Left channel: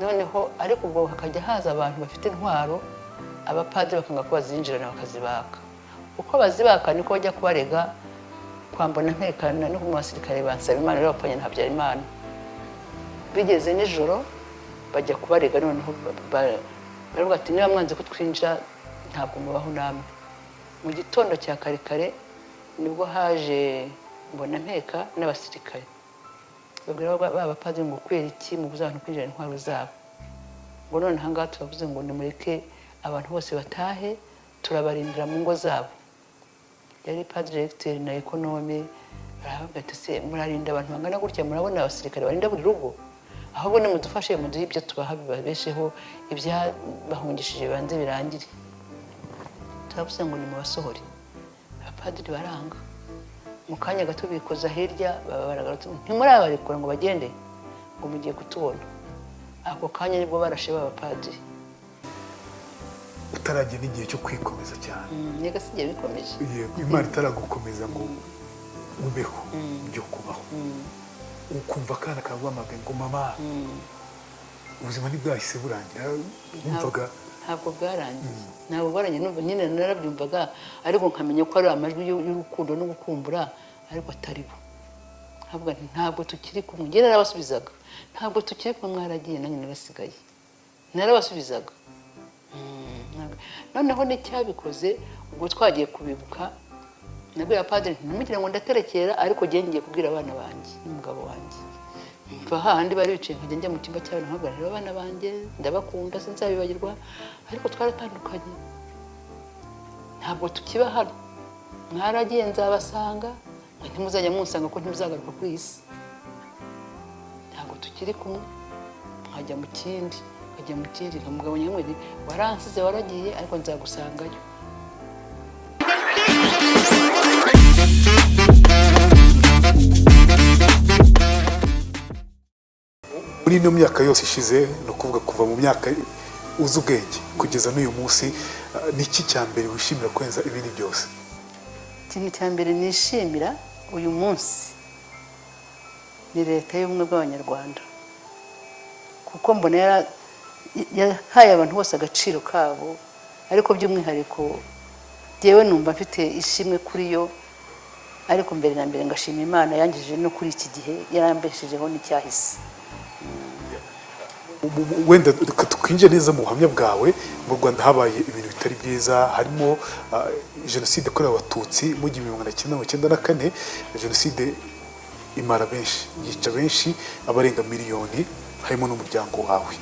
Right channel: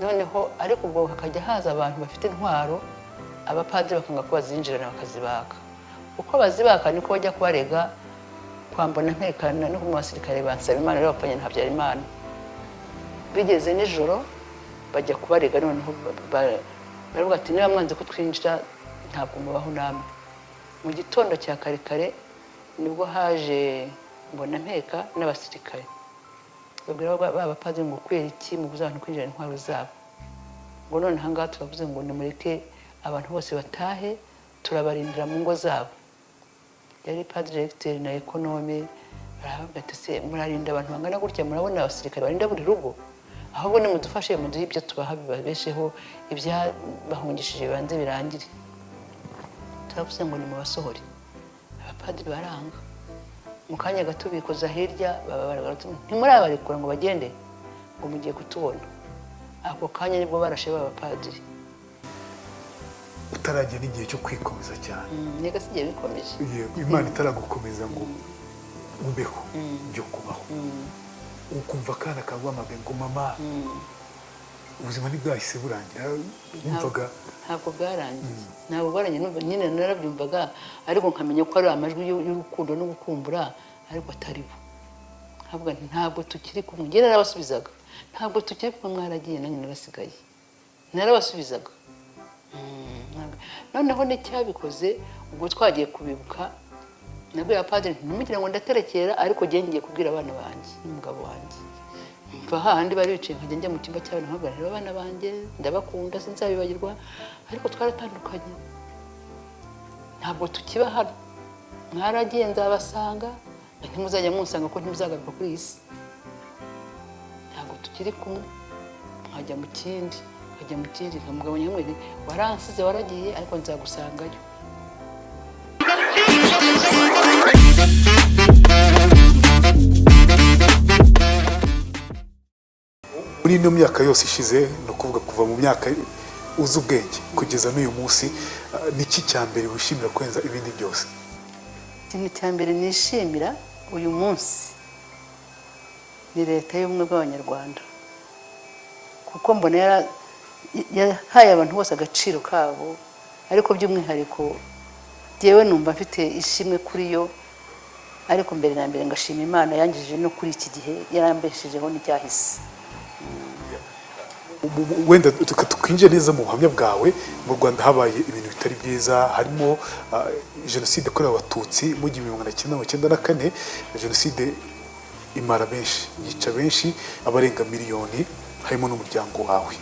noneho ariko ubwo hakajya haza abantu bafite intwaro abapadiri bakanga ko bazinjirana bakazibaka uko bazibaka niko bajya kubarega kwambona ntekana no mu basirikare ba Nsabimana y'abapfanye na Habyarimana bigeze nijoro bajya kubarega noneho baravuga ati niba mwanze kutwinjira ntabwo mubaho namwe mu gitondo cya kare kare nibwo haje mbona nteka n'abasirikare abapadiri ngo kwera iki mubuze abantu kwinjira intwaro zabo ngo none aha ngaha turavuze ngo nimureke abantu bose batahe turabarindira mu ngo zabo yari padiri directeur na economy aravuga ati se murarinda abantu bangana gutya murabona abasirikare barinda buri rugo ahubwo nimudufashe muduhe ibyo tubaha bibabesheho ibyabahungishije banze birangire turavuze ngo nimubasohore abapadiri baranga mu kanya gato bikoza hirya baragarutse ntimurabarikura ngo bagende ngo mugiye kutubona ako kanya nibwo banasheba abapadiri utarajya n'igihe cyo kwikomeza cyane nega sigiye bikomeje imana itaragukomeza ngo umbeho byo kubaho ukumva akana kaguhamagaye ngo mama ubuzima ntibwahise burangira wumvaga ntabwo bwarangiye numva nyine narabyumvaga ariko nkamenya ko ari amajwi y'urukundo no gukumbura ariko atari bo ntabwo tukiri kumwe njye narabasubizaga ntabwo tukiri kumwe mwaragiye nanjye narasigaye narabasubizaga noneho n'icyabikoze ubwo twagiye kubibuka nabwira padiri ntimugire ngo ndaterekera ariko ngiye kubwira abana banjye n'umugabo wanjye mva hahandi bari bicaye nkajya njya mu cyumba cy'abana nkaganira abana banjye ndabakunda sinzabibagirwa ariko twaratandukanye ntabwo tukiba hano mwaragiye nzabasanga ntimuzajya munsanga ko ntimuzagaruka ku isi ntabwo tukiri kumwe nkajya mu kindi umugabo nyamwere waransize waragiye ariko nzagusangayo muri ino myaka yose ishize ni ukuvuga kuva mu myaka uzi ubwenge kugeza n'uyu munsi niki cya mbere wishimira kurenza ibindi byose ikintu cya mbere nishimira uyu munsi ni leta y'ubumwe bw'abanyarwanda kuko mbona yahaye abantu bose agaciro kabo ariko by'umwihariko yewe numva mfite ishimwe kuri yo ariko mbere na mbere ngashima Imana yangije no kuri iki gihe yarambeshejeho n'icyahise wenda twinjire neza mu buhamya bwawe mu Rwanda habaye ibintu bitari byiza harimo jenoside yakorewe abatutsi mu 1994 jenoside imara benshi yica benshi abarenga miliyoni harimo n'umuryango wawe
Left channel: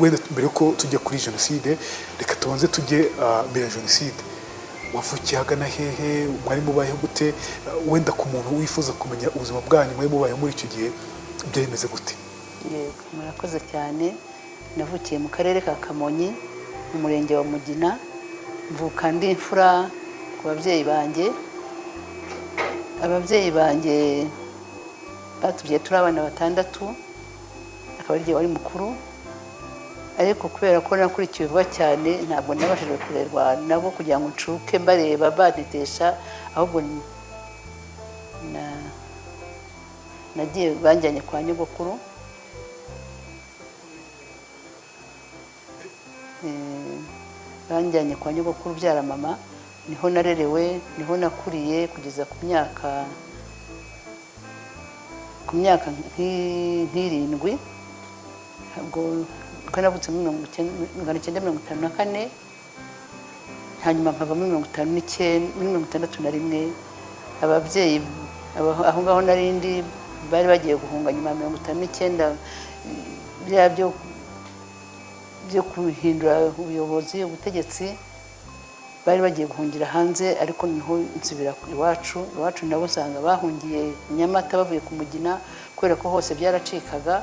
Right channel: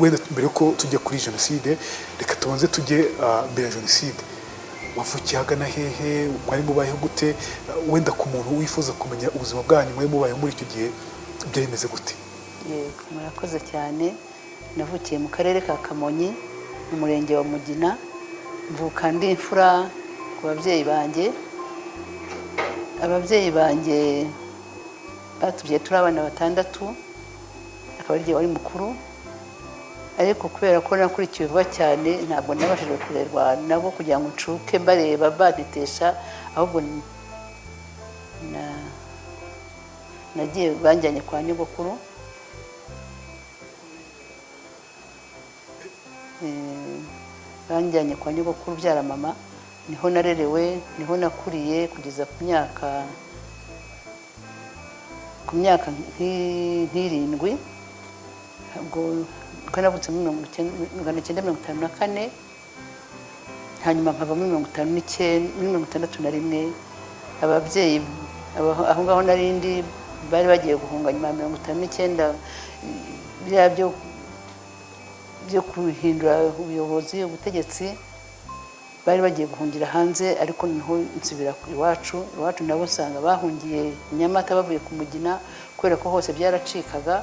wenda mbere yuko tujya kuri jenoside reka tubanze tujye mbere ya jenoside wavukiye ahagana hehe mwari mubayeho gute wenda ku muntu wifuza kumenya ubuzima bwanyu mwari mubayeho muri icyo gihe byari bimeze gute murakoze cyane navukiye mu karere ka Kamonyi mu murenge wa Mugina mvuka ndi imfura ku babyeyi banjye batubyaye turi abana batandatu akaba ari wari mukuru ariko kubera ko nakurikiye vuba cyane ntabwo nabashije kurerwa nabo kugira ngo ncuke mbareba badetesha ahubwo nagiye banjyanye kwa nyogokuru banjyanye kwa nyogokuru ubyara mama niho narerewe niho nakuriye kugeza ku myaka nk'irindwi ntabwo navutse muri 1954 hanyuma nkava muri 1961 ababyeyi aho ngaho narindi bari bagiye guhunga nyuma ya 1959 byo kuhindura ubuyobozi ubutegetsi bari bagiye guhungira hanze ariko niho insubira ku iwacu nabo usanga bahungiye Nyamata bavuye ku Mugina kubera ko hose byaracikaga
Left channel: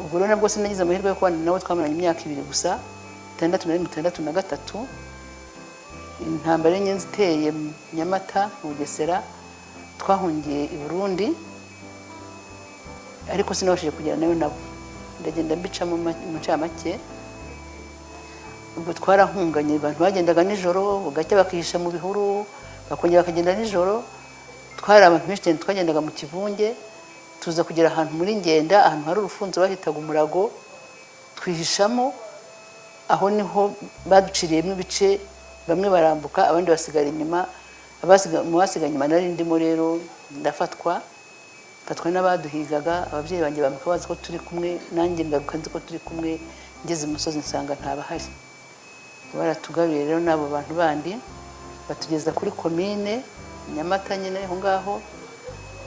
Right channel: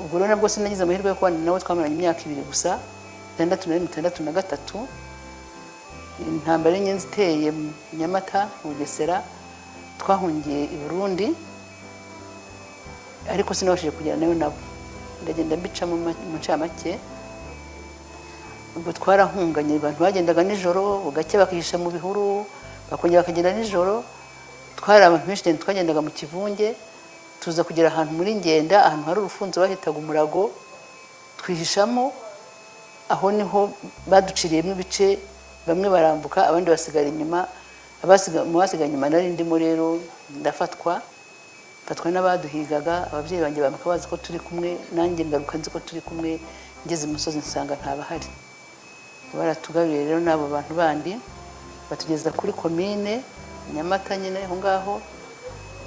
ubwo rero nabwo sinagize amahirwe yo kubona nabo twamaranye imyaka 2 gusa 1963 intambara y'inyenzi iteye Nyamata Bugesera twahungiye i Burundi ariko sinabashije kugera nabo ndagenda mbicamo mu cabake ubwo twarahunganye abantu bagendaga nijoro ugacya bakihisha mu bihuru bakongera bakagenda nijoro twari abantu benshi twagendaga mu kivunge tuza kugera ahantu muri Ngenda, ahantu hari urufunzo bahitaga umurago, twihishamo. Aho niho baduciriyemo ibice, bamwe barambuka abandi basigara inyuma. Abasigaye inyuma nari ndimo rero ndafatwa n'abaduhigaga. Ababyeyi banjye bamuka bazi ko turi kumwe, nanjye ngaruka nzi ko turi kumwe. Ngeze mu musozi nsanga ntabahari. Baratugaruye rero n'abo bantu bandi batugeza kuri komine Nyamata nyine aho ngaho.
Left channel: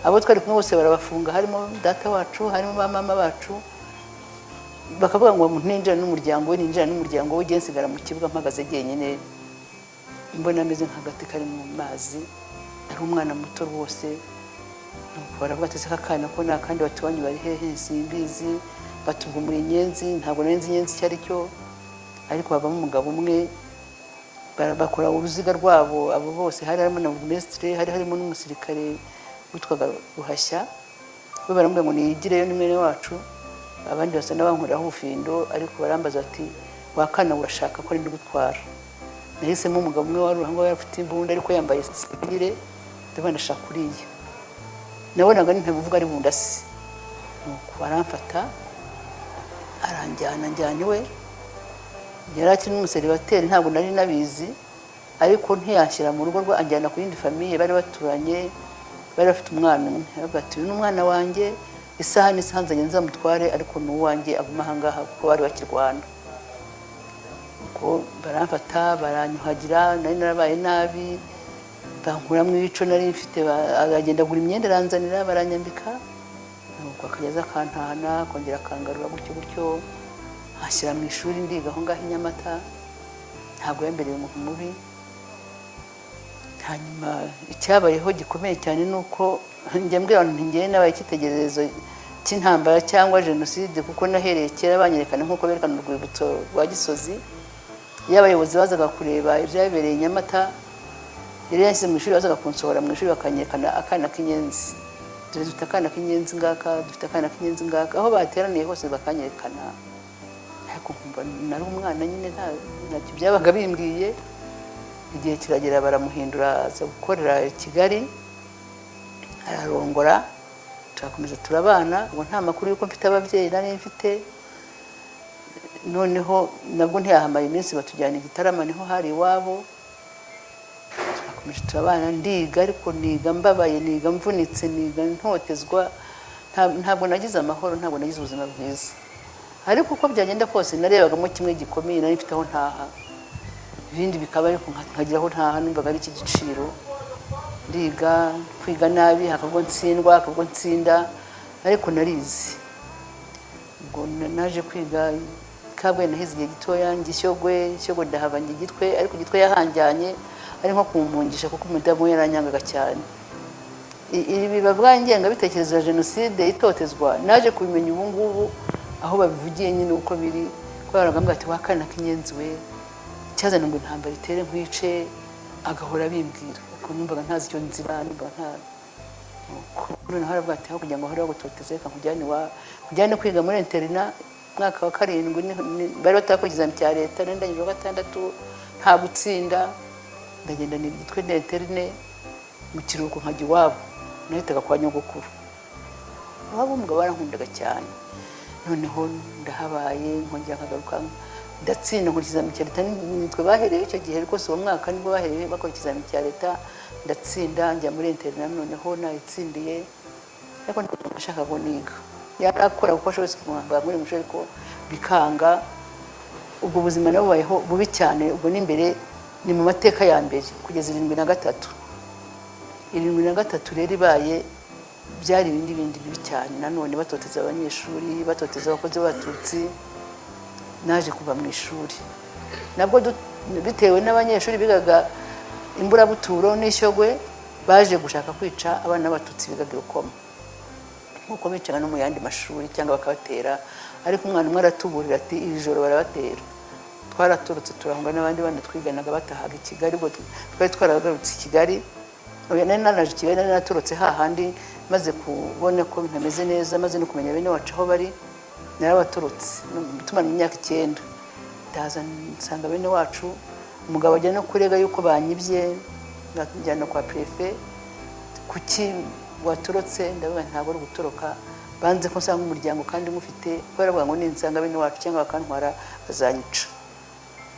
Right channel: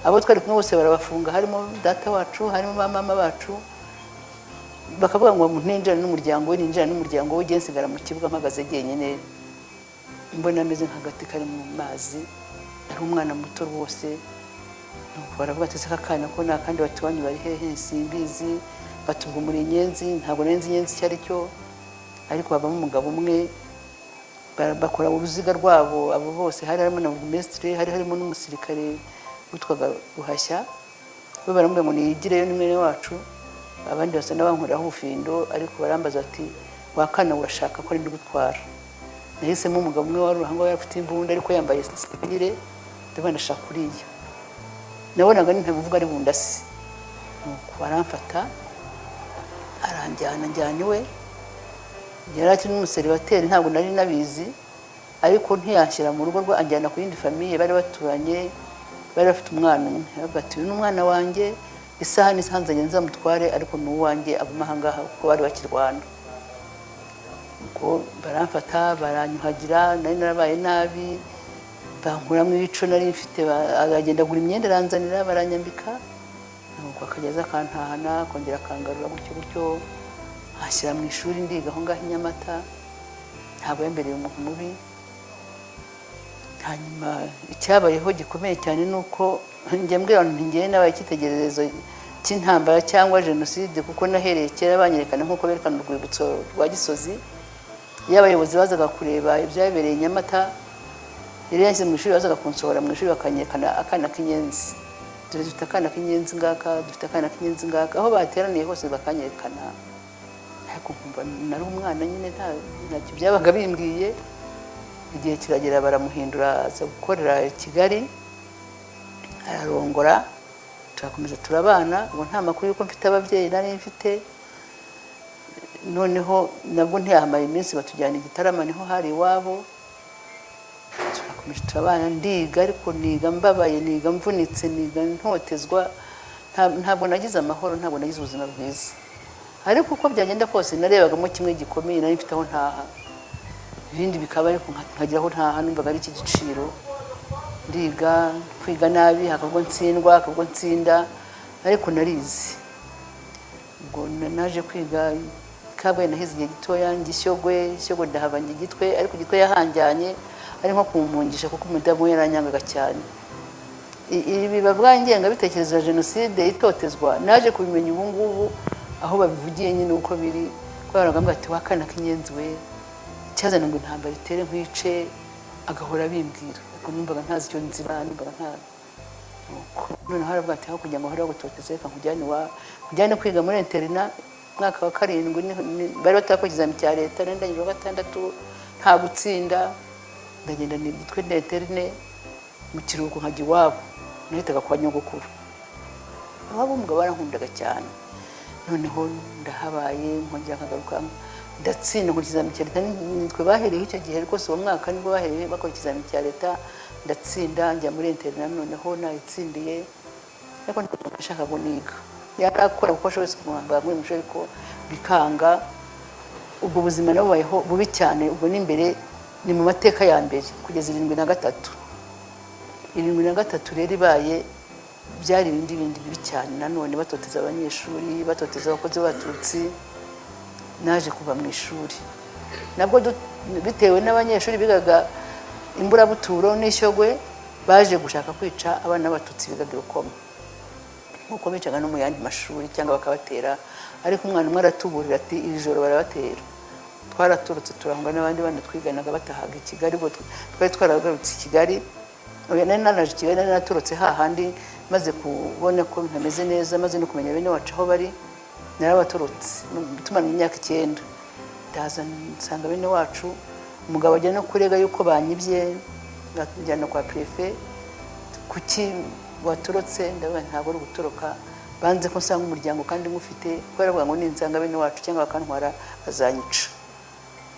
Abo twari kumwe bose barabafunga, harimo data wacu, harimo mama bacu. Bakavuga ngo ninjira n'umuryango we, ninjira n'umuryango we, nsigara mu kibuga mpagaze jyenyine, mbona ameze nk'agati kari mu mazi, ari umwana muto rwose. Barabatse kakana ko nta kandi batuwandi bari hehe simbizi, batuvumura inyenzi, ntabwo nenzi inyenzi cyari cyo, ariko bavamo umugabo umwe bakora uruziga rwabo. Abo bose hari harimo na ministre, hari harimo n'umusirikare witwaga Ruhashya. Bo baramubwira ngo nigireyo ni mwene wacu, abandi basa n'abankoraho ubufindo, ariko barambaza ati wakana urashaka ko ari ndugutwara. Nahisemo umugabo umwe wari uruhango afite imbunda ariko yambaye sipire, ndabona ndashaka kuriya. Nabonaga nitavuga ari bundasi. Baramfata aranjyana we. Yari akiri umuseribateri, ntabwo nari nabizi, ariko ntiyashyira mu rugo rwa, anjyana ku yindi famiye bari baturanye, bari bafite umwana umwe. Bati uyu n'umwana wanjye, isaha n'isanze nzamutware, ariko n'uwanjye aguma ahangaha kuko bari bakirwana. Baramfata baranyuhagira, nari narabaye nabi, bankuramo ibico nari mfite, aragenda agura imyenda aranzanira, baranyambika, bakageza akantahana, kongera akangarura gutyo, ashyira mu ishuri ndiga aho ngaho i Nyamata. Ntabwo yambereye umuntu mubi. Hanyuma icyabayeho gikomeye cyane ni uko njye mbwira abantu ngewe nabaye icyitegererezo cy'intambara cyangwa jenoside, kuko nahereye kera banyerekana nk'uko berekana urwibutso rwa Gisozi. Iyo abayobozi bazaga kureba ibyabereye i Nyamata, yari yashyize mu ishuri, bazaga kunsohora mu ishuri bakanyekana akana k'inyenzi. Dufite akana k'inyenzi ngaka, dufite akana k'inyenzi ngaka. Aho bateraniye hose bakanyekana. Ariko nkumva nari umwana nyine ntacyo byabaga bimbwiye. Igihe kiragera baramuhindura, aza gukorera i Kigali, ararongora, turakomeza turabana. Ubu nta makuru yuko mfite ababyeyi nari mfite. Noneho nabwo ntiyahamaye iminsi batujyana i Gitarama, niho hari iwabo. Turakomeje turabana, ndiga, ariko niga mbabaye, niga mvunitse, niga ntotezwa. Ntabwo nagize amahoro, ntabwo nagize ubuzima bwiza. Ariko uko byagenda kose narebagamo kimwe gikomeye, nari mfite aho ntaha. Ibindi bikaba ariko nkagira aho ntaha, numvaga ari iki giciro. Ndiga, kwiga nabi, hakagwa ntsindwa, hakagwa nsinda, ariko narizi. Ubwo naje kwiga Kabwe, ndahize igihe gitoya, Shyogwe ndahava njye Gitwe, ariko Gitwe yahanjyanye ari nko kumpungisha kuko umudamu yaranyangaga cyane. Ibi bavuga ingengabitekerezo ya jenoside, itotezwa, naje kubimenya ubu ngubu aho babivugiye nyine uko biri. Twaraga ati wakana k'inyenzi we, cyazana ngo intambara itere nkwice, agahora bimbwira. Ariko numvaga ntazi icyo nzira, numvaga nta noneho haravuga ati aho kugira ngo hariho abatoteze, reka kujyane kwiga muri interina. Mwaka wa 7 bari batakoze ikizami cya leta, nari ndangije 6 nta gutsinda. Ndagenda ni Gitwe d'Eterne mu kiruhuko nkajya iwabo, nahitaga kwa nyogokuru. Abo umugabo barankundaga cyane. Noneho ndahabaye, nkongera nkagaruka, ndatsinda mu kizami cya leta. Twe bahereye icyo gihe rwose uwo mwaka nibwo bahereye bakora ikizami cya leta, ndatsinda, njya muri interina. Noneho nayitsindiye, ariko ndashaka kuniga. Yarakura kuko shose kumwambara muri musho, ariko bikanga. Ubwo buzima nabayeho bubi cyane. Ubwo ni imbere, ni mu mateka ya mbere kugeza 73. 73 rero ibaye byari ibindi bibi cyane. Nanone batoteza abanyeshuri, batoteza abakozi b'Abatutsi. Naje kuva mu ishuri nabwo bitewe n'abanyeshuri bigaga Imburabuturo n'Ishyogwe, baje gushaka kwica abana b'Abatutsi bigaga Rukoma, nkuko bicaga no mu yandi mashuri cyangwa bakabatera. Ariko umwana umwe aratuburira ati ijoro barabatera. Twaraturutse turangwa n'abandi bana twiganaga batahaga i Kigali, ngo twari twaragarutse i Kigali. Nanaje Kigali, naraturutse hahandi maze kubona ko ntameze neza, maze no kumenya bene wacu aho bari. Narabaturutse tumara imyaka 9. Ndaza nsanga bene wacu, umugabo ajya no kurega yuko banyibye, nakujyana kwa prefet. Kuki waturutse ndavuga ntabwo ari gutoroka banze ko nsanga umuryango kandi ngufite baravuga ngo ninsanga bene wacu cyangwa bakantwara bazanyica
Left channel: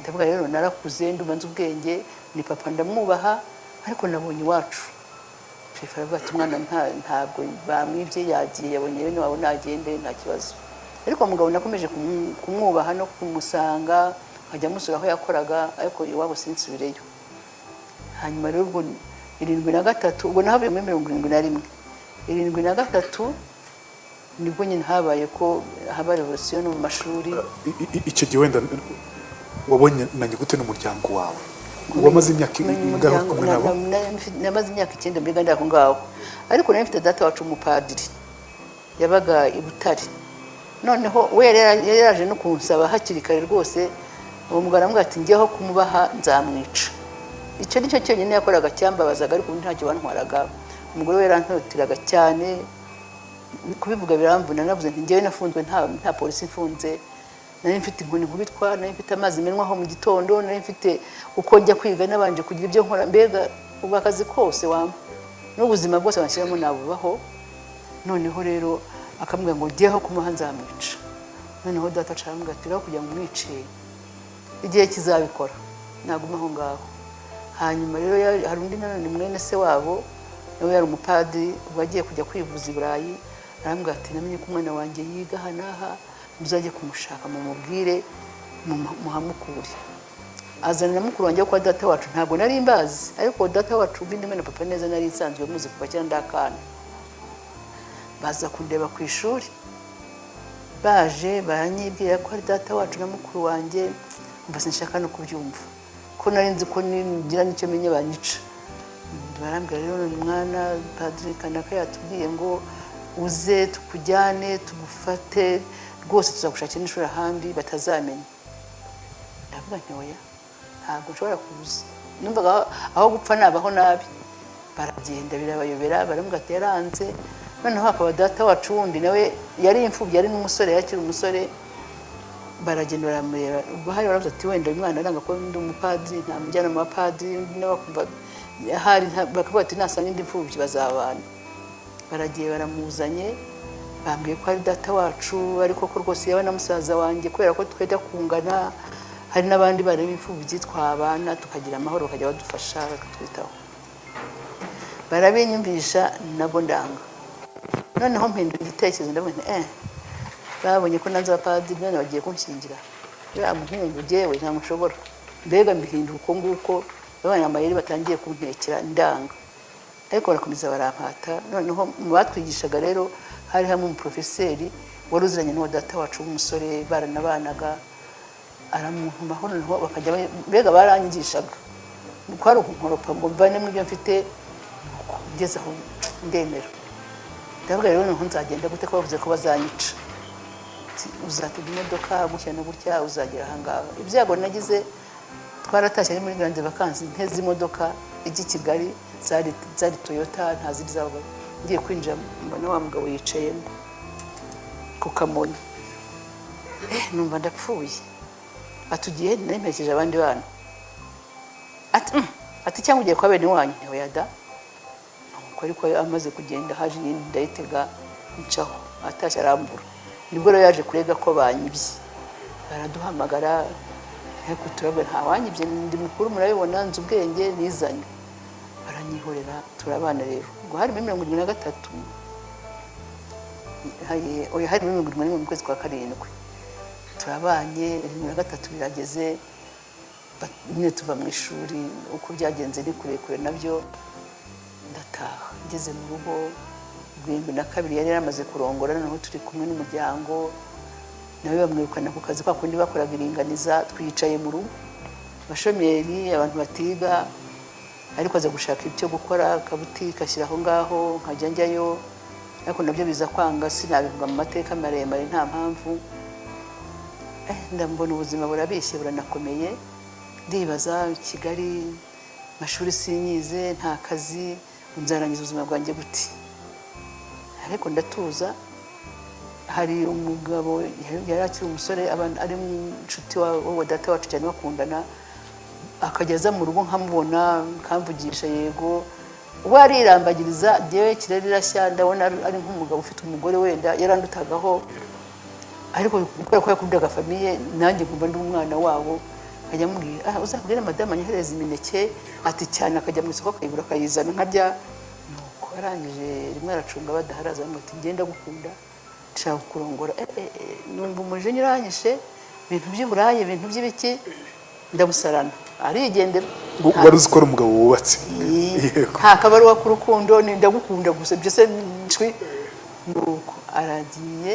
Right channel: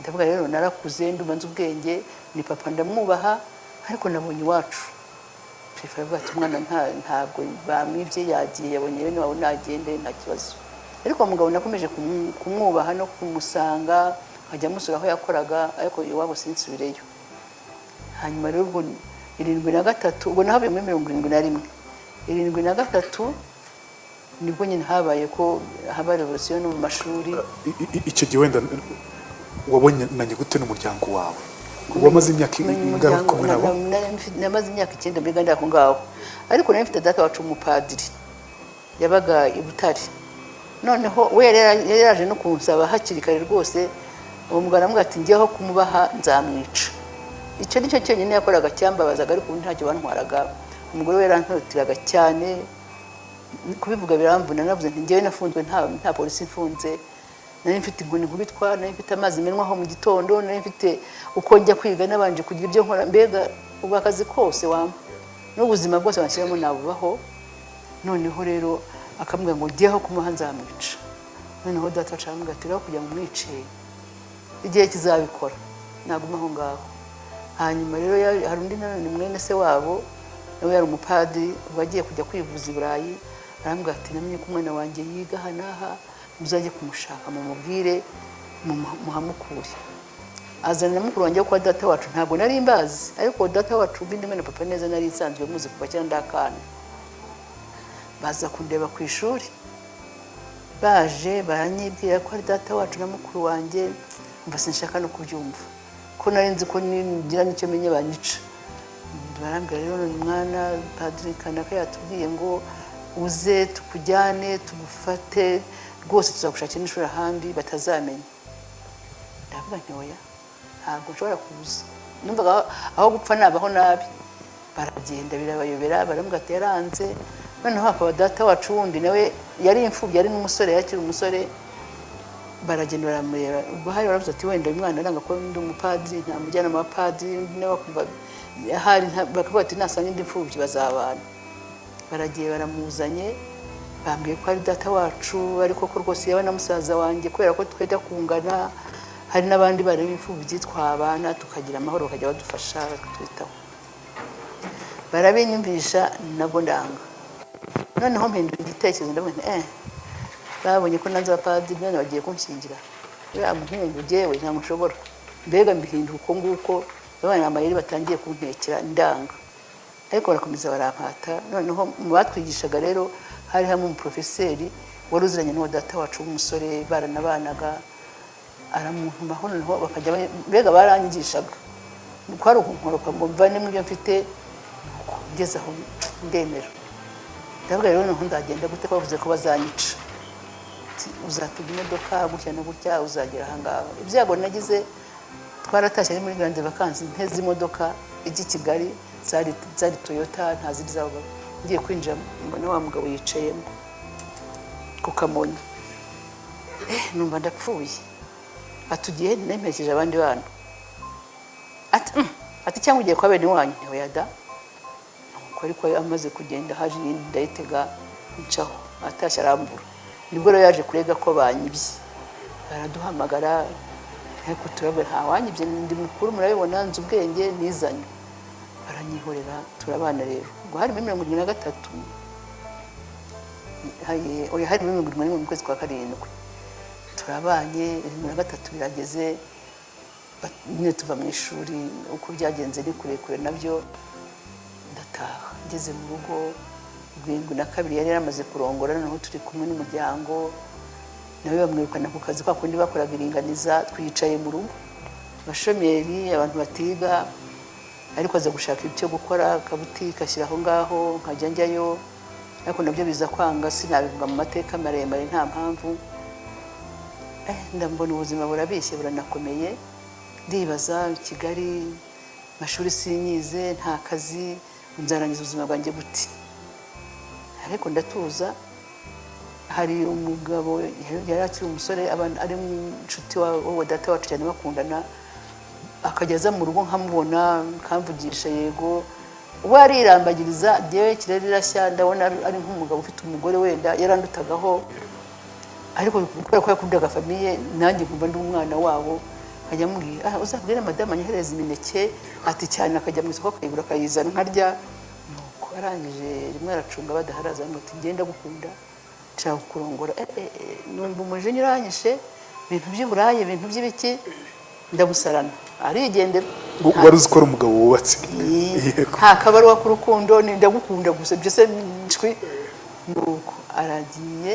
ndavuga rero narakuze ndumanze ubwenge ni papa ndamwubaha ariko nabonye iwacu shefu aravuga ati umwana ntabwo bamwibye yagiye yabonye bene wabo nagende nta kibazo ariko umugabo nakomeje kumwubaha no kumusanga nkajya musura aho yakoraga ariko iwabo sinsubireyo hanyuma rero ubwo 73 ubwo nahabaye muri 71 73 nibwo nyine habaye ko haba revolution mu mashuri icyo gihe wenda wabonye nanjye gute n'umuryango wawe wamaze imyaka ingahe kumwe nabo namaze imyaka 9 mbega ndabo ngaho ariko nari mfite data wacu umupadiri yabaga i Butare noneho we yaraje no kunsaba hakiri kare rwose umugabo aramubwira ati ngiyeho kumubaha nzamwica icyo nicyo cyonyine yakoraga cyambabazaga ariko ntacyo bantwaraga umugore we yarantotiraga cyane kubivuga biramvuna navuze nti ngewe nafunzwe nta polisi ifunze nari mfite inkoni kubitwa nari mfite amazi menwaho mu gitondo nari mfite uko njya kwiga nabanje kugira ibyo nkora mbega ubwo akazi kose wampa n'ubuzima bwose nashyiramo nabubaho noneho rero akambwira ngo ngiyeho kumuha nzamwica noneho data ashaka ati rero kugira ngo umwice igihe kizabikora naguma aho ngaho hanyuma rero hari undi nanone mwene se wabo nawe yari umupadiri bagiye kujya kwivuza i Burayi arambwira ati namenye ko umwana wanjye yiga hanaha muzajye kumushaka mumubwire muhamukure azanira mukuru wanjye kwa data wacu ntabwo nari mbazi ariko data wacu bindi mena papa neza nari nsanzwe muzi kuva cyane ndakana baza kundeba ku ishuri baje baranyibwira ko data wacu na mukuru wanjye mbase nshaka no kubyumva ko nari nzi ko ngira nicyo menye banyica barambwira rero umwana padiri kanaka yatubwiye ngo uze tukujyane tugufate rwose tuzagushakira n'ishuri ahandi batazamenya ndavuga nti oya ntabwo nshobora kuza numvaga aho gupfa nabaho nabi baragenda birabayobera barambwira ati yaranze noneho hakaba data wacu wundi nawe yari imfubyi yari n'umusore yakiri umusore baragenda baramureba bahari baravuze ati wenda umwana aranga ko ndi umupadiri namujyana mu bapadiri n'abakumva hari bakavuga ati nasanga indi mfubyi bazabana baragiye baramuzanye bambwiye ko ari data wacu ariko ko rwose yaba na musaza wanjye kubera ko twajya kungana hari n'abandi bari b'imfubyi twabana tukagira amahoro bakajya badufasha bakatwitaho barabinyumvisha nabwo ndanga noneho mpindura igitekerezo ndabonye babonye ko naza padiri none bagiye kunshingira ya muhungu jewe ntabwo nshobora mbega mbihinduka uko nguko abana amayeri batangiye kumpekera ndanga ariko barakomeza barampata noneho mu batwigishaga rero hari hamwe umuprofeseri wari uziranye n'uwo data wacu w'umusore baranabanaga aramuhumaho noneho bakajya mbega baranyigishaga ko hari ukunkoropa ngo mva nimwe mfite ngeze aho ndemera ndavuga rero noneho nzagenda gute ko bavuze ko bazanyica uzatuma imodoka gutya no gutya uzanyura aha ngaha ibyago nagize twaratashye ari muri grande vacances nteze imodoka ijya i Kigali zari Toyota ntazindi zabo ngiye kwinjira mbona wa mugabo yicaye ku kamonyi numva ndapfuye atugiye ndemesheje abandi bana ati cyangwa ugiye kwa bene wanyu ntiwayada ariko amaze kugenda haje ndayitega ncaho atashye arambura nibwo rero yaje kurega ko banyibye baraduhamagara ariko turabe nta wanyibye ndi mukuru murabibona nzi ubwenge nizanye baranyihorera turabana rero ngo hari 73 hari 71 mu kwezi kwa karindwi turabanye 73 birageze nyine tuva mu ishuri uko byagenze ni kurekure nabyo ndataha ngeze mu rugo rwego na kabiri yari yamaze kurongora noneho turi kumwe n'umuryango nawe bamwirukana ku kazi kwa kundi bakoraga iringaniza twicaye mu rugo abashomeri abantu batiga ariko aza gushaka icyo gukora akabutika ashyira aho ngaho nkajya njyayo ariko nabyo biza kwanga sinabivuga mu mateka maremare nta mpamvu ndabona ubuzima burabishye buranakomeye ndibaza Kigali amashuri sinyize nta kazi nzarangiza ubuzima bwanjye gute ariko ndatuza hari umugabo yari akiri umusore ari inshuti wa data wacu cyane bakundana akageza mu rugo nkamubona kamvugisha yego warirambagiriza njyewe kirere irashya ndabona ari nk'umugabo ufite umugore wenda yarandutagaho ariko kubera ko yakundaga famiye nanjye nkumva ndi umwana wabo ajya amubwira uzabwire madamu anyohereza imineke ati cyane akajya mu isoko akayigura akayizana nkarya nuko yarangije rimwe aracunga badaharaza ngo ati ngenda gukunda nshaka kurongora numva umujinya uranyishe ibintu by'uburayi ibintu by'ibiki ndamusarana arigendera wari uzi ko ari umugabo wubatse nta kabaruwa k'urukundo ndagukunda gusa byose nshwi nuko aragiye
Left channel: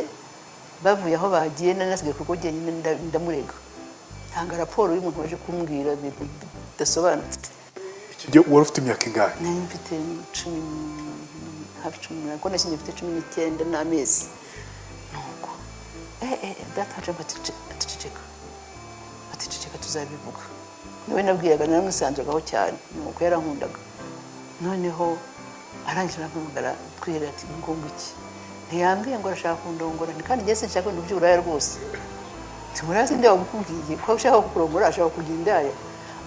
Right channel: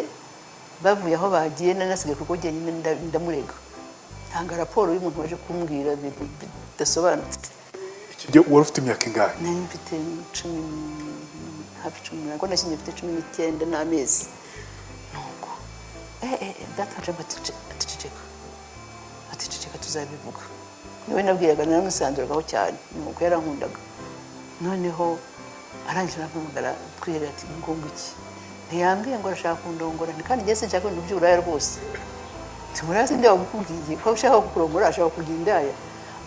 bavuye aho bagiye nanasigaye kuko njyenyine ndamurega ntanga raporo y'umuntu waje kumbwira ibintu bidasobanutse iki gihe wari ufite imyaka ingahe nari mfite hafi 10 ntabwo nashingiye mfite 19 n'amezi nuko dataje atuceceka tuzabivuga niwe nabwiraga naramusanzweho cyane nuko yarankundaga noneho arangije navuga twirira ati ngomba iki ntiyambwiye ngo arashaka kundongora kandi njye sinshaka ibintu by'uburaya rwose tumurazi njya gukubwiye ko ushaka kurongora ashaka kugira indaya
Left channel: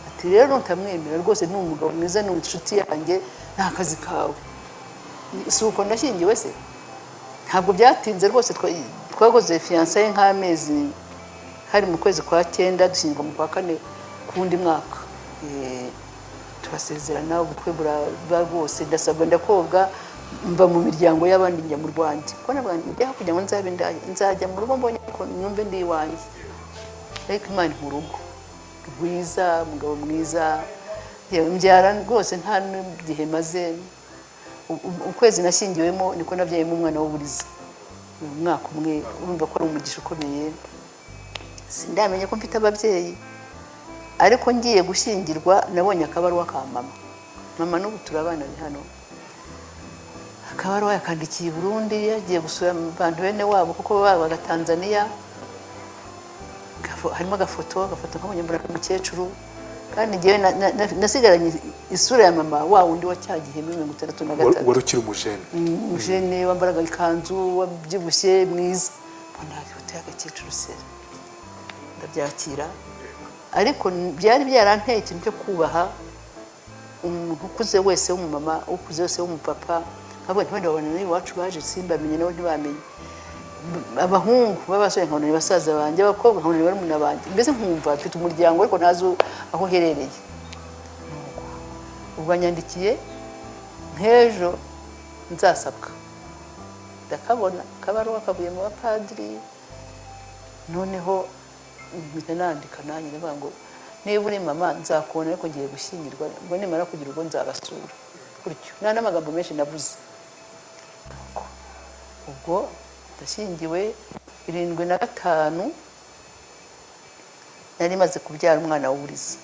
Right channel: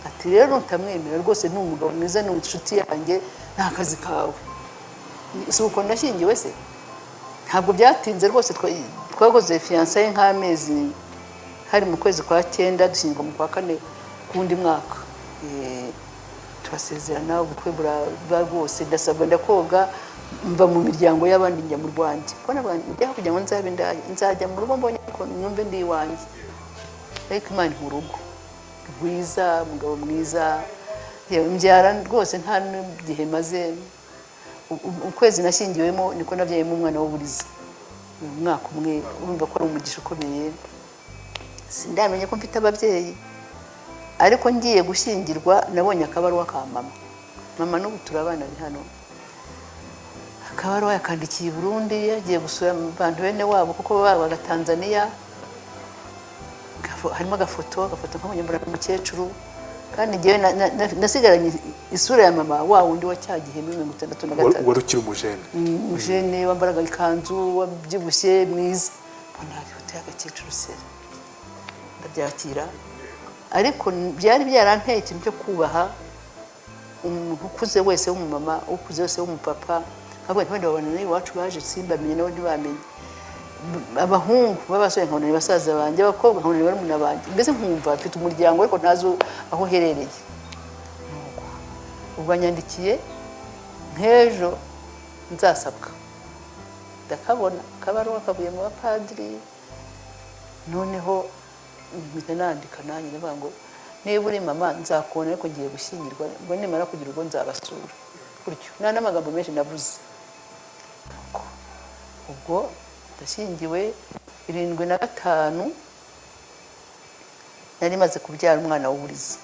ati rero ntamwemera rwose ni umugabo mwiza ni inshuti yanjye nta kazi kawe si uko nashyingiwe se ntabwo byatinze rwose twakoze fiyansaye nk'amezi hari mu kwezi kwa 9 dushyingirwa mu kwa 4 kundi mwaka turasezerana ubukwe buraba rwose ndasabwa ndakoga mva mu miryango y'abandi njya mu Rwanda kora abantu njya kujya mu nzajya mu rugo mbonye ko numve ndi iwanjye ariko Imana mu rugo mwiza umugabo mwiza mbyara rwose nta n'igihe maze ukwezi nashyingiwemo niko nabyayemo umwana w'uburiza umwaka umwe urumva ko ari umugisha ukomeye sindamenye ko mfite ababyeyi ariko ngiye gushyingirwa nabonye akabaruwa ka mama n'ubu turabana hano akabaruwa yakandikiye Burundi yagiye gusura abantu bene wabo kuko baba na Tanzania harimo agafoto k'umunyamukecuru kandi ngewe nasigaranye isura ya mama wa wundi wa cyagihe muri 1963 wari ukiri umujene wambaraga ikanzu wabyibushye mwiza mbona ifoto y'agakecuru sera ndabyakira ariko byari byarankeye ikintu cyo kubaha ukuze wese w'umumama ukuze wese w'umupapa abana iwacu baje simbamenye nabo ntibamenye abahungu babasore nkone basaza banjye bakobwa nkone barumuna banjye mbese kumva mfite umuryango ariko ntazo aho uherereye ubwo nyandikiye nk'ejo nzasabwa ndakabona kabaruwa kavuye mu bapadiri noneho mpita nandika nanjye ndavuga ngo niba uri mama nzakubona ariko ngiye gushyingirwa ngo nimara kugira ubwo nzabasura gutyo nta n'amagambo menshi nabuze ubwo ndashyingiwe 75 nari maze kubyara umwana w'uburiza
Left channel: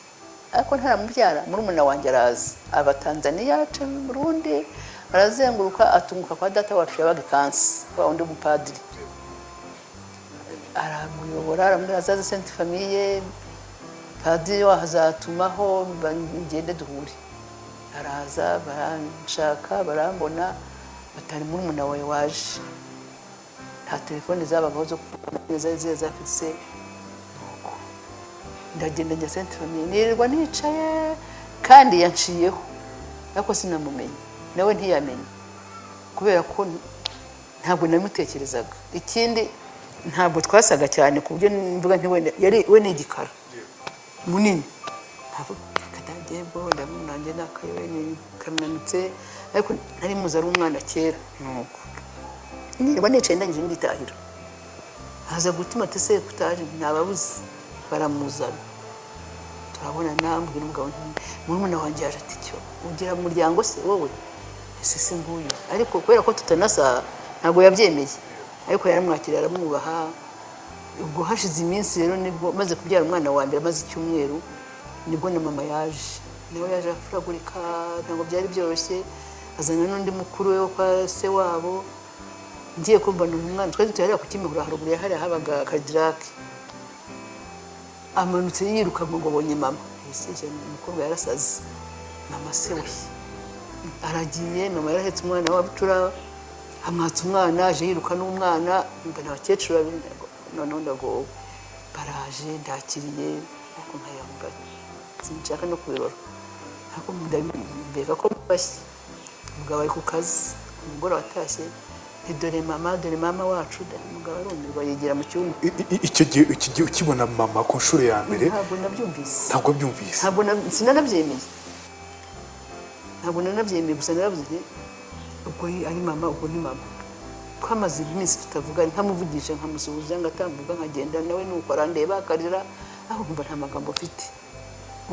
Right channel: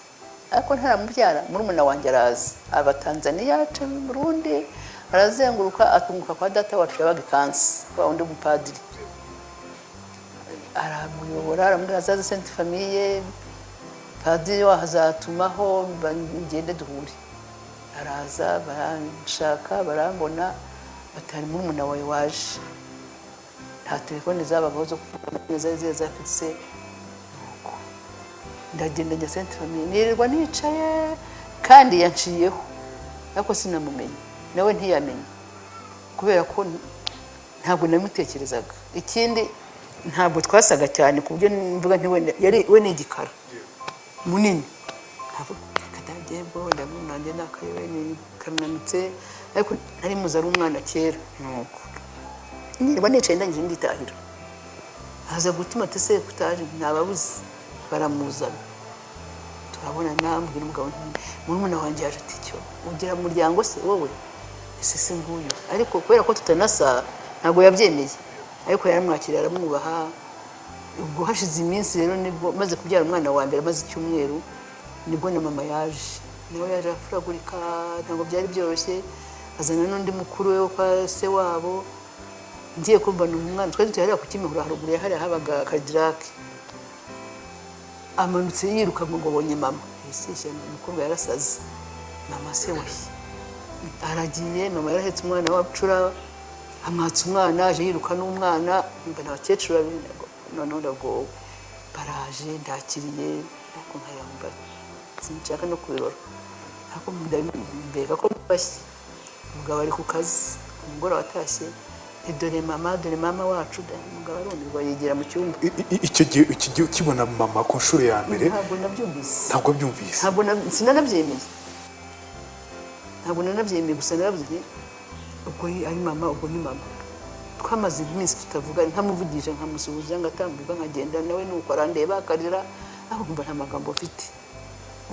ariko ntaramubyara murumuna wanjye araza aba Tanzania aca mu Burundi arazenguruka atumuka kwa data wacu yabaga Kansi wa undi mupadiri aramuyobora aramubwira zaze Sainte Famille padiri wahazatumaho ngende duhure araza baranshaka barambona batari murumuna wawe waje nta telefone zabaho zo kuvuga nziza afise ndagenda njya Sainte Famille nirirwa nicaye kandi yaciyeho ariko sinamumenye nawe ntiyamenye kubera ko ntabwo namutekerezaga ikindi ntabwo twasaga cyane kubyo mvuga nti wenda yari we n'igikara munini kadagiye bo ndamunanje nakaye ni kamanutse ariko ari muzari umwana kera nuko niba nicaye ndagije nditahira haza gutuma tuse kutaje nababuze baramuzana turabona namwe n'umugabo n'umwana wanjye yaje ati ugira umuryango si wowe ese se nguyu ariko kubera ko tutanasa ntabwo yabyemeye ariko yaramwakira aramwubaha ubwo hashize iminsi rero nibwo maze kubyara umwana wa mbere maze icyumweru nibwo ni mama yaje nawe yaje afuragurika ntabwo byari byoroshye azana n'undi mukuru we kwa se wabo ngiye kumbona umwana twari tutarera ku Kimihurura haruguru hari habaga akadirake amanutse yiruka ngo bonye mama yiseje umukobwa yarasaze mama se we aragiye mama yarahetse umwana wa bucura amwatsa umwana aje yiruka n'umwana mbona abakecuru none ngo baraje ndakiriye kumpera mugabo sinshaka no kubirora ariko mbega ko bashye umugabo ari ku kazi umugore watashye dore mama wacu umugabo ngo yigira mu cyumba. Icyo gihe ukibona mama ku nshuro ya mbere ntabwo nabyumvise ntabwo nanabyemeye gusa narabyiye ubwo ari mama ubwo ni mama. Twamaze iminsi tutavuga ntamuvugije nkamusubiza ngatambuka nkagenda nawe nuko arandeba akarera aho kumva nta magambo ufite.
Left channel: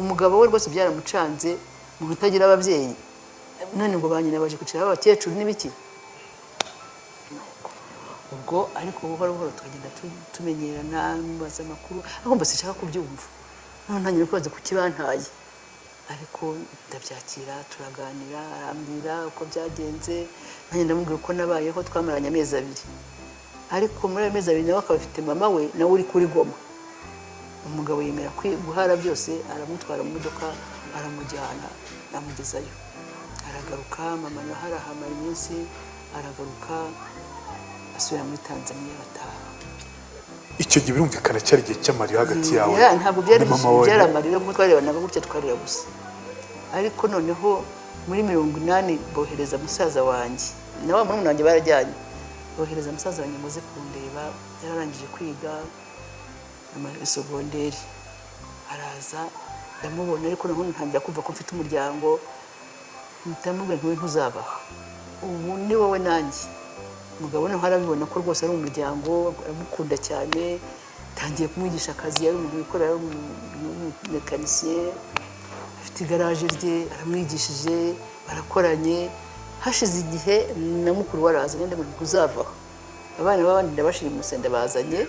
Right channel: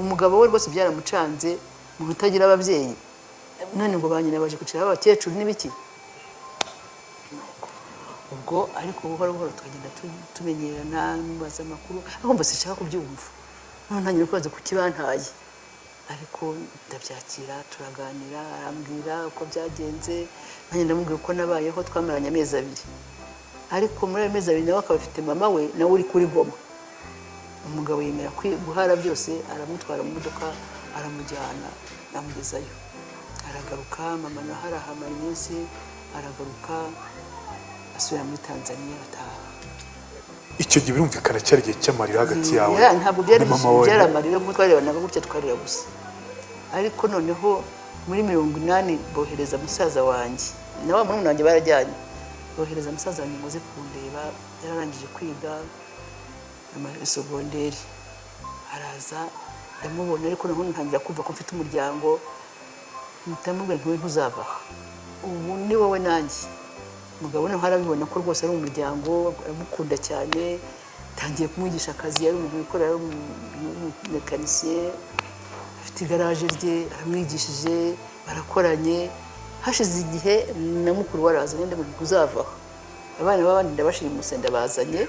Umugabo we rwose byaramucanze umuntu utagira ababyeyi none ngo banyina baje kucira abakecuru n'ibiki ubwo ariko buhoro buhoro tugenda tumenyerana mubaza amakuru ahumva sinshaka kubyumva none ntangira kwanza kukibantaye ariko ndabyakira turaganira arambwira uko byagenze nanjye ndamubwira uko nabayeho twamaranye amezi 2 ariko muri ayo mezi 2 nawe akaba afite mama we nawe uri kuri Goma. Umugabo yemera guhara byose aramutwara mu modoka aramujyana amugezayo aragaruka mama nahara hamwe iminsi aragaruka asubira muri Tanzania ataha. Icyo gihe birumvikana cyari igihe cy'amarira hagati yawe ntabwo byari amarira kuko twarebanaga gutya twarira gusa ariko noneho muri 80 bohereza musaza wanjye nawe murumuna wanjye barajyanye bohereza musaza wanjye muze kundeba yararangije kwiga amashuri segonderi araza ndamubonye ariko naho ntangira kumva ko mfite umuryango ndamubwira ngo ntuzabaho ubu ni wowe nanjye umugabo nawe arabibona ko rwose ari umuryango aramukunda cyane tangiye kumwigisha akazi yari umuntu ukorera mekanisiye afite igaraje rye aramwigishije barakoranye hashize igihe na mukuru waraza n'indi muntu uzavaho abana b'abandi ndabashimuse ndabazanye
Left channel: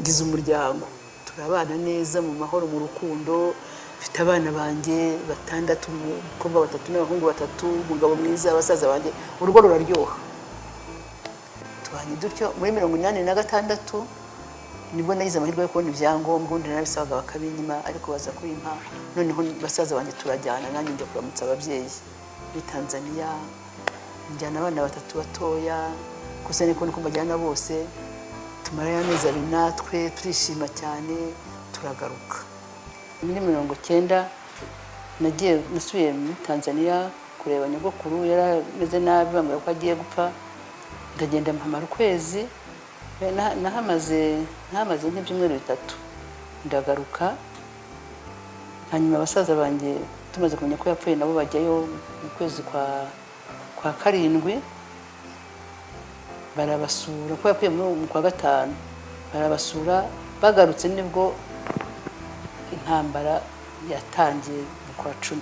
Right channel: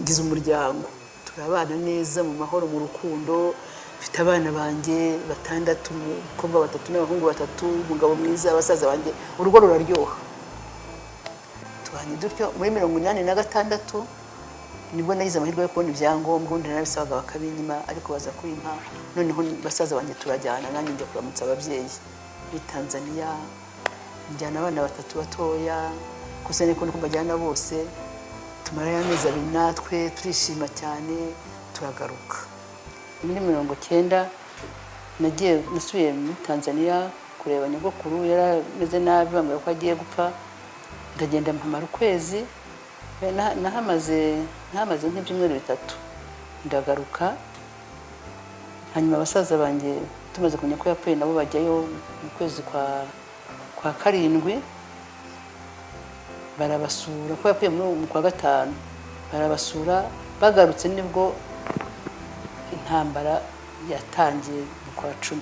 ngize umuryango turabana neza mu mahoro mu rukundo mfite abana banjye 6 umukobwa 3 n'abahungu 3 umugabo mwiza abasaza banjye urugo ruraryoha tubanye dutyo muri 86 nibwo nagize amahirwe yo kubona ibyangombwa ndarabisaga bakabinyima ariko baza kwimpa noneho basaza banjye turajyana nanjye njya kuramutsa ababyeyi muri Tanzania njyana abana 3 batoya gusa niko bajyana bose tumara amezi 2 natwe turishima cyane turagaruka. Muri 90 nagiye nasubiye muri Tanzania kureba nyogokuru yarameze nabi bambara ko agiye gupfa ndagenda mpamara ukwezi nahamaze nk'ibyumweru 3 ndagaruka hanyuma abasaza banjye tumaze kumenya ko yapfuye nabo bajyayo mu kwezi kwa 7 barabasura ko yapfuye mu kwa 5 barabasura bagarutse nibwo intambara yatangiye kwa 10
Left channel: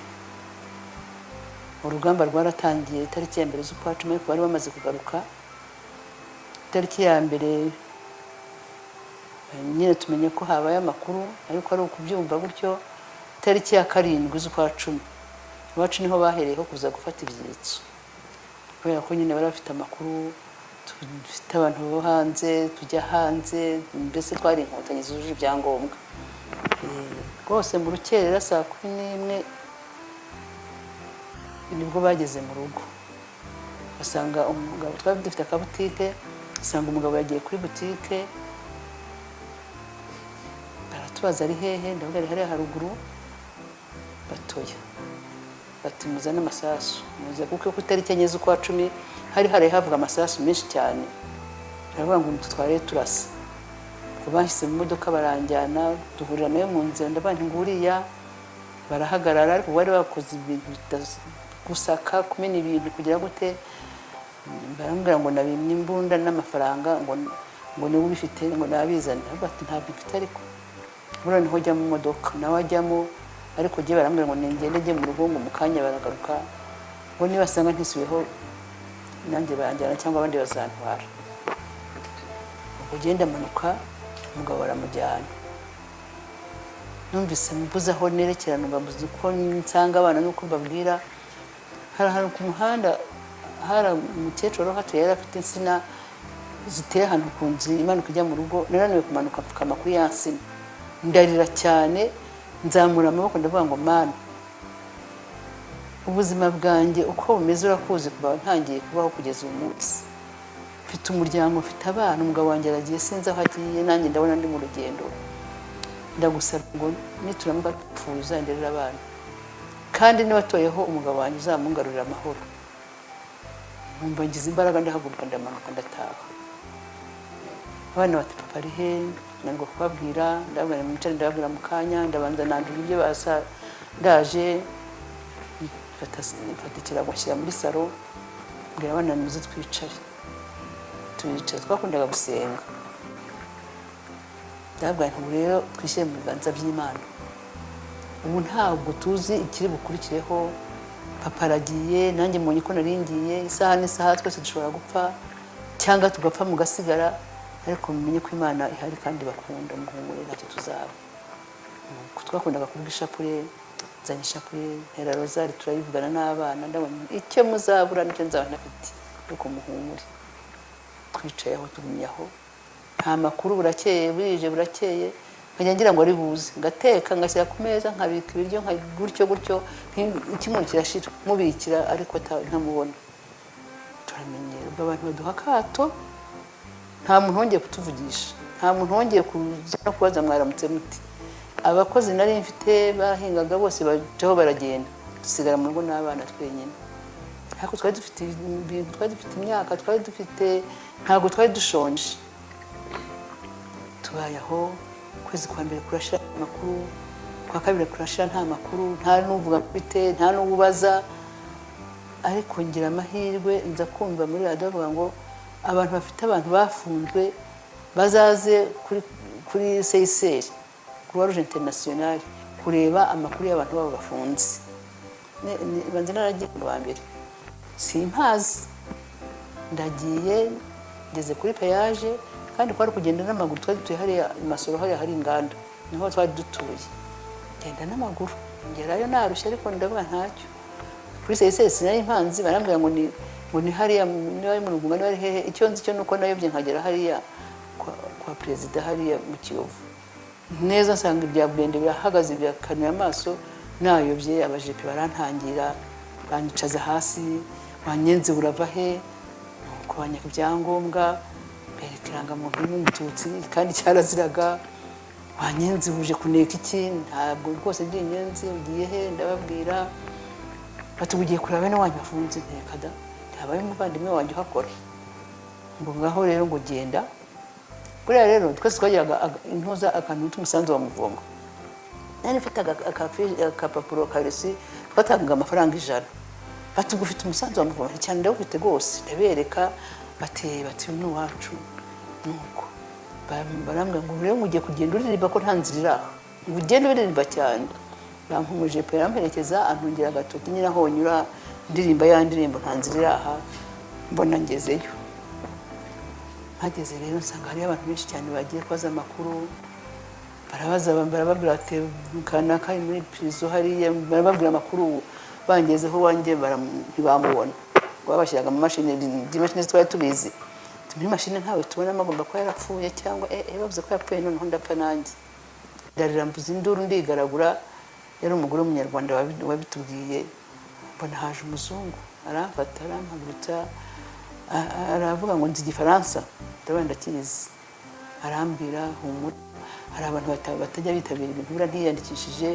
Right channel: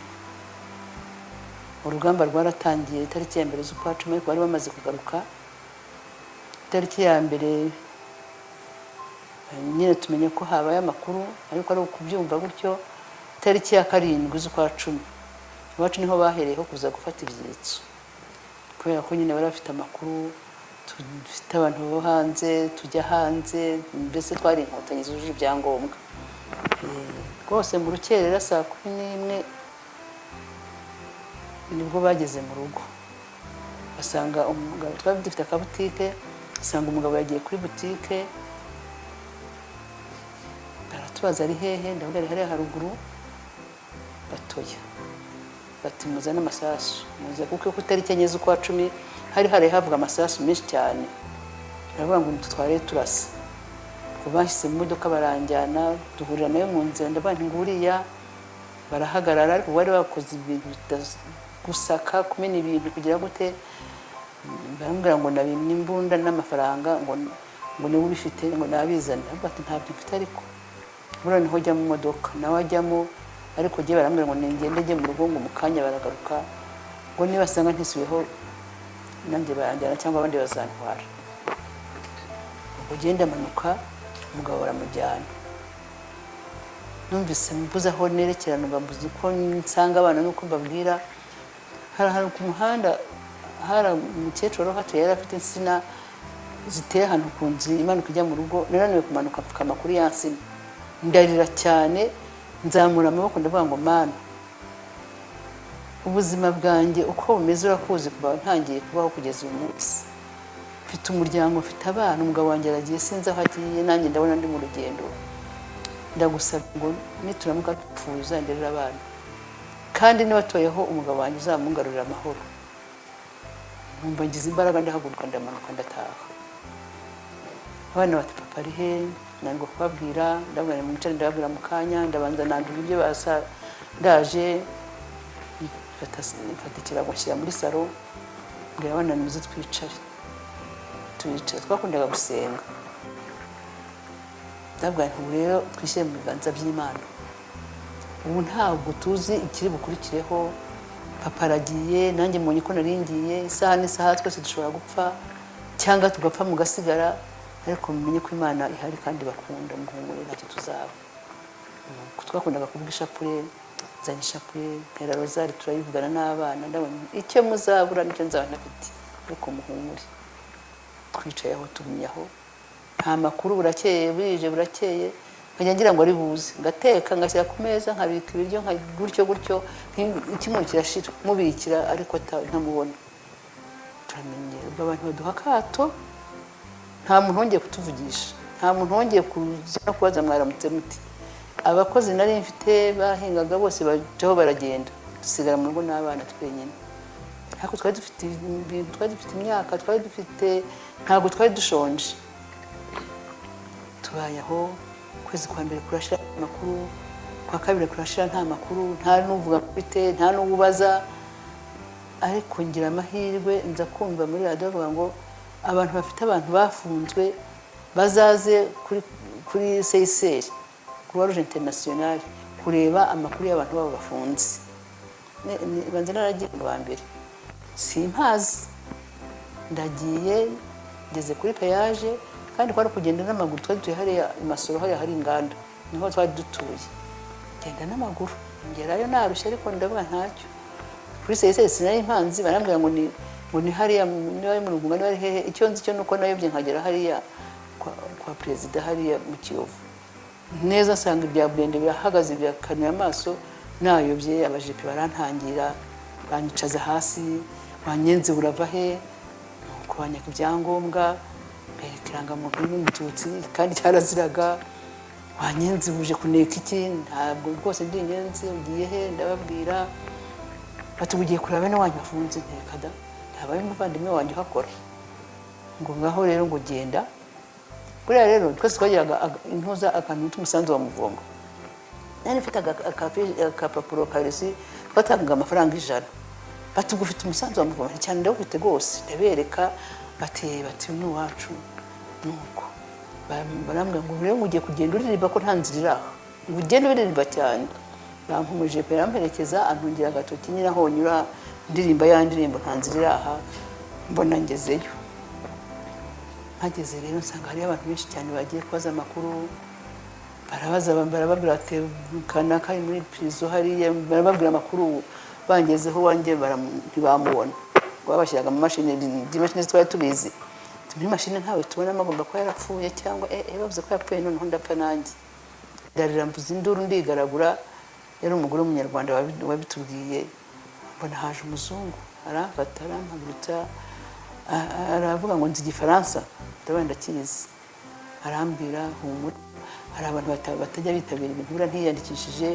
urugamba rwaratangiye itariki ya 1 z'ukwa 10 ariko bari bamaze kugaruka itariki ya 1 nyine tumenya ko habaye amakuru ariko ari ukubyumva gutyo itariki ya 7 z'ukwa 10 iwacu niho bahereyeho kuza gufata ibyitso kubera ko nyine bari bafite amakuru dufite abantu bo hanze tujya hanze mbese twari inkotanyi zuje ibyangombwa rwose mu rukerera saa 11 nibwo bageze mu rugo basanga umugabo twari dufite akabutike basanga umugabo yagiye kuri butike baratubaza ari hehe ndabona ari haruguru batoya batimuza n'amasasu muze kuko itariki enye z'ukwa 10 hari havuga amasasu menshi cyane aravuga ngo tutware turasa kubashyize mu modoka baranjyana duhurira nayo mu nzira ndabandi nguriya barahagarara ariko bari bakoze ibintu gusaka kumena ibintu kugira gute barambwira ngo nabimye imbunda n'amafaranga ngo niba ubifite ngo nabizana bati ntabwo mfite ariko noneho njya mu modoka nawe ajyamo ariko giye barambwira ngo ngende mu rugo mu kanya baragaruka ngo niba sanga ntisuyeho nanjye baranjyana cyangwa abandi bazantwara ugenda amanuka umugabo baramujyana numvise mbuze aho nerekerana mbamuze uko nsanga abana nuko mbabwira hari ku muhanda hari umukecuru hatuye yari afite insina ziteye ahantu ku nzu imanuka ijya mu rugo nananiwe kumanuka mfukama kuri ya nsina ndarira cyane nzamura amaboko ndavuga ngo Mana ubuzima bwanjye uko bumeze urakuzi kuba ntangiye kubaho kugeza uyu munsi mfite umuryango mfite abana umugabo wanjye aragiye sinzi aho agiye nanjye ndabona ndi mu rugendo ndagusaba ngo nituramba dupfuye uzanderera abana kandi nibatoyeho umugabo wanjye uzamungarurira amahoro numva ngize imbaraga ndahaguruka ndamanuka ndataha abana bati papa ari he ntabwo kubabwira ndababwira mu cyaro ndababwira mu kanya ndabanza nandura ibyo basa ndaje mfatikira amashyira muri salo mbwira abana muze twicaye twakundaga gusenga ndabaye ubu rero twishyire mu biganza by'Imana ubu ntabwo tuzi ikiri bukurikireho papa aragiye nanjye mbonye ko naringiye isaha n'isaha twese dushobora gupfa cyangwa tugapfa mugasigara ariko mumenye ko Imana ihari kandi bakunda umuhumuro wacu tuzaba twakundaga kuvuga ishapure zanye ishapure era rozari turayivugana n'abana ndabona icyo muzabura nicyo nzaba nafite yuko muhumure twicaye aho tugumye aho nta makuru burakeye birije burakeye nkajya ngira ngo ari buze ngateka ngashyira ku meza nkabika ibiryo gutyo ikimuntu kirashira mubikira ariko ntamubona turamenye abantu baduha akato nta muntu wongeye kutuvugisha nta muntu wongeye kubaza mwaramutse muti abakozi nari mfite bahingaga bose bajaho baragenda dusigara mu rugo n'abana twenyine ariko twari dufite imyaka twari dufite ntabwo twari dushonje tubayeho kwezi kwa mbere kurashira amakuru kwa kabiri kurashira nta makuru nta n'uvuga bite nta n'ububaza ariko ngira amahirwe nza kumva muri radio bavuga ngo abantu bafite abantu bafunzwe bazaze kuri CICR Croix Rouge Internationale kureba amakuru y'abantu babo bafunze banze naragiye kwa mbere simpazi ndagiye ngeze kuri peyaje kandi kwari kugenda n'amaguru twari hariya Masoro hariya hari inganda niho twari dutuye genda n'amaguru ngerayo narushye ariko ndavuga ntacyo kuri CICR sinari impanzi barambwira ngo ni hariya niba mu Ruguma niba hehe icyo nzi cyo nuko nayobye nkagera hariya kwa perezida hariya mu Kiyovu neza nsanga ibya Bwende birahagaze byakanuye amaso nayobye abajipe barantangira banyicaza hasi banyenze urava he kubanya ibyangombwa ikirangamuntu y'umututsi kandi cyaraziraga banyenze uje kuneka iki ntabwo rwose ndinyenze ugiye he ndababwira batugiye kuraba no wabifunze ntekada habaye umuvandimwe wanjye hakora ngo ngaho rero ngo genda kuriya rero twese twagiraga intuza akantu tumusanzu wa muvongo nari mfite akapapuro karisi twatanga amafaranga 100 batugufite umusanzu wa muvongo cyane ndabufite rwose ndabereka bati ni wacu nuko barambwe ngo rero mugiye kugenda uririmba ko nta nzira ugenda uririmba cyane yampumuje pe yamerekeza antongera agatoki nyira honyura ndirimba ya ndirimbo nta nzira aha mbona ngezeyo ageze rero nsanga hari abantu benshi cyane bagiye kwaza amakuru barababwira ati kana kari muri prison hariya barababwira amakuru bangezeho wanjye ntibamubona ngo babashyiraga mu mashini imashini twari tubizi muri mashini ntawe tubona amagomba ko yarapfuye cyangwa bavuze ko yapfuye noneho ndapfa nanjye ndarira mvuze induru ndigaragura yari umugore w'umunyarwanda wabitubwiye mbona haje umuzungu arafata arampamutsa aravuga ngo nzi igifaransa ndabona ndakizi arambwira hari abantu batajya bitabira ibigura ntiyandikishije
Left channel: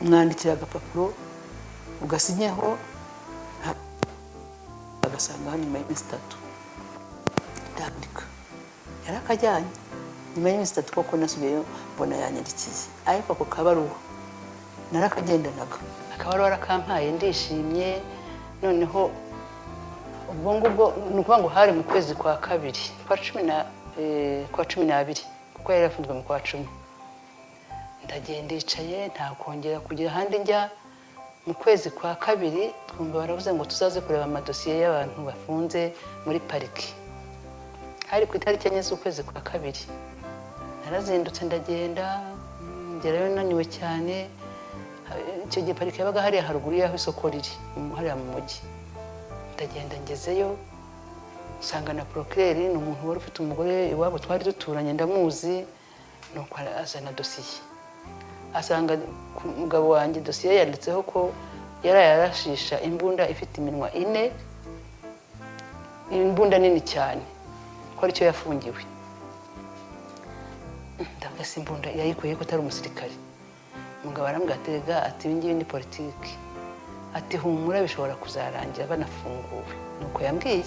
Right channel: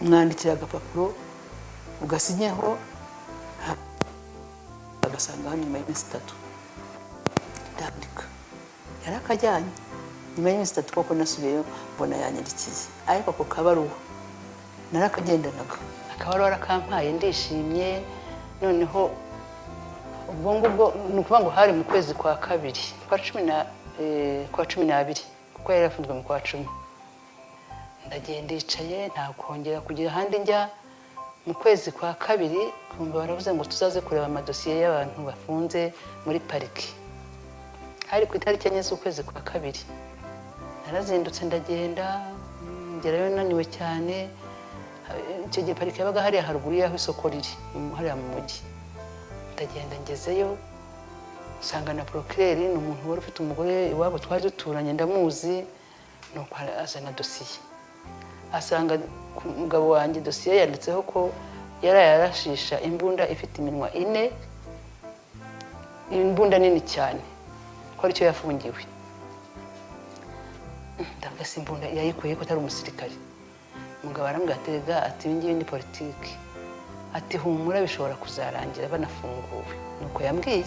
mwandikira agapapuro ugasinyeho agasanga nyuma y'iminsi 3 ndandika yarakajyanye nyuma y'iminsi 3 koko nasubiyeyo mbona yanyandikiye ariko ako kabaruwa narakagendanaga akabaruwa arakampaye ndishimye noneho ubwo nukuvuga ngo hari mu kwezi kwa kabiri kwa 12 kuko yari yafunzwe mu kwa 10 ndagenda ndicaye nta kongera kugira ahandi njya mu kwezi kwa kabiri twumva baravuze ngo tuzaze kureba amadosiye y'abantu bafunze muri pariki hari ku itariki enye z'ukwezi kwa kabiri narazindutse ndagenda ngerayo naniwe cyane icyo gihe pariki yabaga hariya haruguru y'aho isoko riri hariya mu mujyi ndagenda ngezeyo nsanga na procureur ni umuntu wari ufite umugore iwabo twari duturanye ndamuzi nuko azana dosiye asanga umugabo wanjye dosiye yanditseho ko yarashisha imbunda ifite iminwa 4 imbunda nini cyane ko aricyo yafungiwe ndagase imbunda yayikoye ko atari umusirikare umugabo arambwatega ati ngiye ni politiki ati humura bishobora kuzarangira banafunguwe nuko nuko yambwiye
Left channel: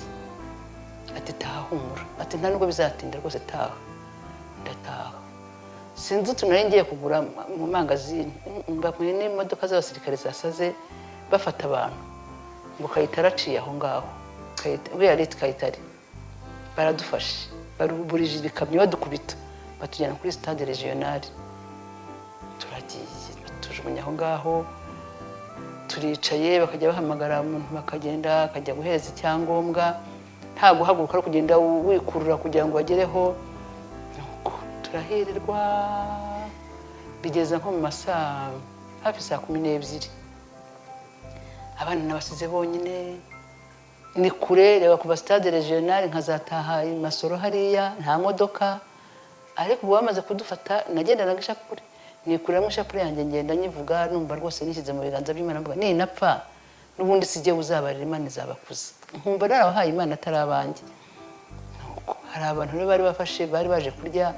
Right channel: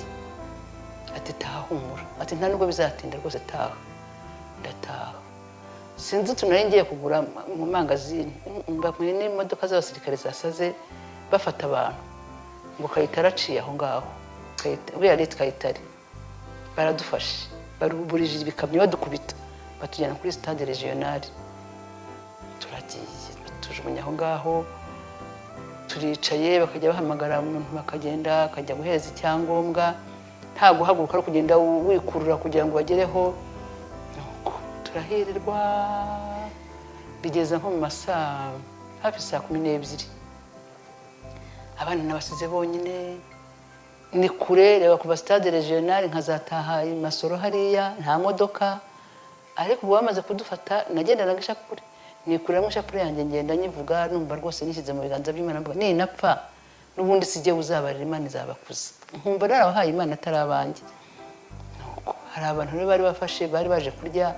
ati taha humura, ati nta nubwo bizatinda rwose taha. Ndataha sinzi tunari ngiye kugura mu mangazini, mbabwiye n'imodoka z'abasirikare zasaze bafata abantu ngo Kayitare aciye aho ngaho, uriya leta Kayitare baradufashe, baruburije ibikamyo badukubita batujyana kuri stade regionale. Turagiye tujugunya aho ngaho, turicaye bakajya bahamagara umuntu bakagenda akajya guheza icyangombwa, nta guhaguruka no kugenda wikurura kugira ngo bagereho. Turahirwa bigeza nko mu masaa hafi saa 12. Abana nabasize bonyine, ni kure reba kuva stade regionale nkazataha Masoro hariya nta modoka. Ariko ubu bamaze kudufata nagenda nagishakure, ni kure n'ishapure yanjye ngenda nyivuga numva rwose nishyize mu biganza by'Imana, mvuga ni napfa n'ubundi sijye uzabarira Imana izabakuza. Nkumva narabahaye Imana atarabanjye. Hari abantu bari bafashe bari baje kurya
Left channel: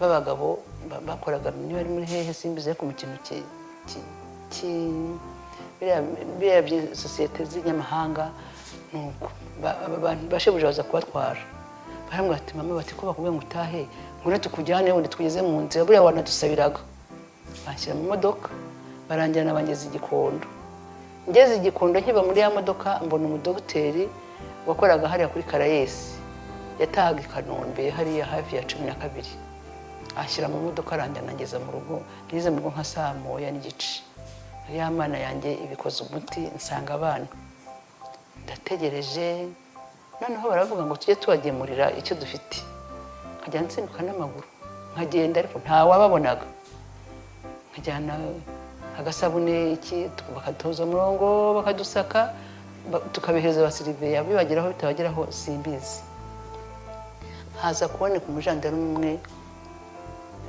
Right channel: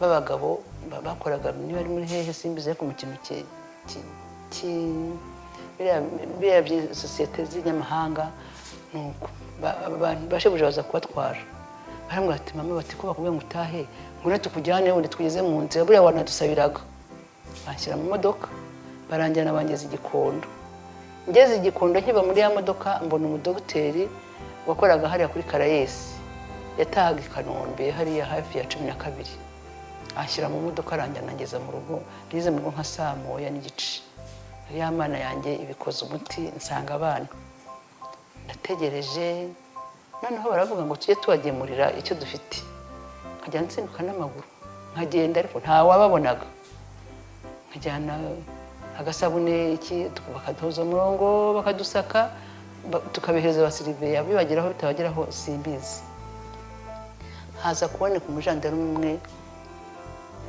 babagabo bakoraga niba ari muri hehe simbize ko mu kintu bya societe z'inyamahanga, nuko abantu bashobora baza kubatwara. Baramwe ati mama bati ko bakubwiye ngo utahe ngura tukujyane ngo tugeze mu nzira, buriya abantu dusabiraga. Bashyira mu modoka baranjyana bageze Igikondo. Ngeze Igikondo nkiba muri ya modoka mbona umudogiteri wakoraga hariya kuri Karayesi yatahaga i Kanombe hariya hafi ya 12. Ashyira mu modoka aranjyana ngeze mu rugo, ngeze mu rugo nka saa 1:30. Ya mana yanjye ibikoze umuti nsanga abana. Ndategereje noneho baravuga ngo tujye tubagemurira icyo dufite. Nkajya nsimbuka n'amaguru nkagenda, ariko nta wababonaga. Nkajyana agasabune iki bakaduza umurongo bakadusaka tukabihereza abasiriveri, abibageraho bitabageraho simbizi. Haza kuboneka umujandarume umwe,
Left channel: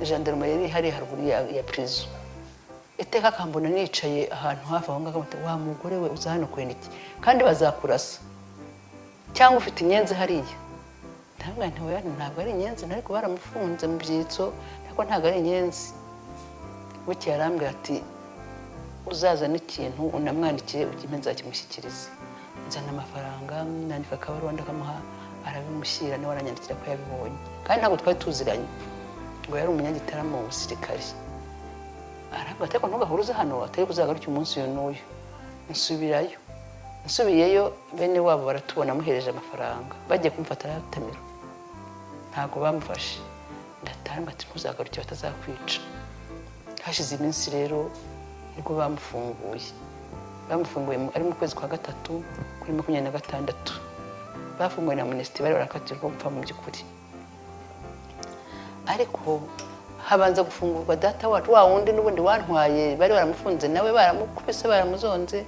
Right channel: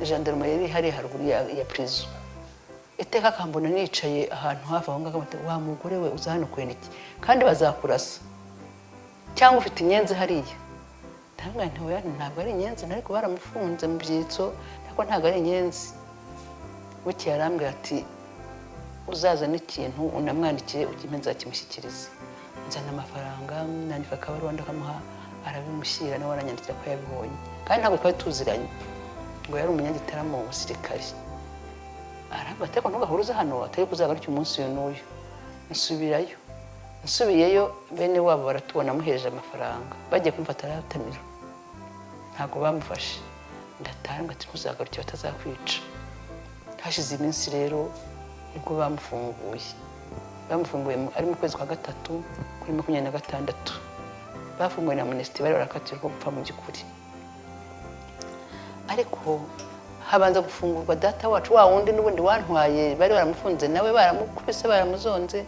gendarme yari hari ya prison. Iteka kambona nicaye ahantu hafi aho ngaho, bati wa mugore we uza hano kwenda iki kandi bazakurasa cyangwa ufite inyenzi hariya. Tanga ntiwe ntabwo ari inyenzi, ariko baramufunze mu byitso, ariko ntabwo ari inyenzi. Buki yarambye ati uzaza n'ikintu unamwandikiye ukime nzakimushyikiriza. Nzana amafaranga nandika akabaruwa ndakamuha, arabimushyira niwe aranyandikira ko yabibonye, kandi ntabwo twari tuziranye ngo yari umunyagitaramo mu basirikare. Arambye ko ntugahuruza hano atari kuzagarukira umunsi yo n'uyu. Nsubirayo, nsubiyeyo bene wabo baratubona muhereje amafaranga, bagiye kumfata arayatemera, ntabwo bamufashe. Ndataha ngati kuzagarukira batazakwica. Hashize iminsi rero nibwo bamufunguye ari mu kwezi kwa 3 kuri 26. Bafunguye na Amnesty bari barakatirwa gupfa mu by'ukuri. Ariko habanza gufungurwa data wacu wa wundi n'ubundi wantwaye, bari baramufunze nawe baramukubise baramuzonze.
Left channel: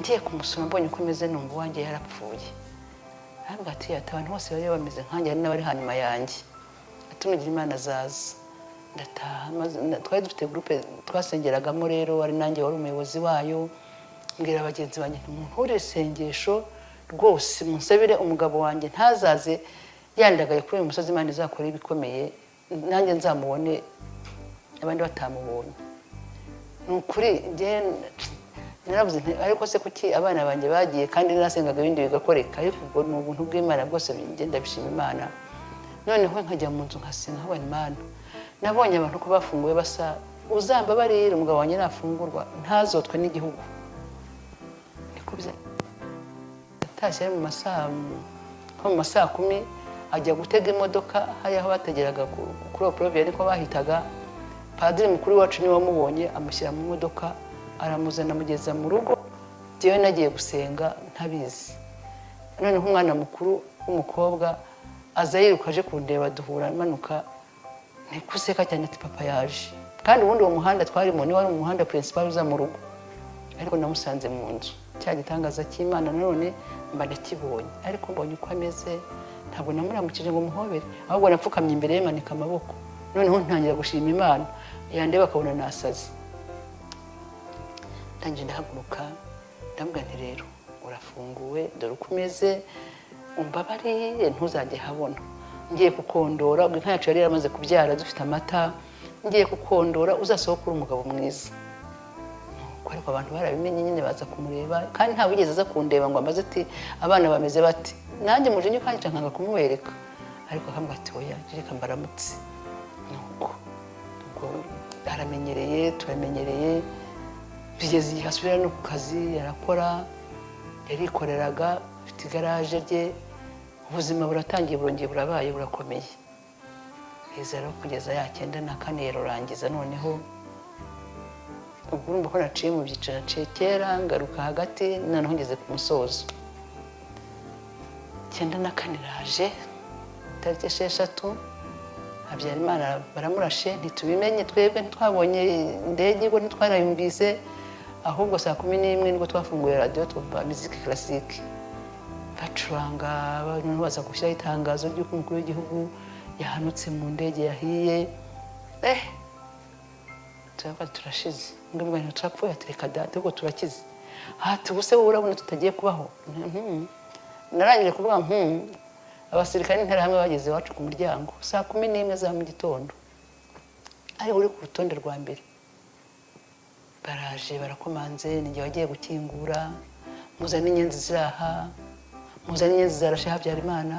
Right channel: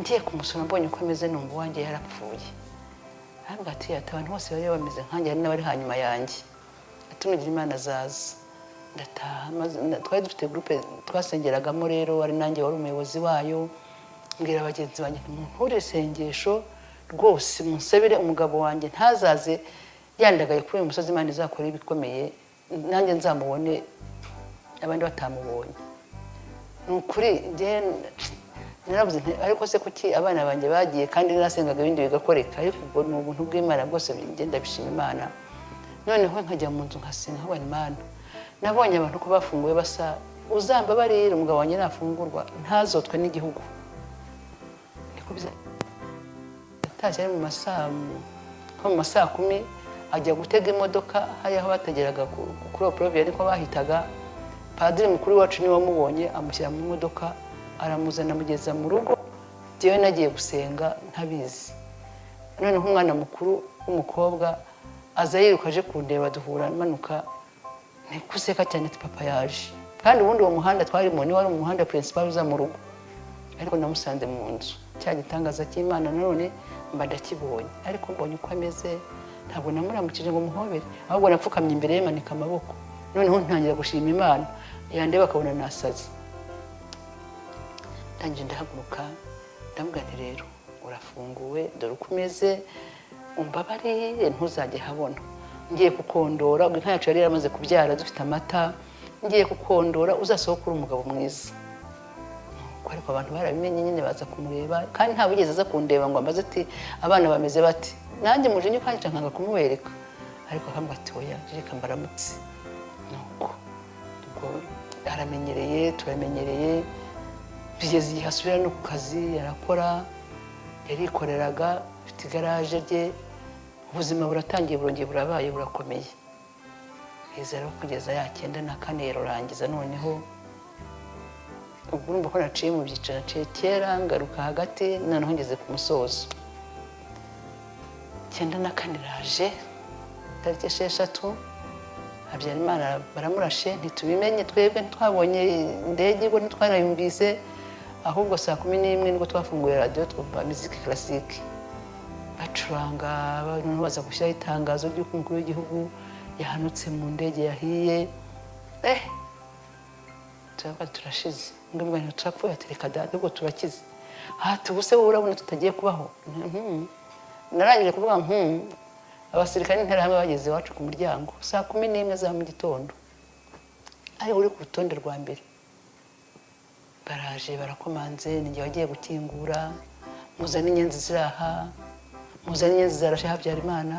Ngiye kumusura mbonye uko ameze numva wanjye yarapfuye. Arambwa ati abantu bose bari bameze nkanjye hari n'abari hanyuma yanjye, atunugira Imana azaza. Ndataha twari dufite groupe twasengeragamo rero, ari nanjye wari umuyobozi wayo. Mbwira abagenzi banjye nkore sengesho rwose musabire umugabo wanjye ntazaze yandagaye kuri uyu musozi, Imana izakora ibikomeye nanjye nzamubone abandi batamubonye. Nukuri nge naravuze ariko se kuki abana banjye bagiye kandi nasengaga ibindi bigakoreka, ariko ni ubuntu bw'Imana bwose ngenda bishima Imana. Noneho nkajya mu nzu nkasenga nkabona Imana. Nabonye abantu ko bafunguye basa uzambabarira umugabo wanjye nafungurwa ntazotwe n'igihugu. Nikubize tashe mu masaa 10 ajya gutega imodoka hari aho bategeraga kuri Provier, ariko bahitaga padiri mukuru wacu niwe wamubonye amushyira mu modoka aramuzana amugeza mu rugo. Jewe nagiye gusenga ntabizi. Noneho umwana mukuru w'umukobwa aza yirukaje kundeba, duhura manuka nikuseka cyane ati papa yaje, kandi ubundi uwo muhanda twarimo ni wari umuhanda principal uza mu rugo, ariko namusanze mu nzu. Cya gitangaza cy'Imana none mba ndakibonye, ariko mbonye uko ameze ntabwo namuramukije ngo muhobere, ahubwo napfukamye imbere ye manika amaboko. Noneho ntangira gushima Imana, yandeba akabona nasaze. Ndangije ndahaguruka ndambwa nti rero urafunguwe, dore uko umeze, umbabarire ntuzajye habona. Ngiye kukondora, ubwo ntacu yari yaramaze kubyara dufite amata. Ngiye kukondora uzasohoka uri umugabo mwiza. ariko abantu barabimenye nyine baza kumureba kandi nta wigeze aza kundeba ngo ambaze ati abana bameze bati nanjye muje kandi nkanga kumubereka ariko akambwa ati oya reka mbaramutse nuko aramenyereye turamenyereye bigeze igihe asubira no ku kazi arakora yarikoreraga afite igaraje rye ubuzima buratangiye burongeye burabaye burakomeye biza rero kugeza ya 94 rurangiza noneho urumva ko naciye mu byiciro naciye kera ngaruka hagati noneho ngeze ku musozo 94 raje tariki 6 Habyarimana baramurashe ntitubimenye twebwe ntitwabonye indege ngo ntitwarayumvise ahubwo saa 11 nibwo twafunguye radio twumva muziki classique bacuranga baza gushyira itangazo ry'uko umukuru w'igihugu yahanutse mu ndege yahiye turashize ngambwa turapfuye atereka dade ngo turakize tubuse urabona tutagiye kubaho narangije kuvuga abasirikare ntarabe bageze iwacu ku muryango saa 11 za mu gitondo ari uri ku rutonde rwa mbere baraje barakomanze ninjye wagiye gukingura muzana inyenzi ziraha muzana inyenzi zarashe Habyarimana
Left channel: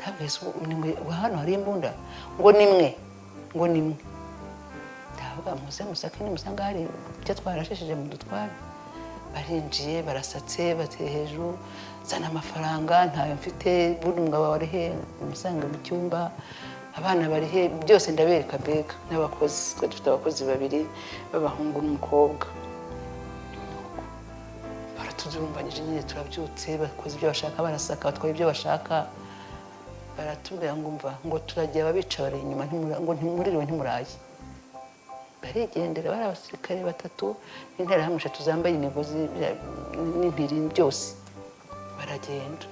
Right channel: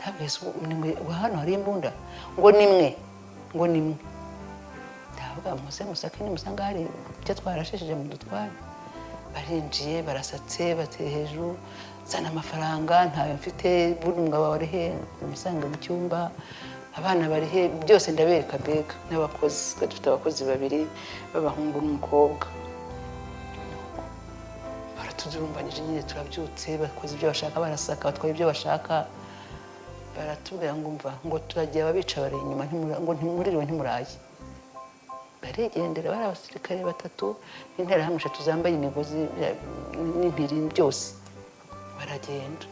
tabese nimwe hano hari imbunda ngo nimwe musaka ni musanga hari cyo twarashishije mu dutwara barinjiye barasatse bateye hejuru zana amafaranga ntayo mfite bundi umugabo wari he umusanga mu cyumba abana bari he byose ndabereka mbega n'abakozi dufite abakozi babiri b'abahungu n'umukobwa baratudurumbanyije nyine turabyutse bakoze ibyo bashaka barasaka batwara ibyo bashaka baratubwira ngo turagiye ababica bari inyuma ngo ntimuririwe ntimuraye arigendera bari abasirikare 3 n'interahamwe 3 zambaye imigozi n'impiri byose baragenda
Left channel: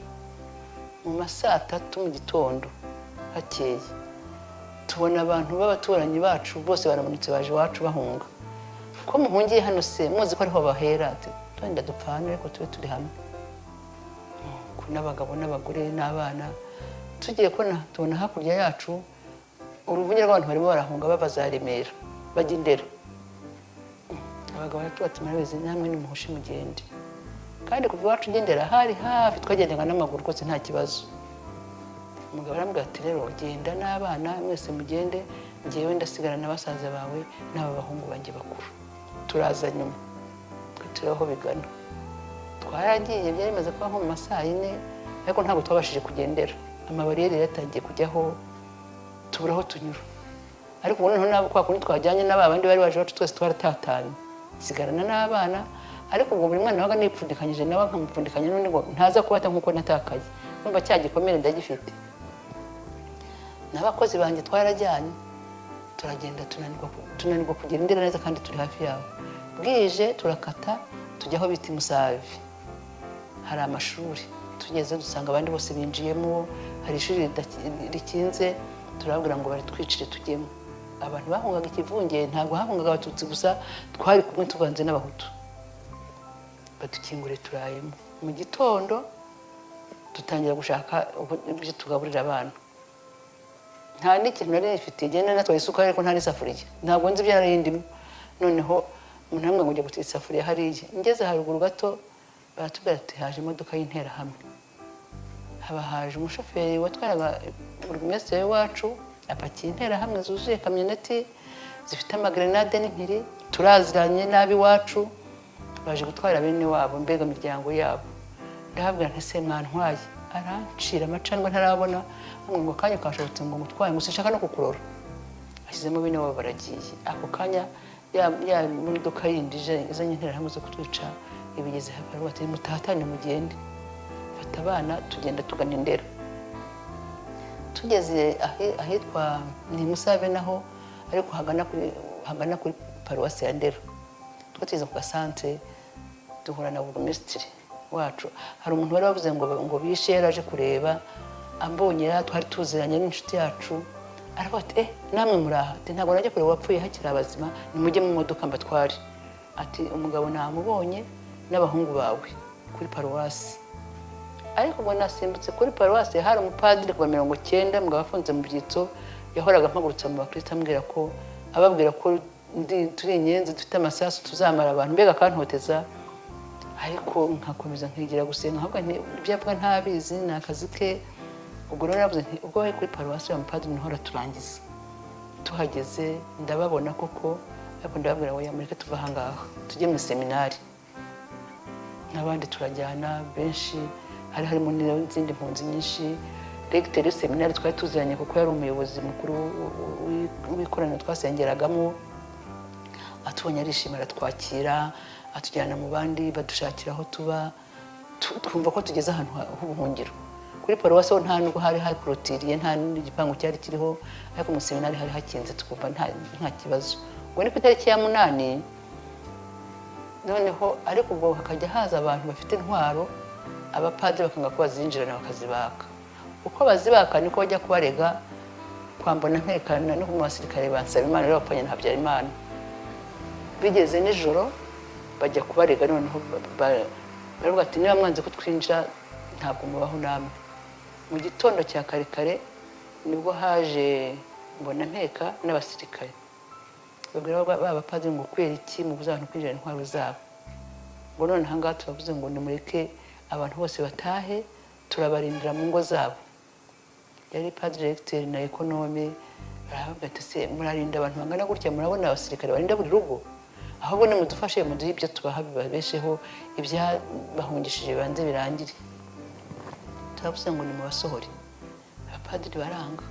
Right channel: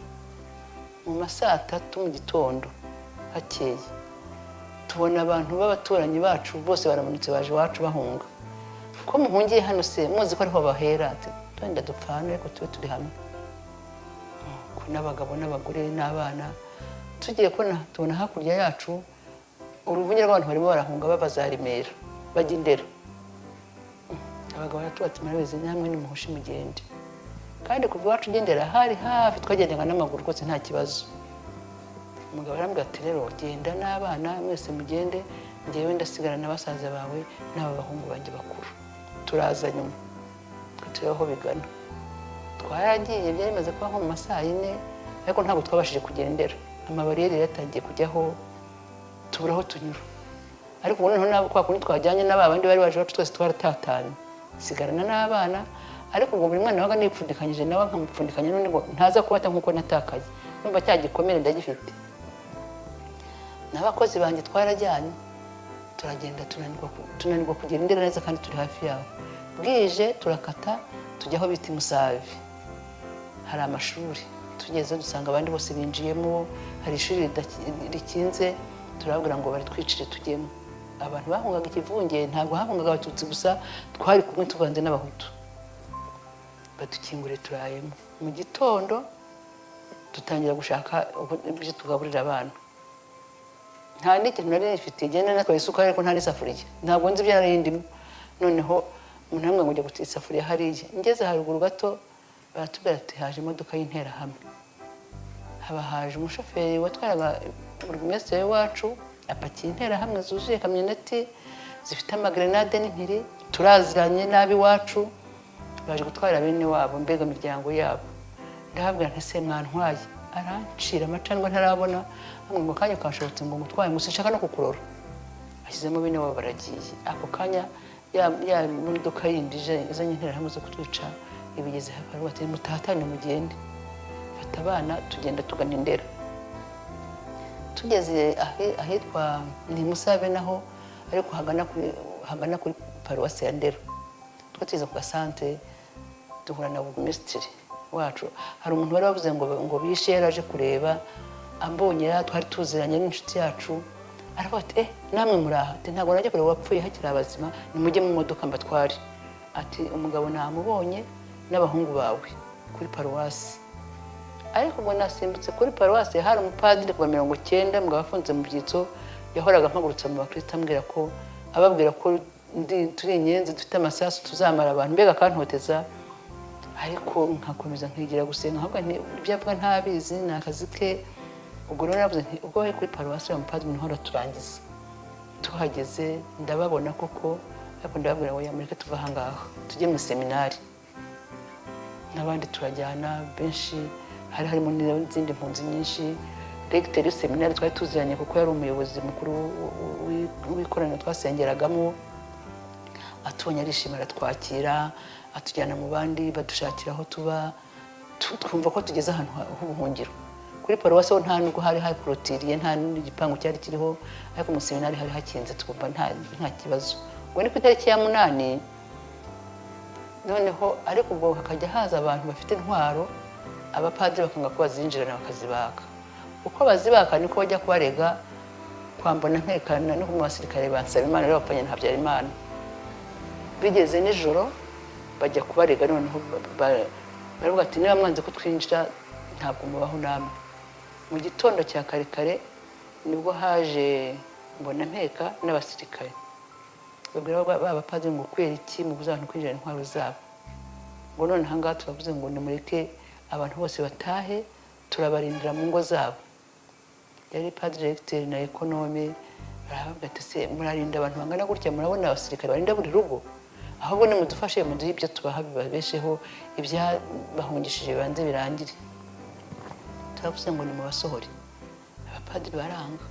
mu masaa 3 mu gitondo hakeye tubona abantu b'abaturanyi bacu bose baramanutse baje iwacu bahunga ko muhungiye hano se muzi ko ariho bahera twenda dupfana ariko turi hamwe ko n'abagabo n'abagore n'abana tugiye ko tubona hakurya yacu uruvunge rw'abantu barimo barahunga babazaremera bajya Indera abagabo batubatima neza namwe n'umuhushi mugende kandi kuva iwacu Indera hari hafi twagendaga n'amaguru kose nta kibazo umugabo arambwira ati rero genda n'abana mwese mugende ngiyewe ndasigara n'abasaza bawe n'abahungu banjye bakuru turaza nyuma turiho bigana twaragiye byarimaze kuba nko mu masaha 4 ariko ntabwo twabashije kugendera amabariyeri yatangiye kujyaho tuburaho tunyura ariko noneho nabo kwa kundi twajyanye n'abandi bari baje bacu twese twaratatanye sigarana n'abana ariko ubwo buri mwana waga nipfundikanyije nawe nkamupfundikanya n'undi ngo ntaze kubata nkuko natakaye numva cyagikomere ndagifite n'abakozi banjye twarajyanye turagenda tunanirwa kugera Indera neza kandi turi hafi yabo bwije turakata tujyaho bita Musave hari amashuri tugeze dusanga abandi bose binjiyemo hari ishuri rikinze turabwira ngo baritwicire tujyemo abantu bahungaga ikivunge ntabwo hahungaga abatutsi gusa twari kumwe tuvanze n'abahutu badukingure turayemo mu gitondo dutangira gushaka ibyo tugaburira abana nta n'ikintu nari nifite igenda natwaye isukari ariko nta n'isafuriya ntabwo nzi ibyarindimo noneho umuntu ngo njye gutira isafuriya hariya ngeze haruguru gato baratubwira ati haje imodoka y'interahamwe haba haje umushoferi watwaraga burugumesitiri wacu apakiye interahamwe zuzuye kamyoneti zifite amagrenade n'impiri turaziranye nabi wacu baje gutwara bene wabo mbega imiryango yabo ndababwira nti se mwantwaye arancira amacandwe ntarabona ngo kanya kashobotse ngo mutwaye gusa nshaka no kukurora ashyizemo bene wabo baragiye ako kanya ya imodoka yindi izanye interahamwe zo kutwica ibigeze hafi bati mutahatane mugende fata abana tugenda tugana Indera tugeze ahitwa ni Musave naho ariko hagana kuri paruwasi ya Ndera twatiza ku santere duhura na burugumesitiri wacu hari umuntu wari wavuze ngo bishe yaraje kureba ambonye twari tuziranye n'inshuti yacu ariko ati namwe muraho ntabwo najya kureba wapfuye hakiri abazima nimujye mu modoka mbatware ati umugabo namubonye n'abahungu bawe kuri paruwasi ariko ubwo nasimbutse kuri paruwasi hari umupadiri wa 90 mbwa bafunze mu byitso yahoraga mpagurutse mu bakristo ambwira ko ababwira ko turi inyenzi dufite amasasu tuzamara abantu mbega akantoteza ariko nkakomeza nkigira gusenga ahubwo ibyo avuga ntabizi ni akazi ke ubwo rero yavuze nti ubwo we kuri paruwasi wa mupadiri niho araturangiza tuhageze ndababona kuko ariko ndababwira ngo yamureke tuva aha ngaha tujye mu seminari n'abandi turajyana benshi hari harimo n'izindi mpunzi nyinshi regiteri w'iseminari twari tuziranye kuko yari umuyobozi mukuru w'ikoraniro twasengeragamo atubonye arishima aratwakira atujyana mu bandi badushakira aho tuba twumva ko tugeze ahantu h'ubuhungiro kuri paruwasi aho nta nubwo hari hakorotiriye nta n'igipangu cyari kiriho ariko mu seminari hari hakinze twumva nta kibazo ngo ni ku itariki ya 8 noneho ariko ubwo hakajya haza abantu bafite intwaro abapadiri bakanga ko bazinjirana bakazibaka uko bazibaka niko bajya kubarega kwambona ntekana no mu basirikare ba Nsabimana y'abapfanye na Habyarimana bigeze nijoro bajya kubarega noneho baravuga ati niba mwanze ko twinjira ntabwo mubaho namwe mu gitondo cya kare kare nibwo haje mbona nteka n'abasirikare ubwo abapadiri ngo kwera iki mu buzantu kwinjira intwaro zabo ngo none aha ngaha turavuze ngo nimureke abantu bose batahe turabarindira mu ngo zabo yari padiri regiteri na ekonome baravuga ati se murarinda abantu bangana gutya murabona abasirikare barinda buri rugo ahubwo nimudufashe muduhe ibyo tubaha bibabesheho ibyabahungishije banze birangire turavuze ngo nimubasohore abapadiri baranga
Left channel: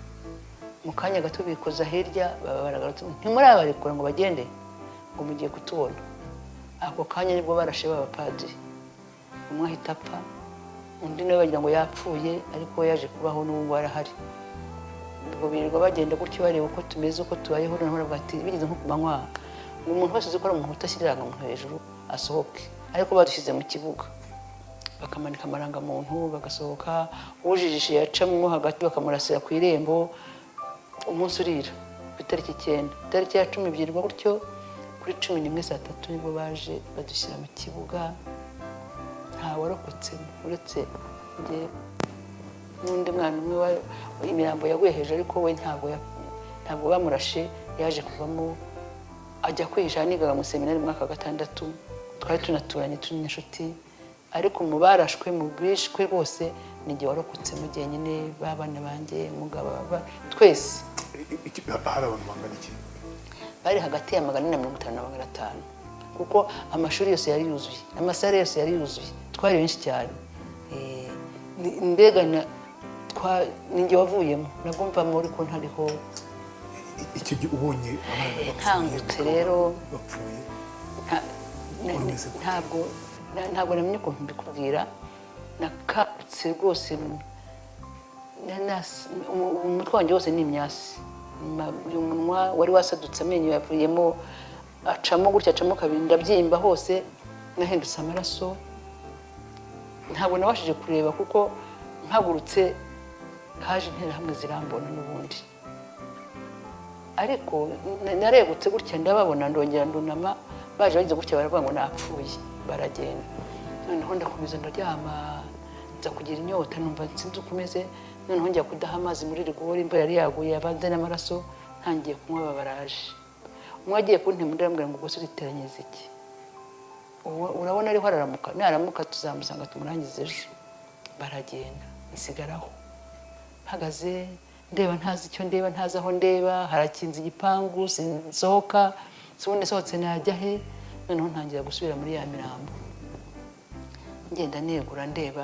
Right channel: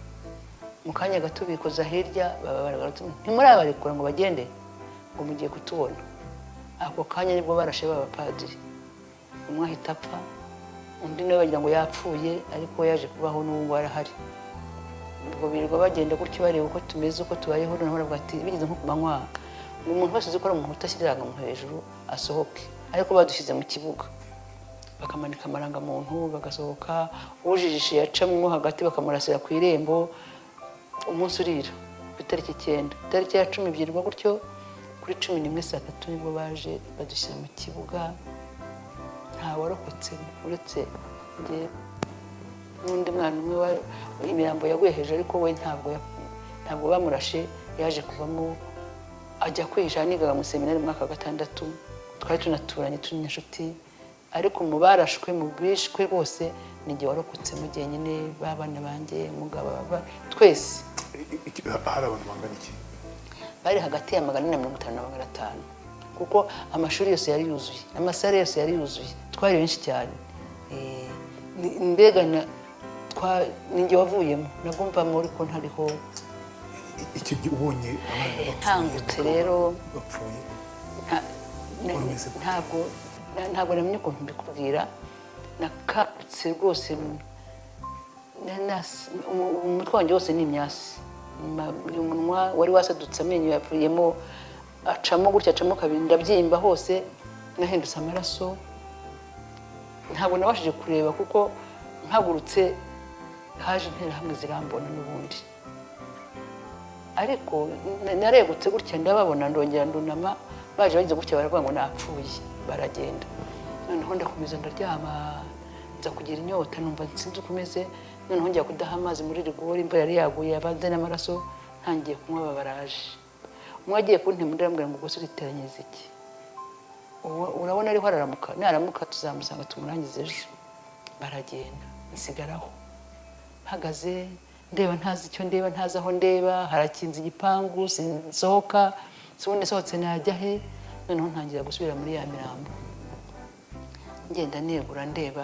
mu kanya gato bikoza hirya baragarutse ntimurabarikura ngo bagende ngo mugiye kutubona ako kanya nibwo barashe abapadiri umwe ahita apfa undi nawe wagira ngo yapfuye ariko yaje kubaho n'ubu arahari ubwo birirwa bagenda gutyo bareba uko tumeze uko tubayeho n'abaravuga ati bigeze nko ku manywa umuntu wese uzi ko ari umuntu utashyiriraga umuntu hejuru asohoke ariko badushyize mu kibuga bakamanika amarangamuntu bagasohoka ujijishe yacamo hagati bakamurasira ku irembo umunsi urira itariki 9 itariki ya 10 byirwa gutyo kuri 11 saa 3 nibwo baje badushyira mu kibuga ntawarokotse uretse n'undi mwana umwe imirambo yaguye hejuru ariko we ntabwo bamurashe yaje kuvamo ajya kwiga nigaga mu seminari mu mwaka wa 6 twari tunaturanye turi n'inshuti ariko mu barashwe mu bishwe bose nijye warokotse mu gihe nyine babana banjye umugabo twese hari abantu bangana iki bari hagati ya 450 na 500 kuko amashuri yose yari yuzuye amasare yose yari yuzuye twari benshi cyane mbega ninjye wavuyemo nagomba muri ko ntariho icyo gihe ubonye ntangutse rero bapfuye ntabwo namenye ukuntu mbikubwira nakabutse rwose umutwe wanjye wose ni imyasi umunwa wari wasadutse amenyo yavuyemo acamo gutya acamo kabiri ndabyimba hose nahindutse amaraso ntabwo nabashije kureba kuko mpagurutse haje interahamwe zirambona n'ubundi ariko narebutse gutya ndababona ndongera ndunama baje bagize gutya baravuga ngo napfuye baragenda noneho ndakomeza ndaryama nza kugira inyota numva sinzi uko umeze noneho njya kudaha amazi muri rigori imvura yari yaguye abanze n'amaraso ntangiye kunywa baraje umwe agiye kuntema ndambwira ngo gusa uriteranyiriza iki urabona ariho araramuka naramuka tuzamusanga tumurangize ejo baragenda nsigaraho mpagaze ndeba ntazi icyo ndeba ntazi aho ndeba harakinze igipangu sinsohoka sibundi sohotse najya he noneho ntangira gusubira muri ya mirambo ngenda negura ndeba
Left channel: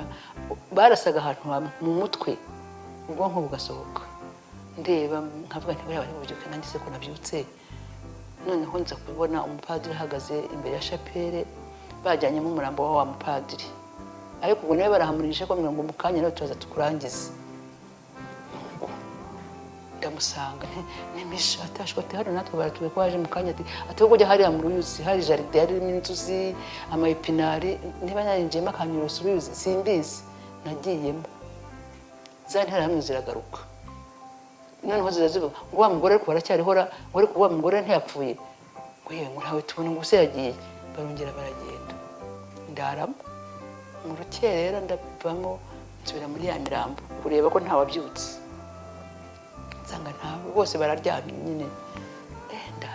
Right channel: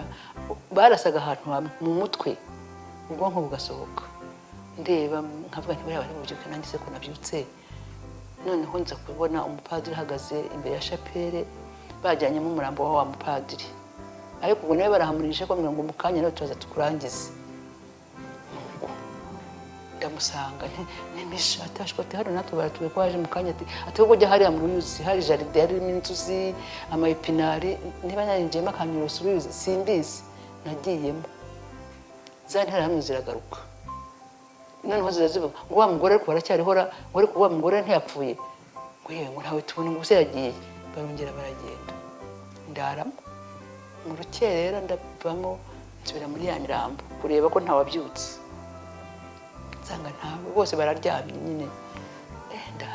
barasaga ahantu mu mutwe ubwonko bugasohoka ndeba nkavuga nti bari bubyuke nanjye se ko nabyutse noneho nza kubona umupadiri ahagaze imbere ya shapere bajyanyemo umurambo wa mupadiri ariko ubwo nawe barahamurisha ko ngo mu kanya nawe turaza tukurangize ndamusanga atashwa ati hano natwe baratuye ko haje mu kanya ati ko kujya hariya mu ruyuzi hari jaride harimo inzuzi amayepinari niba nyanjiyemo akantu basubize simbizi nagiyemo za ntarahamwe ziragaruka noneho zirazivuga ngo wa mugore ariko baracyariho ariko wa mugore ntiyapfuye ngo yewe ngo ntawe tubona ngo yagiye barongera baragenda ndaramo mu rukerera ndavamo nsubira muri ya mirambo kureba ko ntawabyutse nsanga ntawe bose bararyamye nyine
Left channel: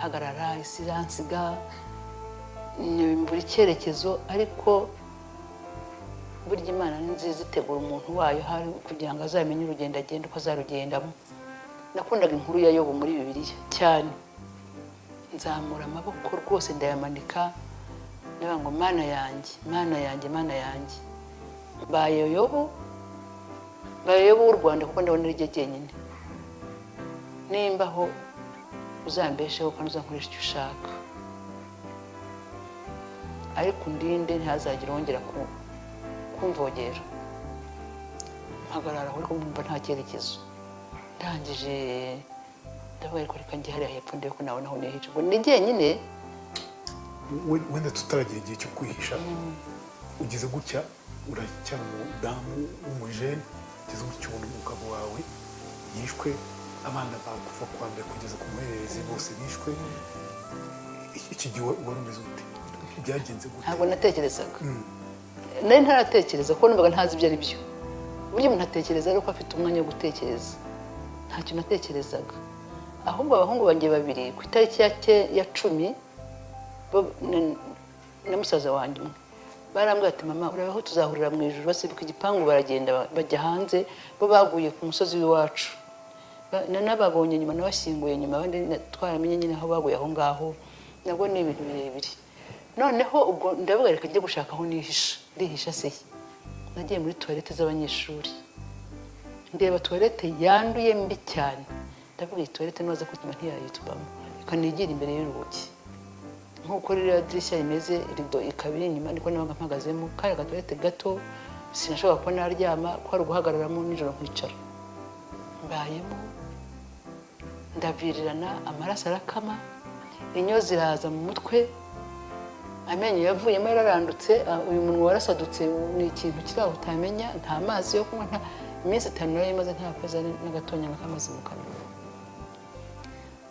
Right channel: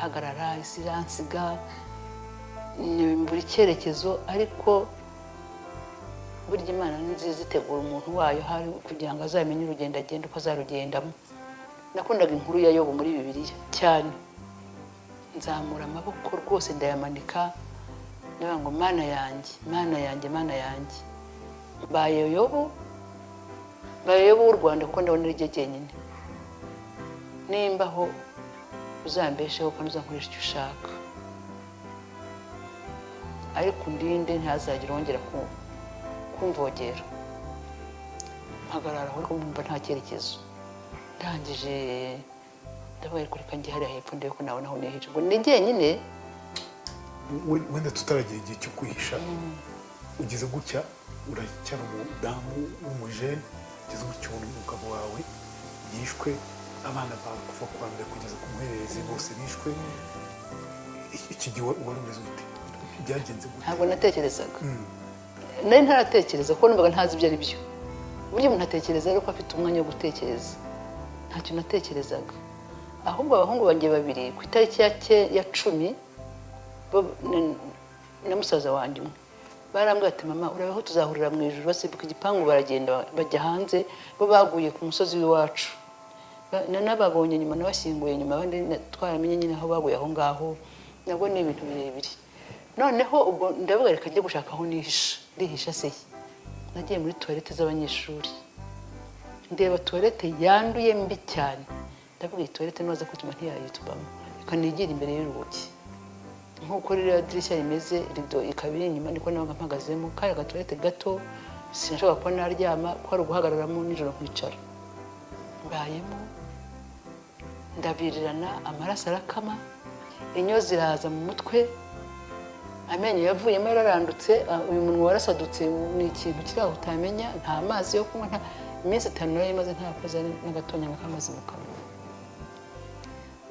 mpagarara isi iransiga buri cyerekezo ariko burya Imana ni nziza itegura umuntu wayo hari kugira ngo azamenye urugendo agenda uko azarugendamo. Nakundaga inkuru ya Yobu muri Bibiliya cyane, nzamura amaboko rwose ndayamanika ndavuga ngo Mana yanjye, Mana yanjye, Mana yanjye, mbaye Yobu w'u Rwanda kuko ndabona iryo jyenyine, nimbaho uzambesheho ko nzakoresha icyo ushaka, ariko undinde ntazagira wongera kumvogera. Mpagarara aho numva nta cyerekezo, ndangije ndabaye kuri kanjye hariya hepfo ndebe ko nabona aho nihisha, ngo ni jyenyine. Wenda tutaragira igihe cyo kwihisha, ugeze gutya uracyari umudamu w'umuje, ugeze gutya ubona umugabo wawe yishwe, abana bawe kuva ku wa mbere kugeza ku muhererezi bose bishwe. Iki gihe wari umeze ute? Byagenze gute? Ntabwo natekerezaga, nari ntaratekereza kuko numvaga ntazi ibyo ari byo. Uburyo umuntu atekereza ari uko afite umwanya wo gutekereza, ntacyo natekerezaga. Ahubwo abahungu banjye babiri ku itariki ya 10 na musaza wanjye barambwira ati mama urabeho tuzahurira mu ijuru. Basimbuka igipangu baragenda bajya hanze, bo baguye ku musozi w'iwacu. Nanababonye nyuma nabashyinguye nyuma, abandi twaramenye nyine aho baguye aho ngaho. Nabwo ni ibintu birebire. Noneho ubwo ndavuga reka njye gushaka aho nihisha se. Nagiye muri toilette z'abanyeshuri, ndeba toilette yanduye mbi cyane, ndavuga iyi toilette noza ko tuma ntiyayitubamo, reka nigira imbere y'urugi nk'uko ririya dirishya rimeze, rido ikabiri inyuma, niko nabaga mpagazemo. Kari agatoilette gato, sinashobora kuba naryama, ko ari uguhagararamo nijoro kwicara. Mbayemo ndabirirana, amaraso arakama, inyo ziraza mu mutwe, amenyo yavuyemo yararandutse, uyu munwa warasadutse. Ni ikintu kiri aho utamenya, nta mazi yo kunywa, nta iminsi 5 nayo imaze ntakoze n'agatonya n'akamazi mu kanwa.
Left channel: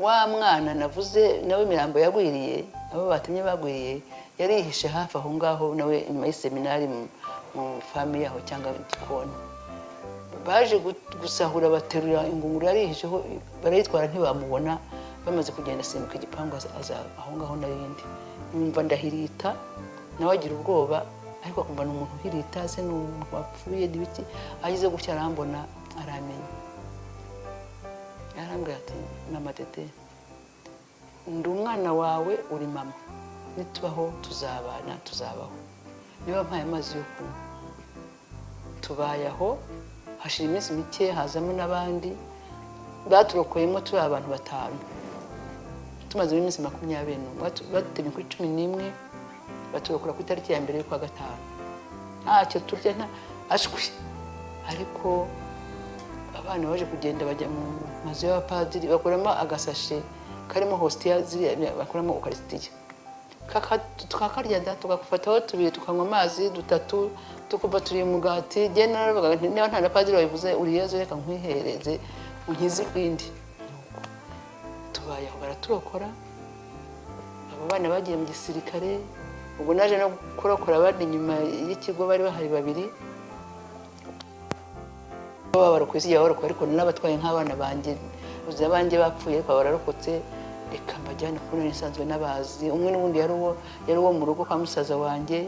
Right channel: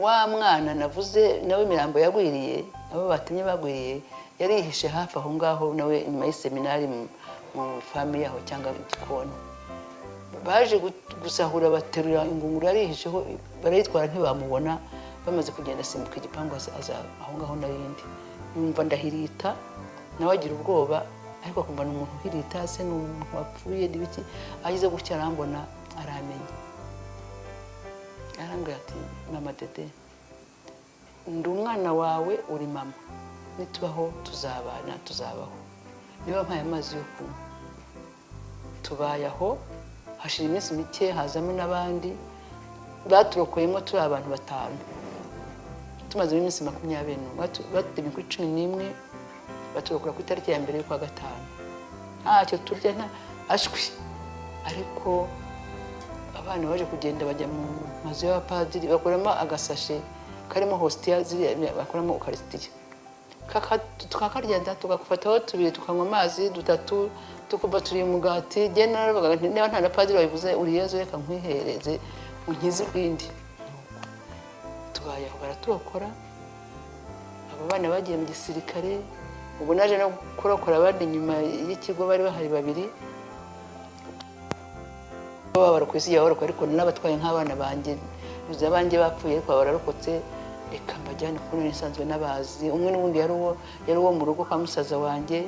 Wa mwana navuze nawe imirambo yagwiriye, abo batinye bagwiriye, yarihishe hafi aho ngaho nawe inyuma y'seminari mu family yaho cyangwa igikoni. Baje gusahura baterura ingunguru yarihisheho, barayitwara ntibamubona. Bamaze kugenda asimbuka igipangu aza aho ngaho narindi, numva ndahirita, nawe agira ubwoba, ariko kumva n'umuntu uhirita se n'umuntu wapfuye n'ibiki. Agize gutya arambona, aramenye, arambwira ati mama Dede, ndi umwana wawe, uri mama, nitubaho tuzabana, tuzabaho. Niba mpaye amazi yo kunywa, tubaye aho. Hashira iminsi mike hazamo n'abandi baturokoyemo, turi abantu 5. Tumaze iminsi 20, batemye ku 11, baturokora ku itariki ya mbere y'ukwa 5. Ntacyo turya ashwi, ariko abana baje kugenda bajya mu mazu y'abapadiri, bakoramo agasashi karimo hostia bakoramo ukaristiya. Tukakarya tugafataho 2 tukanywa amazi 3, tukumva turi umugati. Niba nta na padiri wabivuze, uri Yezu reka nkwihereze unkize ibindi. Tubaye aho baraturokora, abo bana bagiye mu gisirikare. Ubwo naje no gukorakora abandi nyuma y'ikigo, bari bahari 2 bahora ku isi yahora, ariko n'abatwaye nk'abana banjye, uza banjye bapfuye ariko bararokotse, reka mbajyana kuko nisanzwe n'abazi. Umwe n'ubundi yari uwo mu rugo kwa musaza wanjye,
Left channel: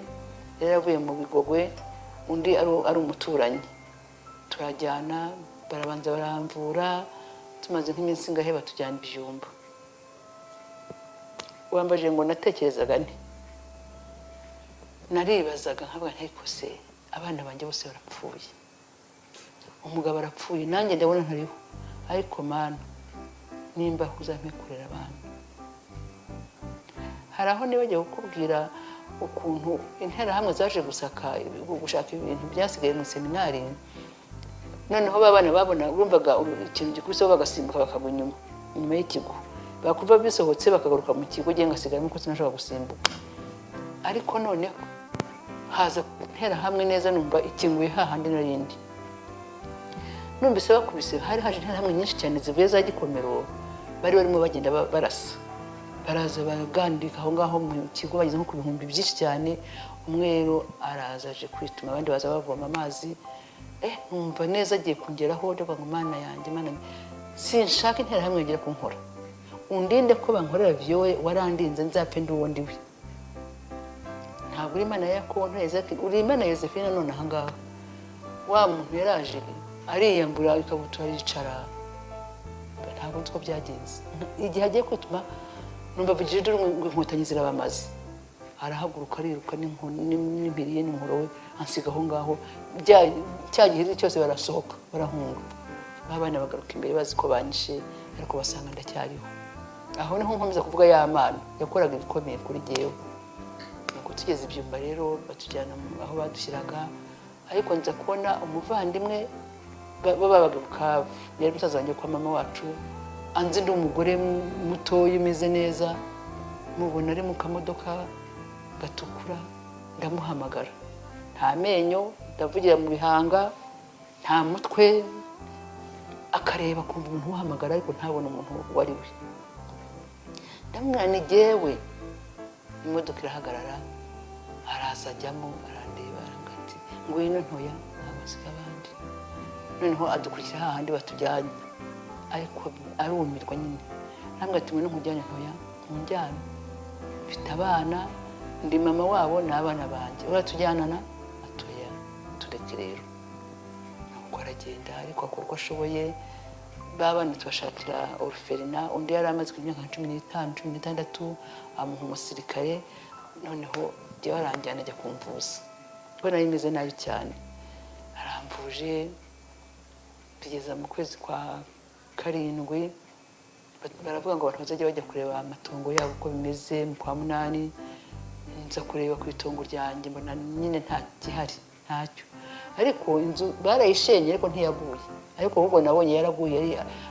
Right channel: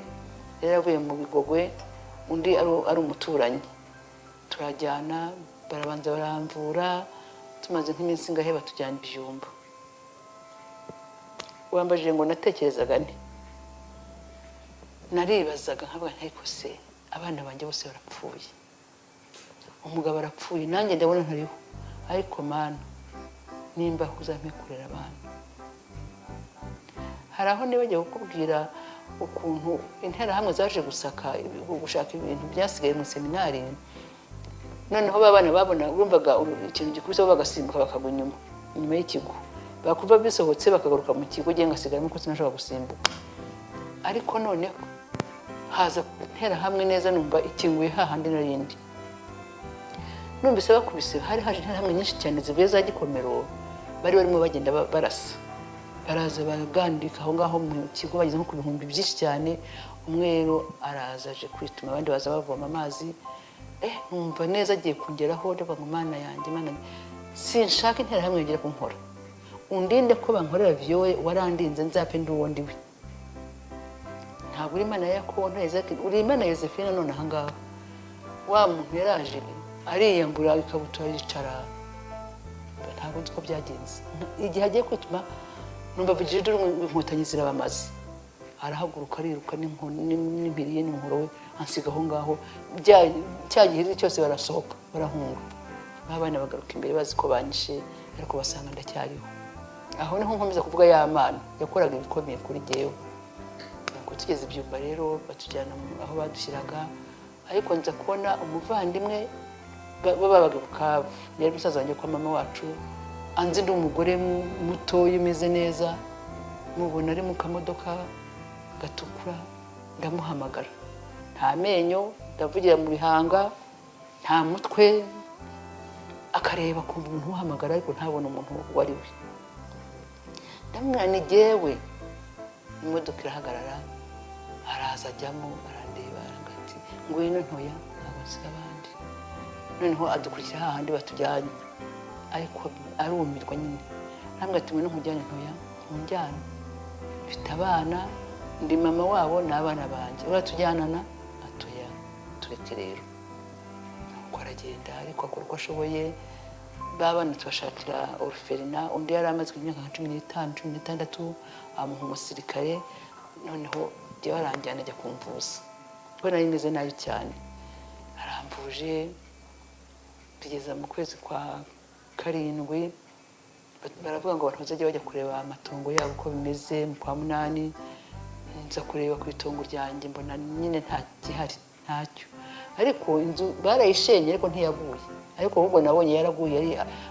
yaravuye mu Bigogwe, undi ari umuturanyi. Turajyana, barabanza baramvura, tumaze nk'iminsi ngahe batujyana Bijumba. Wambaje ngo natekerezaga nti, naribazaga nkaba ntiko se abana banjye bose barapfuye, umugabo arapfuye, nanjye ndabona ntariho, ariko Mana nimba uzampe kurera abana. Hari aho nibagiye kukubwira ukuntu interahamwe zaje gushaka ibintu byasigaye mu seminari. Noneho babana babona bumvaga ikintu gikubisaho bagasimbuka bakagwa inyuma y'ikigo, bakuva bisohotse bakagaruka mu kigo, ngiye ngasigaramo ko sinashobora gusimbuka. Ariko noneho haza interahamwe neza, numva ikinguye hahandi narindi. Numvise bakubise, hari haje interahamwe nyinshi cyane zivuye za Gikomero, bari barimo bagenda barasa. Baraza baragandika aho ngaho mu kigo, bageze ku 1000 byinshi cyane. Umwero araza aje kwituma, abandi baza bavoma amazi. Numva neza agiye kugeraho, ndavuga Mana yanjye, Mana sinshaka interahamwe yagera kunkora. undinde ko bankorera vyowe warandinze nzapfe ndi uwundi we ntabwo uri Imana ya Yakobo ati uri Imana ya Yosefina none ahangaha wa muntu yaraje ariyambura ikabutura yicara ntabwo two byagenze igihe agiye kwituma numva Brigide inkotanyi zirabamaze arahaguruka ariruka n'impiri ye n'umuhoro we ansiga aho ngaho cyagihirira cyose barasohoka barankura n'abana bagaruka imbere bazi ko banishe ariko basanga ndacyariho aho niho nkomeza kuvuga y'Imana yakoraga ibikomeye kuri jyewe nuko tugeze ibyumba rero batujyana aho badushyiraga ariko nza kubona umuvandimwe babaga Bukavu yari musaza wanjye kwa mama wacu anzi ndi umugore mutoya umeze neza mubona ari mu kamodoka gatukura ndamuhamagara nta menyo ndavugira mu bihanga nta mutwe akareba kumva umuntu uhamagara ariko ntabona umuntu wari we ndamwana jyewe imodoka irahagarara araza ajyamo arandeba arangati ngwino ntoya nabasiga abandi noneho adukurikira hahandi batujyanye ariko arumirwa nyine namwe tubona nkujyane ntoya njyana mfite abana ndi mama wabo n'abana banjye uratujyanana atuya tureke rero uko aragenda ariko akora uko ashoboye babana tubashakira orphelina undi yari amaze imyaka 15-16 amuntu umusirikare noneho jye baranjyana ajya kumvuza kuko nari meze nabi cyane aramvuje tugeza mu kwezi kwa 7 baravuga ngo abantu bazajya bajya kureba amatongo yabo uko bimeze mu kwa 8 nza kureba ku itongo ryanjye mbona nyine nta gihari ntacyo ariko inzu barayishenye ariko ntiyaguye ariko ubwo nabonye yaraguye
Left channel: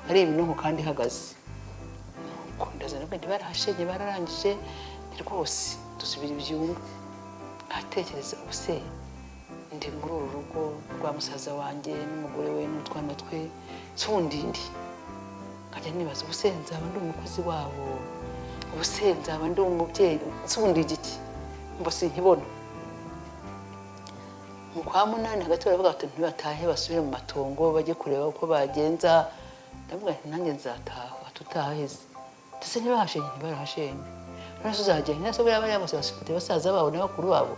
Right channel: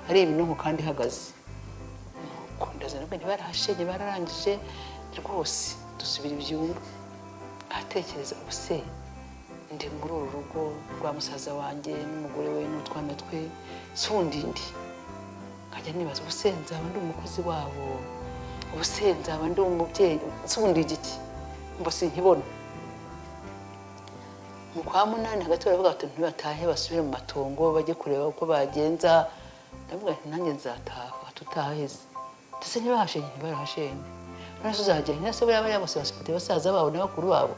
ari ibinoho kandi ihagaze ndazana ko barahashenye bararangije rwose dusubira ibyumba atekereza ubuse ndi muri uru rugo rwa musaza wanjye n'umugore we n'utwana twe sundindi nkajya nibaza ubuse nzaba ndi umukozi wabo ubuse nzaba ndi umubyeyi sundi igiki mbo sinkibona mu kwa 8 hagati baravuga ati ntibatahe basubire mu matongo bajye kureba uko bagenza ndavuga nti nanjye nzataha tutaheze ndetse ntibahashenye ntibarahashenye none tuzajya nese baba yabose bafite basaza babo n'abakuru babo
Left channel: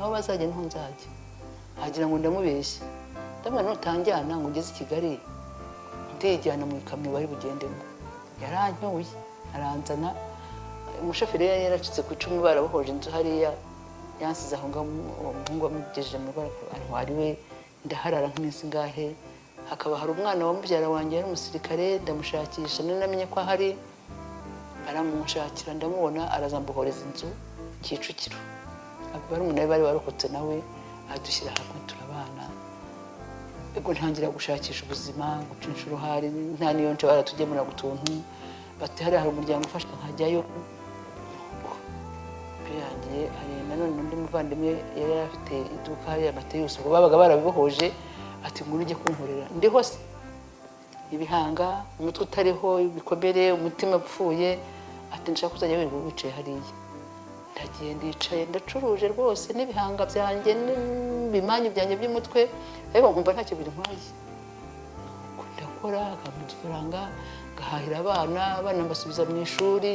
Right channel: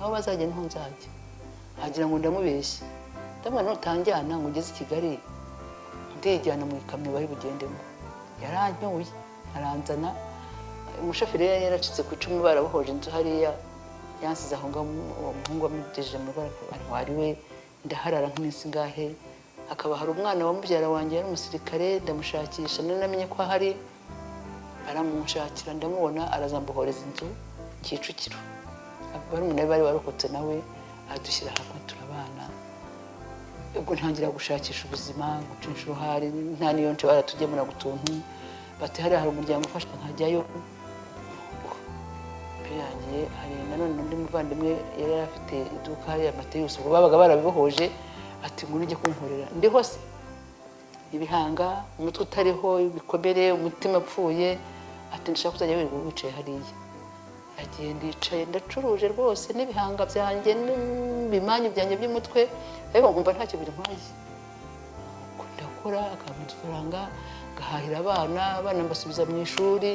aho bazajya niho nzajya agira ngo ndamubeshye ndamana ntutanjyana ngo ngeze i Kigali ndijyana mu ikamyo bari bugendemo yarantoye aranzana umushoferi yari yaracitse ku 10 barabohoje inzu hariya yansize aho ngaho amugejeje mu bantu ari we ndaharara nk'imisi ngahe hakaba hari umwana wa mubyara wanjye yari umusirikare ndamushakisha namenye ko ahari aramushakira ndamubona arazambuhoreza inzu Kicukiro barumuna bari barokotse nawe adushyira hamwe turabana ubwo ntangira gushakisha ubuzima gucisha uruhare nta niyo nce baratugemura ku tuntu bati hari aho umuryango ufashwe nkajyayo byagiye none undi muvandimwe yari afite iduka ya Mateyusi ubwo babaga baramuhoje ati ngo ujye kumvurira ndi hose ibihanga umutwe utariho ibikomere umutima upfuye ati ndashaka kuzajya wicaye hariya ndagiye ndicaye ndacuruje rwose n'ibihanga byanjye n'ibimanyi byanjye by'umutwe ariko nkumva ntacyo bintwaye ndakora akamufaranga gahahira abana ngasubiza mu ishuri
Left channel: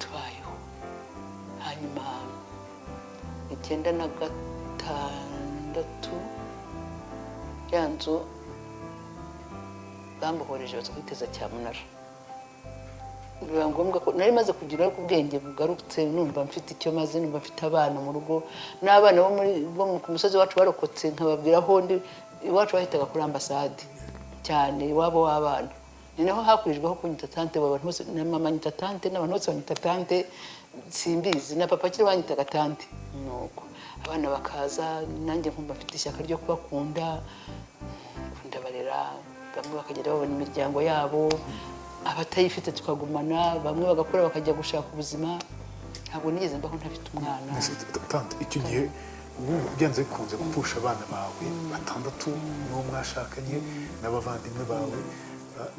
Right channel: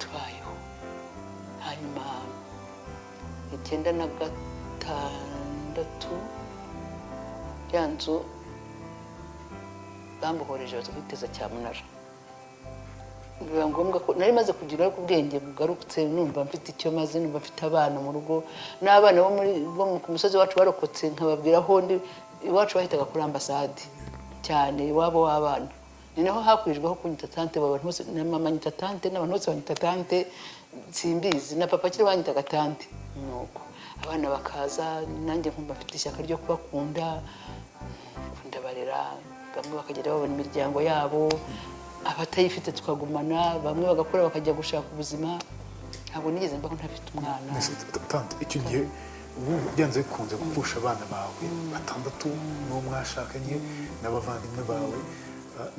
tubayeho hanyuma 1996 byanzu bamuhoreje batugiteza Cyamunara biba ngombwa ko nari maze kugira ku bwenge bugarutse numva mfite icyo maze numva mfite abana mu rugo n'abana bo ku musozi wacu barokotse nkababwira aho ndi iwacu bahitaga kuri ambasade cyane wabo w'abana ni naho hakurijweho kunyita tante abantu bose na mama nyita tante n'abantu bose banyita tante simbizi na papa kiri banyitaga tante nuko abana bakaza nanjye nkumva mfite ishyaka ryo kubakunda ndabarera bamwe bakagera babona imiryango yabo abatayifite tukagumana bamwe bagakora bakajya gushaka ubuzima ntabwo nigeze mba ntafite umwana tante icyo gihe byanze kunze gupfusha abana bawe 6 n'uwo mwashakanye n'abavandimwe bawe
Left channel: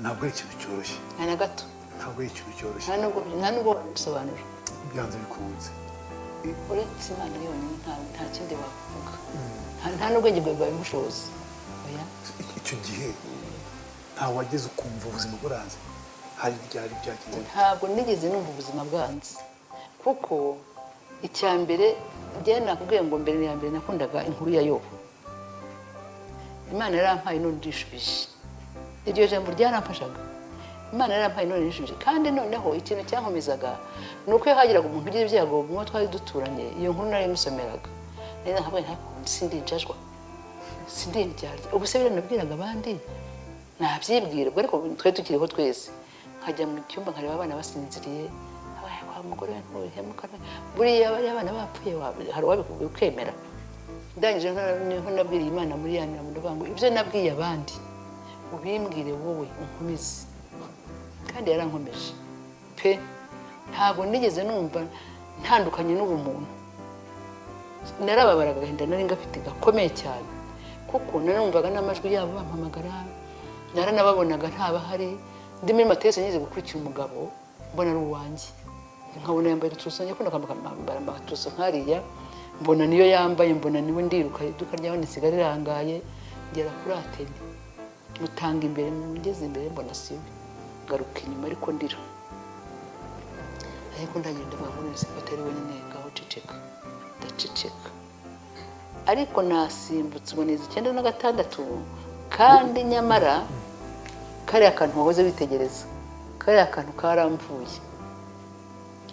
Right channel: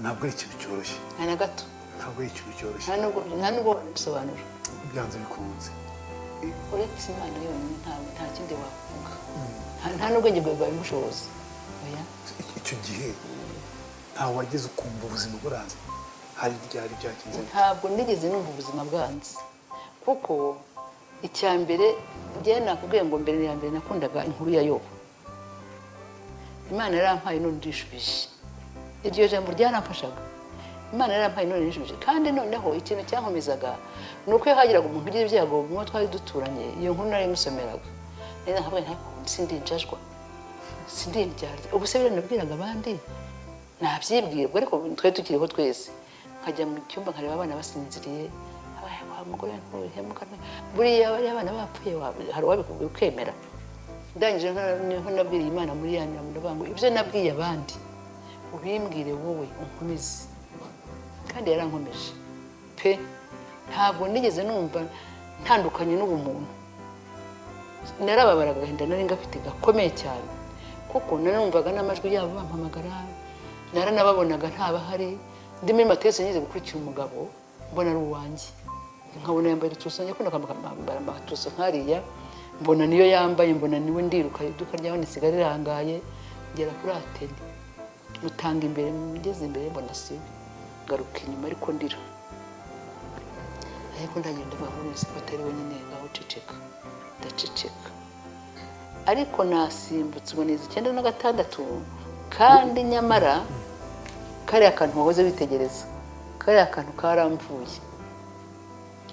ntabwo ari ikintu cyoroshye nta na gato ntabwo ari ikintu cyoroshye nta nubwo gusobanura byanze bikunze uretse Imana yonyine nta kindi bavuga nta nubwo njye mbumva ubushobozi icyo gihe ntabwo wageze ukumva ubuzima buranze hari byari byagize ntabwo nigeze numva ubuzima bwanze kuko icya mbere njye nakubwiye ngo mbere ya mbere nakundaga inkuru ya Yobu. Imana yarampaye none ndishubije, iryo jambo ryaramfashaga. Imana yarampaye none ndishubije, kandi noneho ikintu cyankomezaga ni uko iyo hagiraga umuntu ugira ibyago mu bo twari duturanye, iyo nkuru narayimusomeraga rero ntabwo sindinjajwa sindiryarya. ubu se biranabwiraga abandi nabyibwirwa, ariko twari tukiriho twese, nkajya mu cyumba nkareba abana basinziriye, umugore ntuyamukana buriya bari abana bapfuye, hari uwabikubwira ukemera. Ndangije niho nabwiriye Imana muri ya nama ndavuga ibyo nabwiye abandi ubimbwire wowe unkomeze, kandi yarankomeje pe. Ntabwo nigeze numva ntandukanye n'ubumuntu, narababaraga agahinda nari ngafite gakomeye cyane, kuko narumvaga n'amajwi yabo bampamagara, naranababonaga ntabahari. Ndimo amatesi ngize gukurikira umugabo mbona ari uwanjye, nkabona yambaye utuso, nyakunda kwambara amatuso nkariya, mbona niyo yambaye, mbona niwe ndiruka iduka ryaho nisigaye rirangaye, ngera kuri ateli mutanga imbere, mugeze imbere mbona se garuka inyuma ariko ndira, ariko ndagenda bahuza batari banyenga uceceka, ndaceceka. Ariko nasimbutse uboneza 96, kandi nyamara kariya kantu wahoze witegereza, kariya kantu karamvuye.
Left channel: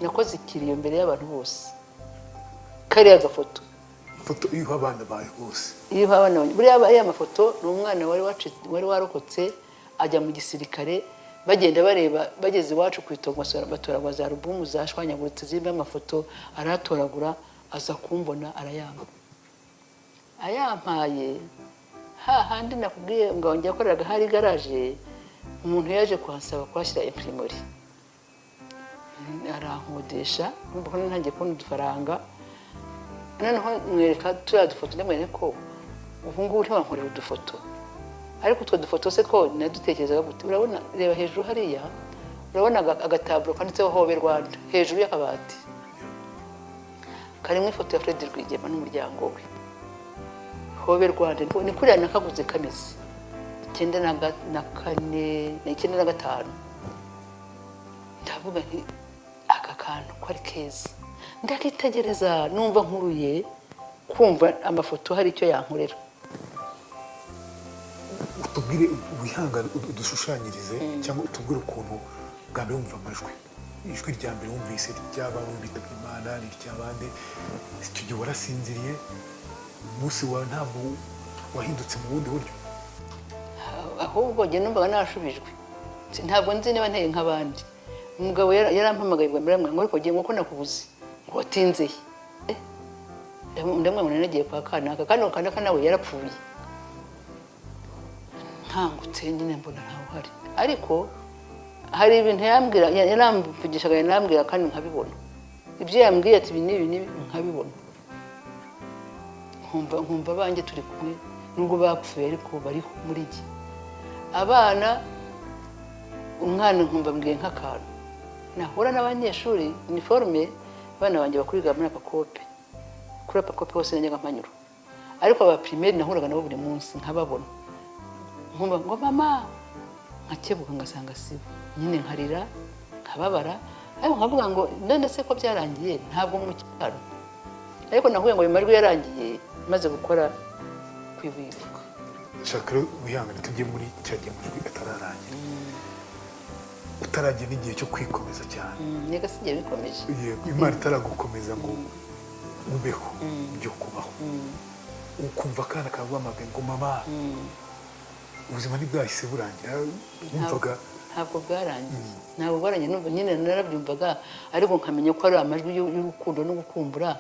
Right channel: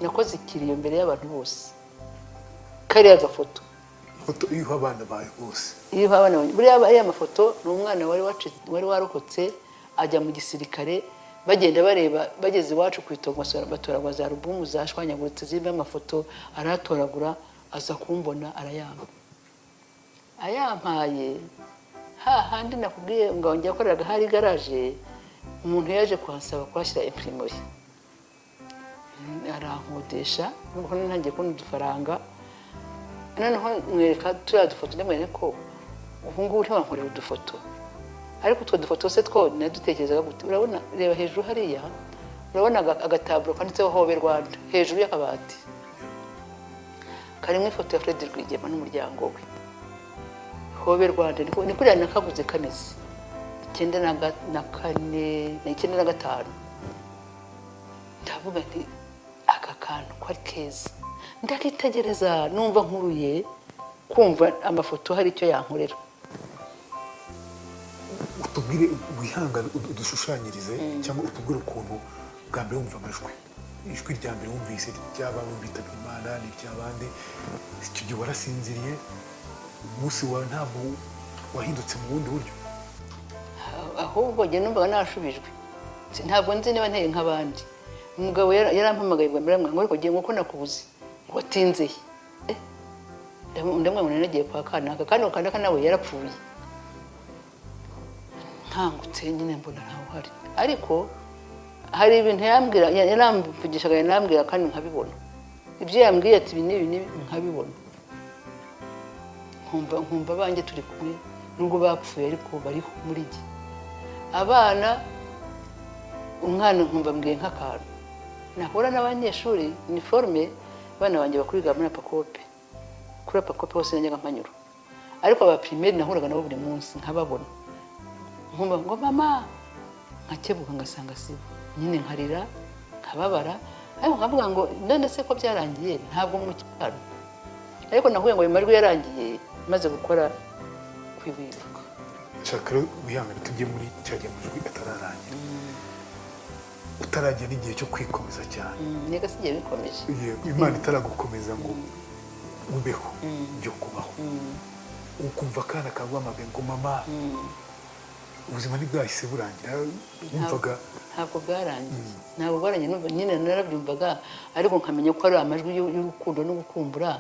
Nakoze ikintu imbere y'abantu bose, kariya gafoto iyo abana bawe bose, iyo abana bawe buriya aya mafoto ni umwana wari warokotse ajya mu gisirikare, bagenda bareba bageze iwacu ku itongo batoragura za alubumu zashwanyaguritse zirimo amafoto, aratoragura aza kumbona arayamba, ayampaye hahandi nakubwiye ngo njya koreraga hari garaje, umuntu yaje kuhasaba kuhashyira imprimori, arankodesha nubwo nanjye kubona udufaranga, noneho mwereka turiya dufoto ndamwereka ko ubu ngubu ntiwankorera udufoto, ariko utwo dufoto se two nadutekerezaga gute. Urabona reba hejuru hariya, urabona agataburo kanditseho Hobe Rwanda hejuru y'akabati, karimo ifoto ya Fred Rwigema n'umuryango we. Hobe Rwanda ni kuriya nakavuze kanisa 1995. Ndavuga nti aka kantu ko ari keza, ndakitegereza numva nkuruye kumva amafoto hari icyo yankorera. utubwire wihangane udushushanyirize cyangwa utubwire ukuntu bwa mbere wumva amajwi, ijwi rya mbere wumvise ry'abawe bitabye Imana n'iry'abandi, icyo gihe warasinziriye, umunsi wawe ntaho wahindutse mu bundi buryo? Ahubwo njye numva narashubijwe, ntabwo nzi niba nteye nk'abandi. Umugabo yarampamagaye bwa mbere ngo ariko ngiye nkuko nakubuze watinze ndamwabona nagiye kwa kanaka nawe yarapfuye. Nkangutse nyine mbona ntawe uhari, ariko hari ibintu yambwira, yaramvugishaga yanambwira kandi nkabibona, ibyo yambwiye ati ibi n'ibi nkabibona, nkumva banjye turi kumwe nubwo bapfuye ariko bariho muri iki. Abana umwana nkumva mbwiye nk'akantu, nahura n'abanyeshuri uniforme, abana banjye bakuriga muri Pakope, kuri Pakope hose njyaga mpanyura, ariko aba primaire nahuraga nabo buri munsi nkababona, nkumva ngo mama, nkakebuka ngasanga si nyine, nkarira nkababara, ariko nkavuga ngo none se ko byarangiye ntabwo mu cyaro, ariko nahuye ngo bimarwe yarangiye maze gukora kwibibuka. Shaka rero wihangane tujye muri cyagiye muri atararangira, utaragiye n'igihe cyo kwikomeza cyane, nega sigiye bikomeje, Imana itaragukomeza ngo umbeho ibyo kubaho, ukumva kana kaguhamagaye ngo mama, ubuzima ntibwahise burangira, wumvaga ntabwo bwarangiye, numva nyine narabyumvaga, ariko nkamenya ko ari amajwi y'urukundo no gukumbura,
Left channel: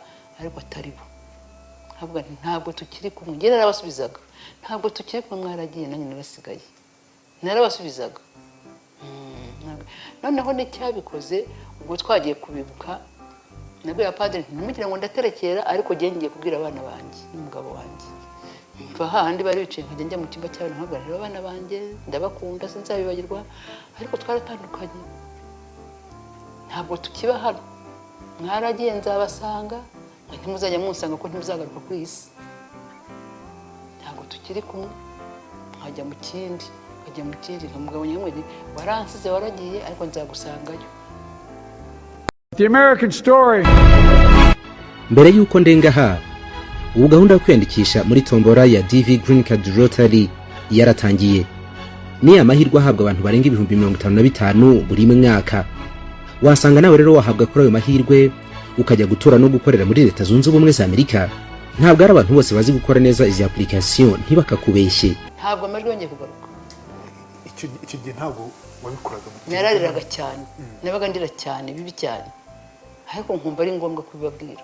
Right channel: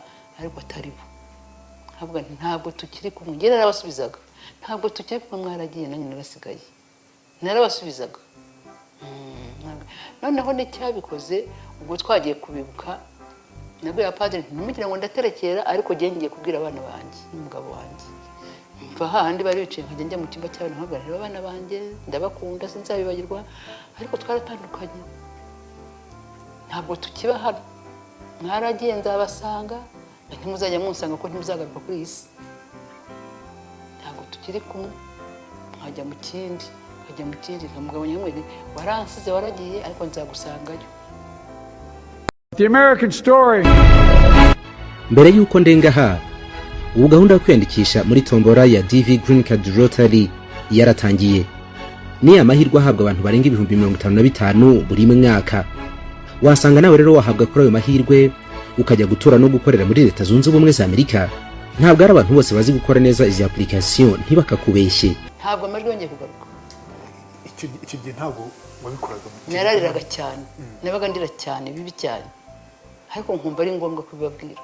ariko atari bo. Ntabwo tukiri kumwe, njye narabasubizaga, ntabwo tukiri kumwe, mwaragiye nanjye narasigaye, narabasubizaga. Noneho n'icyabikoze ubwo twagiye kubibuka, nabwira padiri ntimugire ngo ndaterekera, ariko njye ngiye kubwira abana banjye n'umugabo wanjye. Mva hahandi bari bicaye nkajya njya mu cyumba cy'abana nkahagararira abana banjye, ndabakunda sinzabibagirwa, ariko twaratandukanye, ntabwo tukiba hano, mwaragiye nzabasanga, ntimuzajya munsanga ko ntimuzagaruka kuri iyi si, ntabwo tukiri kumwe, nkajya mu kindi. akajya mu kindi umugabo nyamwere waransize waragiye ariko nzagusangayo. The American Story. Mbere y'uko ndengaha, ubu gahunda yo kwiyandikisha muri tombora ya DV Green Card Lottery yaratangiye. Ni amahirwe ahabwa abantu barenga 55,000 buri mwaka. Wasanga nawe rero wahabwa kuri ayo mahirwe ukajya gutura no gukorera muri Leta Zunze Ubumwe za Amerika. Ntabwo ari abantu bose bazi gukora neza izi application ntibakakubeshye. Ntabwo amajwi yongeye kugaruka. icyo gihe ntabwo wabikoraga. Narariraga cyane, nabaga ndira cyane bibi cyane, ariko nkumva ari ngombwa kubibabwira.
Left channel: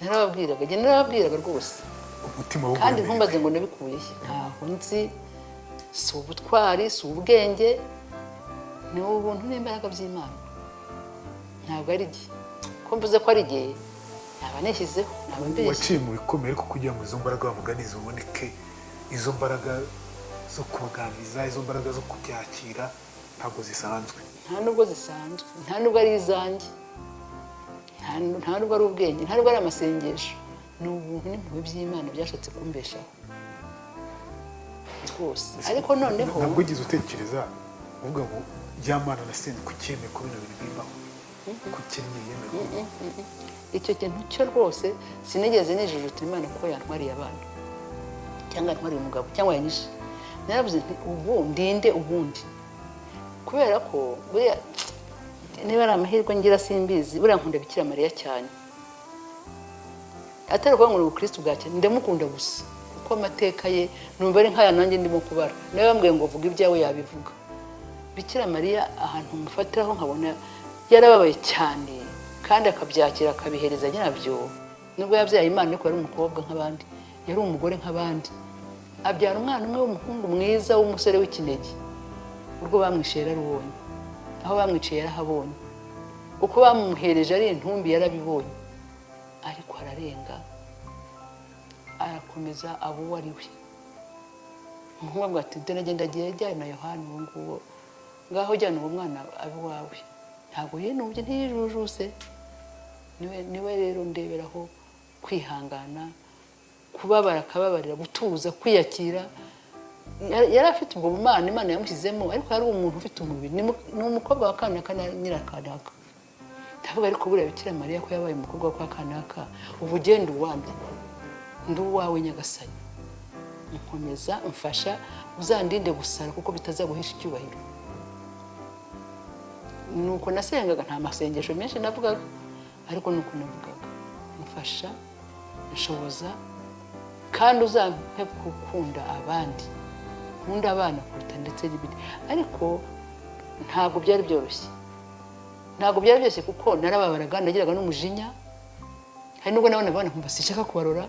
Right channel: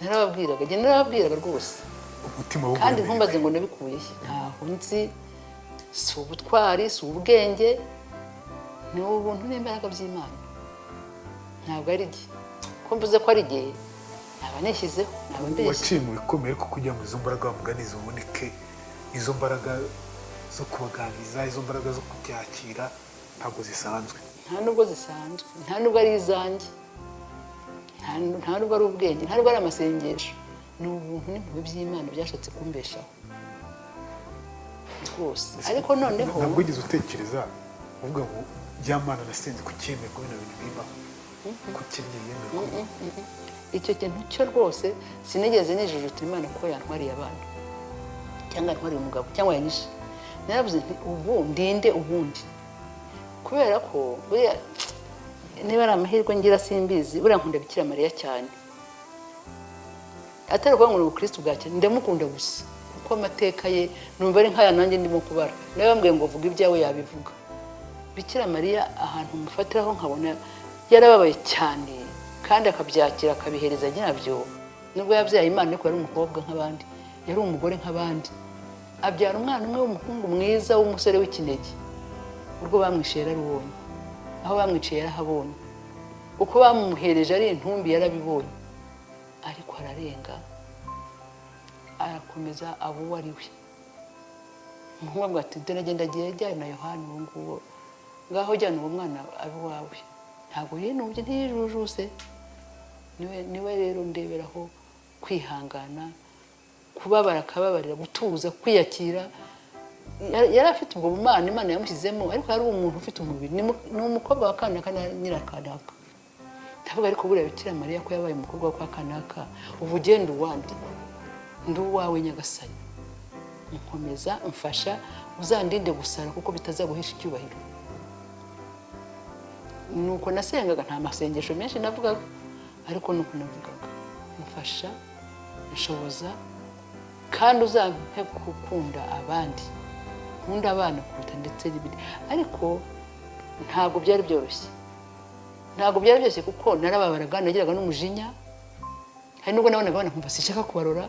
Narababwiraga rwose umutima wo kandi ntumbaze ngo nabikuye ntaho nzi, si ubutwari si ubwenge, ni ubuntu n'imbaraga by'Imana. Ntabwo ari igihe ko mvuze ko ari igihe ntabwo nishyizeho ntabwo mbeshye. waciye mu bikomeye ko kugira ngo izo mbaraga bamugani ziboneke, izo mbaraga zo kubaganiriza, izo mbaraga zo kubyakira ntabwo zisanzwe. Nta nubwo zisanzwe, nta nubwo ari izanjye, nta nubwo ari ubwenge, nta nubwo ari amasengesho, ni ubuntu n'impuhwe by'Imana byasohotse kumbesha rwose. Ariko noneho ntabwo wigeze utekereza uvuga ngo by'Imana nasenze kucyemeye ko bino bintu bibaho, kucyemeye icyo kintu cyo rwose sinigeze nijujuta Imana kuko yantwariye abana cyangwa yantwariye umugabo cyangwa yanyishe. Naravuze nti ubu ndinde ubundi, kubera ko niba ari amahirwe ngira simbizi, buriya nkunda Bikira Mariya cyane, atari ukuvuga ngo ni ubukristo bwa cyane, ndamukunda gusa kuko amateka ye numva ari nk'aya nanjye ndimo kubara. Niba bambwiye ngo vuga ibyawe yabivuga. Bikira Mariya ahantu mufatiraho nkabona yarababaye cyane kandi akabyakira akabihereza nyirabyo. Nubwo yabyaye Imana ariko ari umukobwa nk'abandi, yari umugore nk'abandi, abyara umwana umwe w'umuhungu mwiza w'umusore w'ikinege. Urwo bamwishe yararubonye, aho bamwiciye yarahabonye, uko bamuhereje ari intumbi yarabibonye, ariko ararenga arakomeza abo uwo ari we. Umuhungu ati dore agiye ajyana na Yohana uwo nguwo, ngaho jyana uwo mwana abo wawe. Ntabwo yinubye ntiyijujuse, niwe rero ndeberaho kwihangana, kubabara akababarira, gutuza, kwiyakira. Yari afite ubwo bumana Imana yamushyizemo, ariko yari umuntu ufite umubiri, ni umukobwa wa Kanaka Nyirakanaka. Ndavuga ariko buriya Bikira Mariya ko yabaye umukobwa wa Kanaka, ubu ugenda uwandi ndi uwawe Nyagasani, ukomeza umfasha, uzandinde gusara kuko bitazaguhisha icyubahiro. Nuko nasengaga, nta masengesho menshi navugaga, ariko nuko navugaga umfasha, nshoboza, kandi uzampe gukunda abandi, nkunda abana kuruta ndetse n'ibindi. Ariko ntabwo byari byoroshye, kuko narababaraga, nagiraga n'umujinya, hari nubwo nabonaga abana nkumva sinshaka kubarora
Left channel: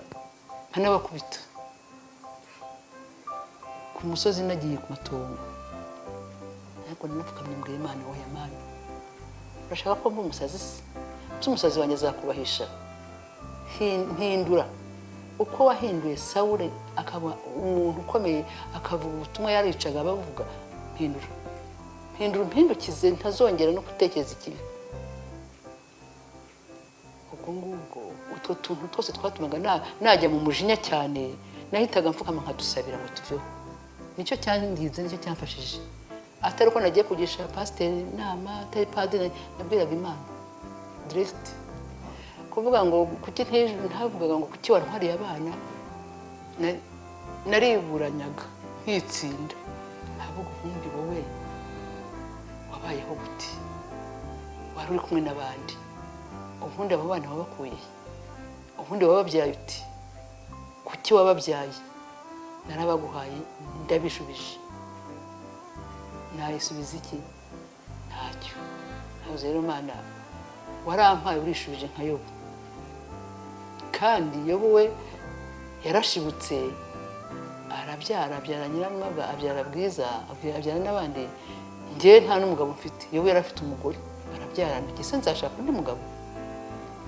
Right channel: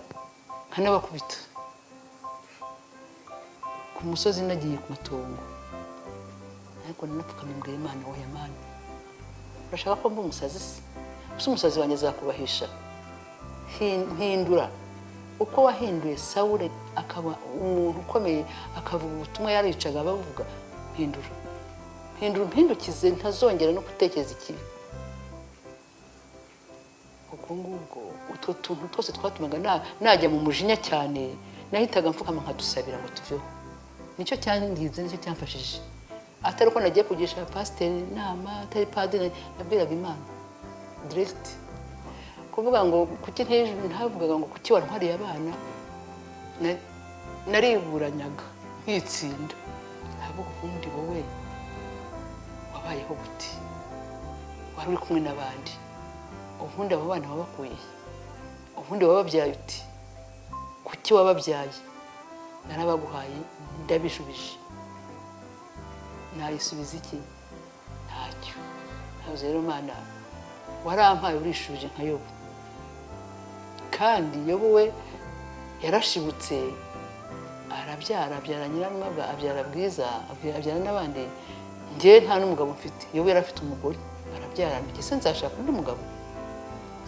nkanabakubita. Ku musozi nagiye ku matongo, ariko nanapfukamye mbwira Imana, wowe Mana, urashaka ko mba umusazi se? Umusazi wanjye azakubahisha. Hindura uko wahinduye Sawule akaba umuntu ukomeye, akavuga ubutumwa yaricaga abavuga. Hindura umpindukize, ntazongera no gutekereza ikibi. Utwo tuntu twose twatumaga najya mu mujinya cyane, nahitaga mfukama nkadusabira ngo tuveho. Nicyo cyangize, nicyo cyamfashije, atari uko nagiye kugisha pasiteri inama, atari padiri, nabwiraga Imana direct. Kuvuga ngo kuki ntavugaga ngo kuki wantwariye abana, nariburanyaga nkitsinda. Ntabwo ubundi wowe wabayeho gute, wari uri kumwe n'abandi, ubundi abo bana wabakuye, ubundi wababyaye uti, kuki wababyaye? Narabaguhaye ndabishubije, nayisubiza iki? Ntacyo. Ntabwo rero Mana warampaye urishubije nka Yobu, kandi Yobu we yarashibutse, abyara Nyiramwaga, abyara Bwiza, abyara n'abandi. Njye nta n'umugabo mfite, Yobu yari afite umugore, arabyara. Ese nzashaka undi mugabo?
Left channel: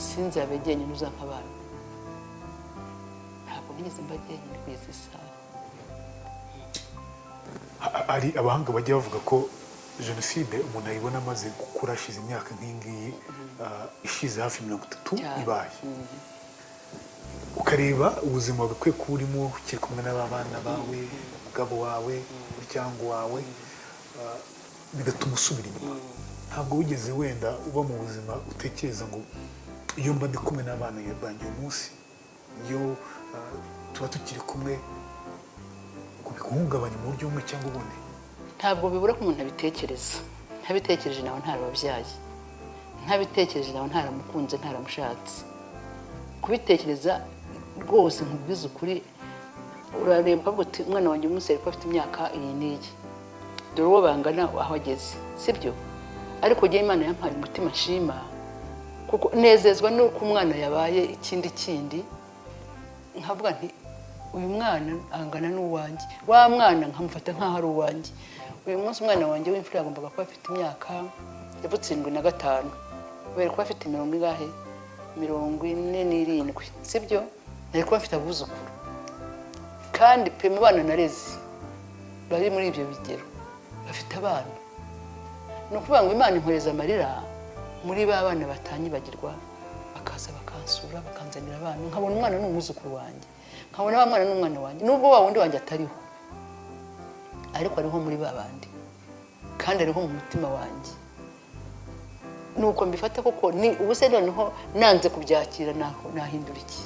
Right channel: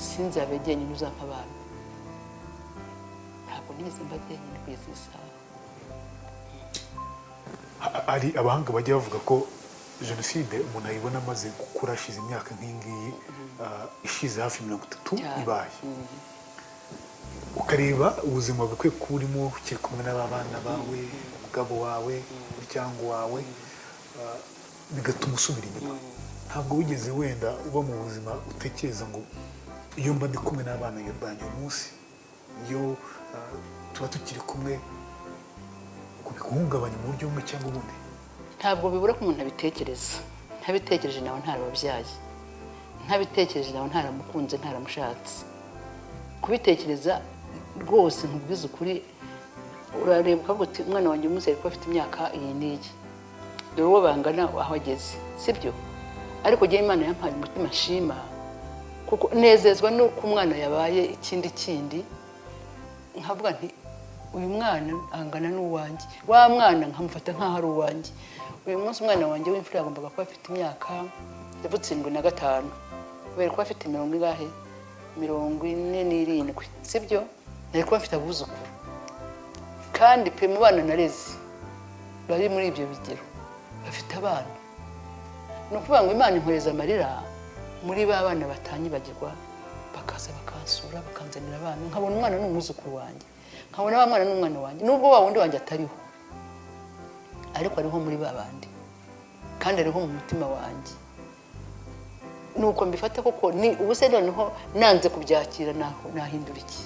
Sinzabe njyenyine uzantabara. Ntabwo nigeze mba njyenyine kwezi isa. Hari abahanga bajya bavuga ko jenoside umuntu ayibona amaze gukura, ashize imyaka nk'ingiyi, ishize hafi 30 ibaye. Ukareba ubuzima bukwiye kurimo, ukiri kumwe n'abana bawe, umugabo wawe umuryango wawe bigatuma usubira inyuma ntabwo wigeze wenda uba mu buzima utekereza ngo iyo mba ndi kumwe n'abana banjye uyu munsi iyo tuba tukiri kumwe guhungabanya mu buryo bumwe cyangwa ubundi ntabwo bibura ko umuntu abitekereza ntabitekereje nawe ntarababyaye ntabitekereje nawe ntaramukunze ntaramushatse kubitekereza rwose nkubwiza ukuri urareba uti umwana wanjye umuzere ko afite imyaka iyi n'iyi dore uwo bangana aho ageze sibyo ariko njyewe Imana yampaye umutima nshima kuko nezezwa nuko umwana yabaye ikindi kindi nkavuga nti uyu mwana angana n'uwanjye wa mwana nkamufata nk'aho ari uwanjye uyu munsi umwana wanjye w'imfura yagombaga kuba afite imyaka 75 kubera ko afite 47 sibyo nari kuba afite abuzukuru kandi pe mu bana nareze bari muri ibyo bigero bafite abana no kuvuga ngo Imana impereza amarira muri ba bana batanyibagirwa bakaza bakansura bakanzanira abana nkabona umwana n'umuzukuru wanjye nkabona abana n'umwana wanjye nubwo wa wundi wanjye atariho ariko ariho muri ba bandi kandi ariho mu mutima wanjye nuko mbifata koko ni ubuse noneho nanze kubyakira nahindura iki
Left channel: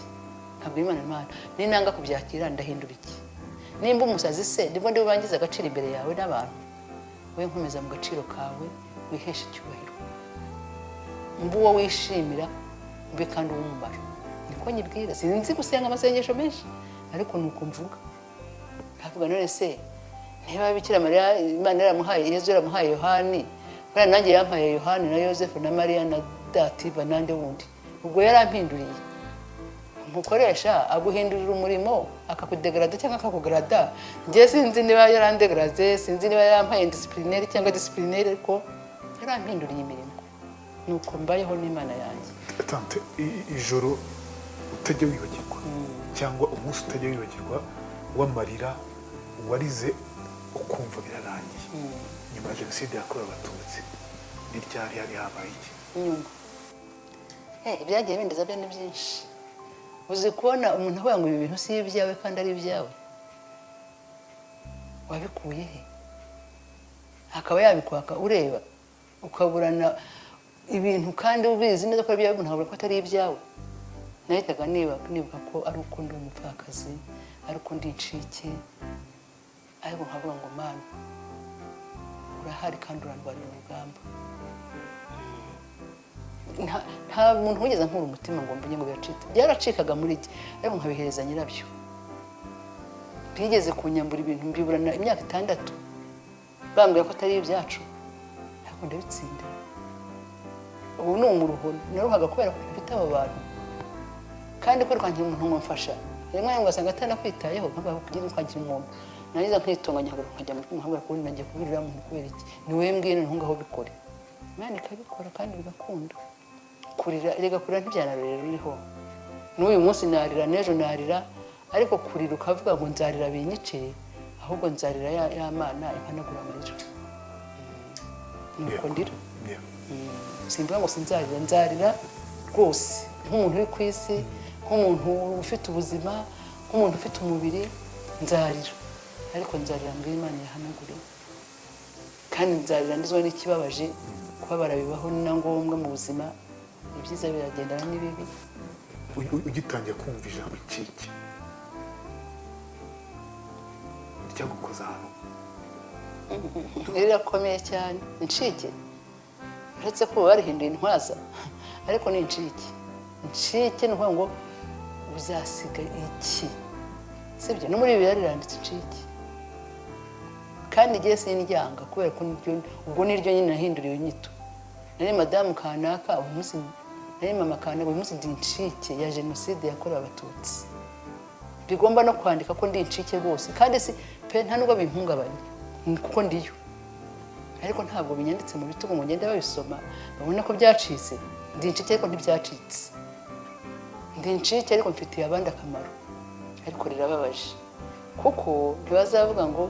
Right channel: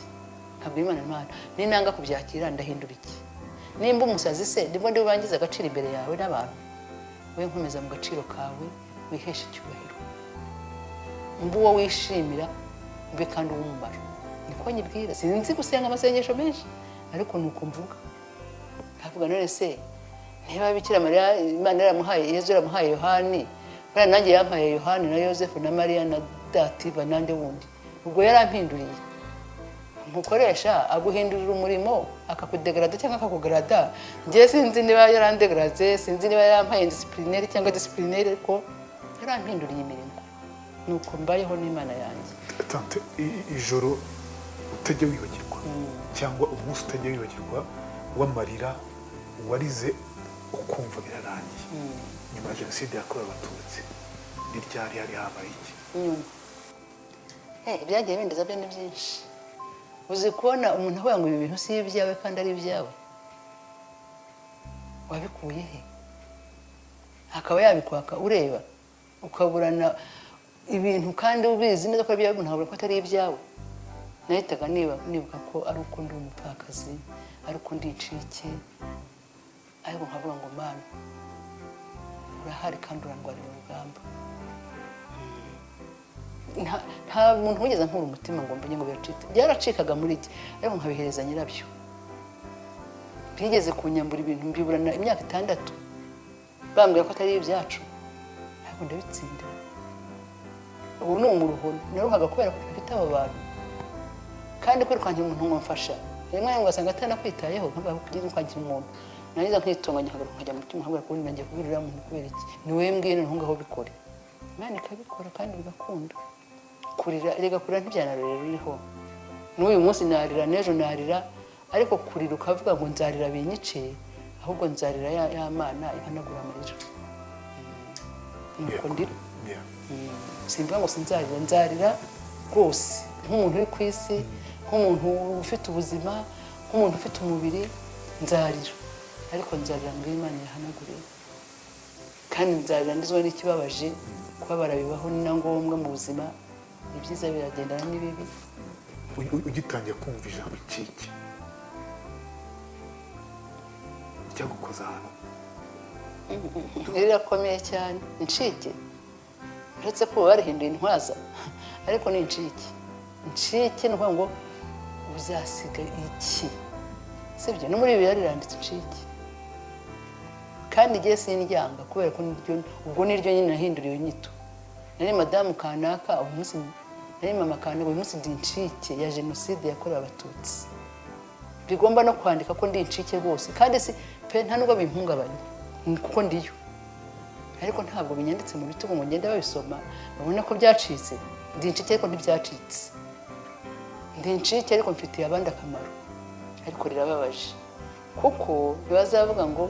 ntabwo Imana ni nanga kubyakira ndahindura iki nimba umusazi se ndimo ndirangiza agaciro imbere yawe n'abantu we nkomeza mu gaciro kawe wihesha icyubahiro mbuwo wishimira mbe kandi uwumubara niko nyibwira sinzi gusenga amasengesho menshi ariko nuko mvuga ntavuga none se niba Bikira Mariya Imana yaramuhaye Yezu yaramuhaye Yohani bana nanjye yarampaye Yohani na Yosefu na Mariya na Dativa nande wundi ubwo yarampinduriye umukoresha aguhindurira umurimo akakudegrada cyangwa akakugrada njye sinzi niba yarandegrade sinzi niba yampaye disciplinaire cyangwa disciplinaire ariko yarampinduriye imirimo nuko mbayeho n'Imana yanjye tante ijoro utajya wibagirwa cyangwa umunsi utajya wibagirwa w'amarira warize ukumva birarangiye nyuma ya Jenoside yakorewe Abatutsi n'iryari yari yambaye iki byagiye bindiza bene byinshi uzi kubona umuntu avuga ngo ibi bintu si ibyawe kandi ari ibyawe wabikuye he akaba yabikwaka ureba ukaburana ibintu kandi ubizi neza ko ari ibyawe ntabwo ko atari ibyawe nahitaga nibuka ko ari uko ndi umupfakazi ari uko ndi incike ariko nkavuga ngo Mana urahari kandi urarwanira urugamba nta muntu wigeze nkura umutima ngo mbenye ngo biracitse byaracikaga muri iki ariko nkabihereza nyirabyo bigeze kunyambura ibintu mbiburana imyaka 6 bambwira ko atari ibyacu ntabwo ndabitsinda ubu ni umuruhono naruhaga kubera ko mfite abo bantu kandi ko rwangira umuntu ngo mfasha rimwe na rimwe wasanga atanakwitayeho nk'ababwiye kwangira umuntu nariza nkitunganya nkajya mu mutima nkabura ko nanjye kubirira mu kubera iki ni wewe mbwene ntungaho bikore Imana ikabikora kandi bigakunda kurira rega kurira ntibyanarorera niho n'uyu munsi narira n'ejo narira ariko kurira ukavuga ngo nzarira binyice ahubwo nzarira ya Mana ikanagura amarira nuko ndira simvuga ngo sinzarira nzarira rwose nk'umuntu uri ku isi nk'umuntu ufite ubuzima nk'umuntu ufite umubiri nzarira ariko nzarira ngo Imana ihanagure kandi nzarira ndizwe n'ikibabaje kubabara bibaho ni na ngombwa mu buzima ibyiza biragendana n'ibibi ugitangira kumva ijambo incike ryagukoza hano rirakomeye cyane incike uretse ko barihinduye intwaza ariko ni incike ni ukuvuga ngo uzasiga iki sibyo no muri ibi yaranditse incike kandi igihe sindyanga kubera ko ubwo niryo nyine nahinduriye nyito nari madamu kanaka umunsi nari mama kanaka umunsi ndi incike ya Jenoside yakorewe Abatutsi bigomba no kwandika ko ndi incike rwose kandi si pe nta nubwo bimpungabanye kuko ndiyo ariko ntabwo binyanditse mu bitugu ngo ngende babisoma babona ko byacitse ndi incike ariko ntibyacitse ndi incike ariko mfitiye abandi akamaro ariko rirababaje kuko ntibazavuga ngo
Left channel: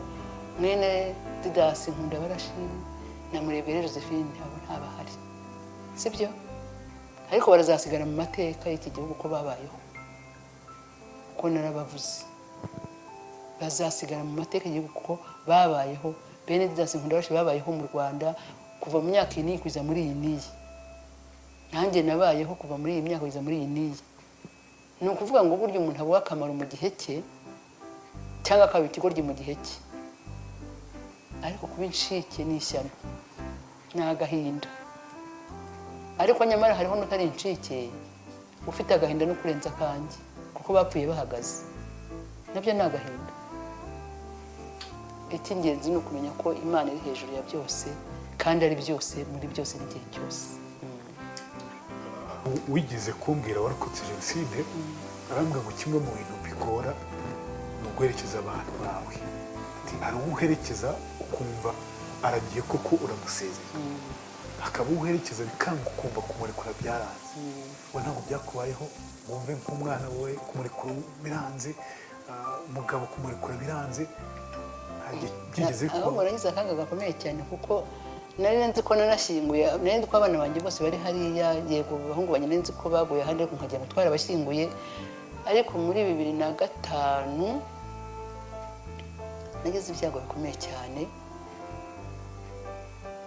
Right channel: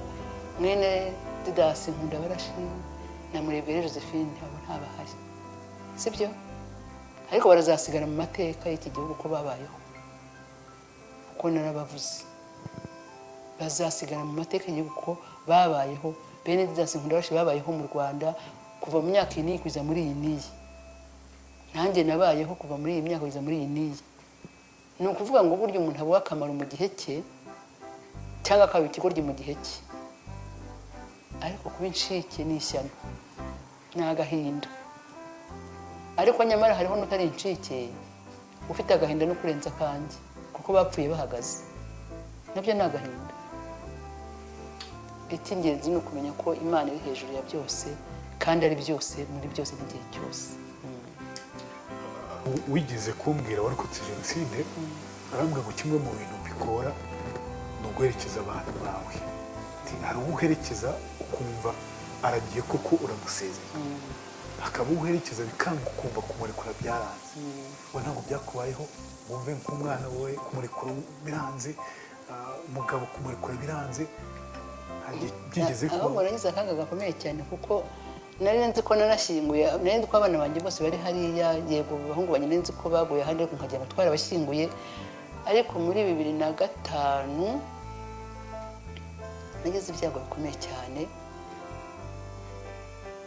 mwene Didasi nkunda barashi na Murebera Josephine ntaba hari sibyo ariko barazasigara mu mateka y'iki gihugu ko babayeho ko narabavuze bazasigara mu mateka y'uko babayeho bene Didas Nkundabashe babayeho mu Rwanda kuva mu myaka iyi kugeza muri iyi niyi. Nanjye nabayeho kuva muri iyi myaka kugeza muri iyi niyi. Ni ukuvuga ngo burya umuntu abuha akamaro mu gihe cye cyangwa akaba ikigoryi mu gihe cye, ariko kuba incike ni ishyano, ni agahinda. Ariko nyamara hariho n'utari incike ufite agahinda no kurenza akanjye kuko bapfuye bahagaze, nabyo ni agahinda. Icy'ingenzi ni ukumenya ko Imana iri hejuru ya byose kandi ari byose muri byose n'igihe cyose. wigeze kumbwira warokotse jenoside arambwira ngo kimwe mu bintu bigora ni uguherekeza abantu bawe. Ntabwo uguherekeza ukumva aragiye koko uramusezeye, akaba uguherekeza bikanga ukumva kumurekura byaranze. we ntabwo byakubayeho? wumve nk'umwana we kumurekura biranze, umugabo kumurekura biranze? byigeze aho barahize akaga gakomeye cyane kuko nari nzi ko narashyinguye, nari nzi ko abana banjye bose bari hariya, yego abahungu banjye nari nzi ko baguye ahandi ariko nkajya gutwara abashyinguye. Ariko muri 2005 nagize ibyago bikomeye cyane,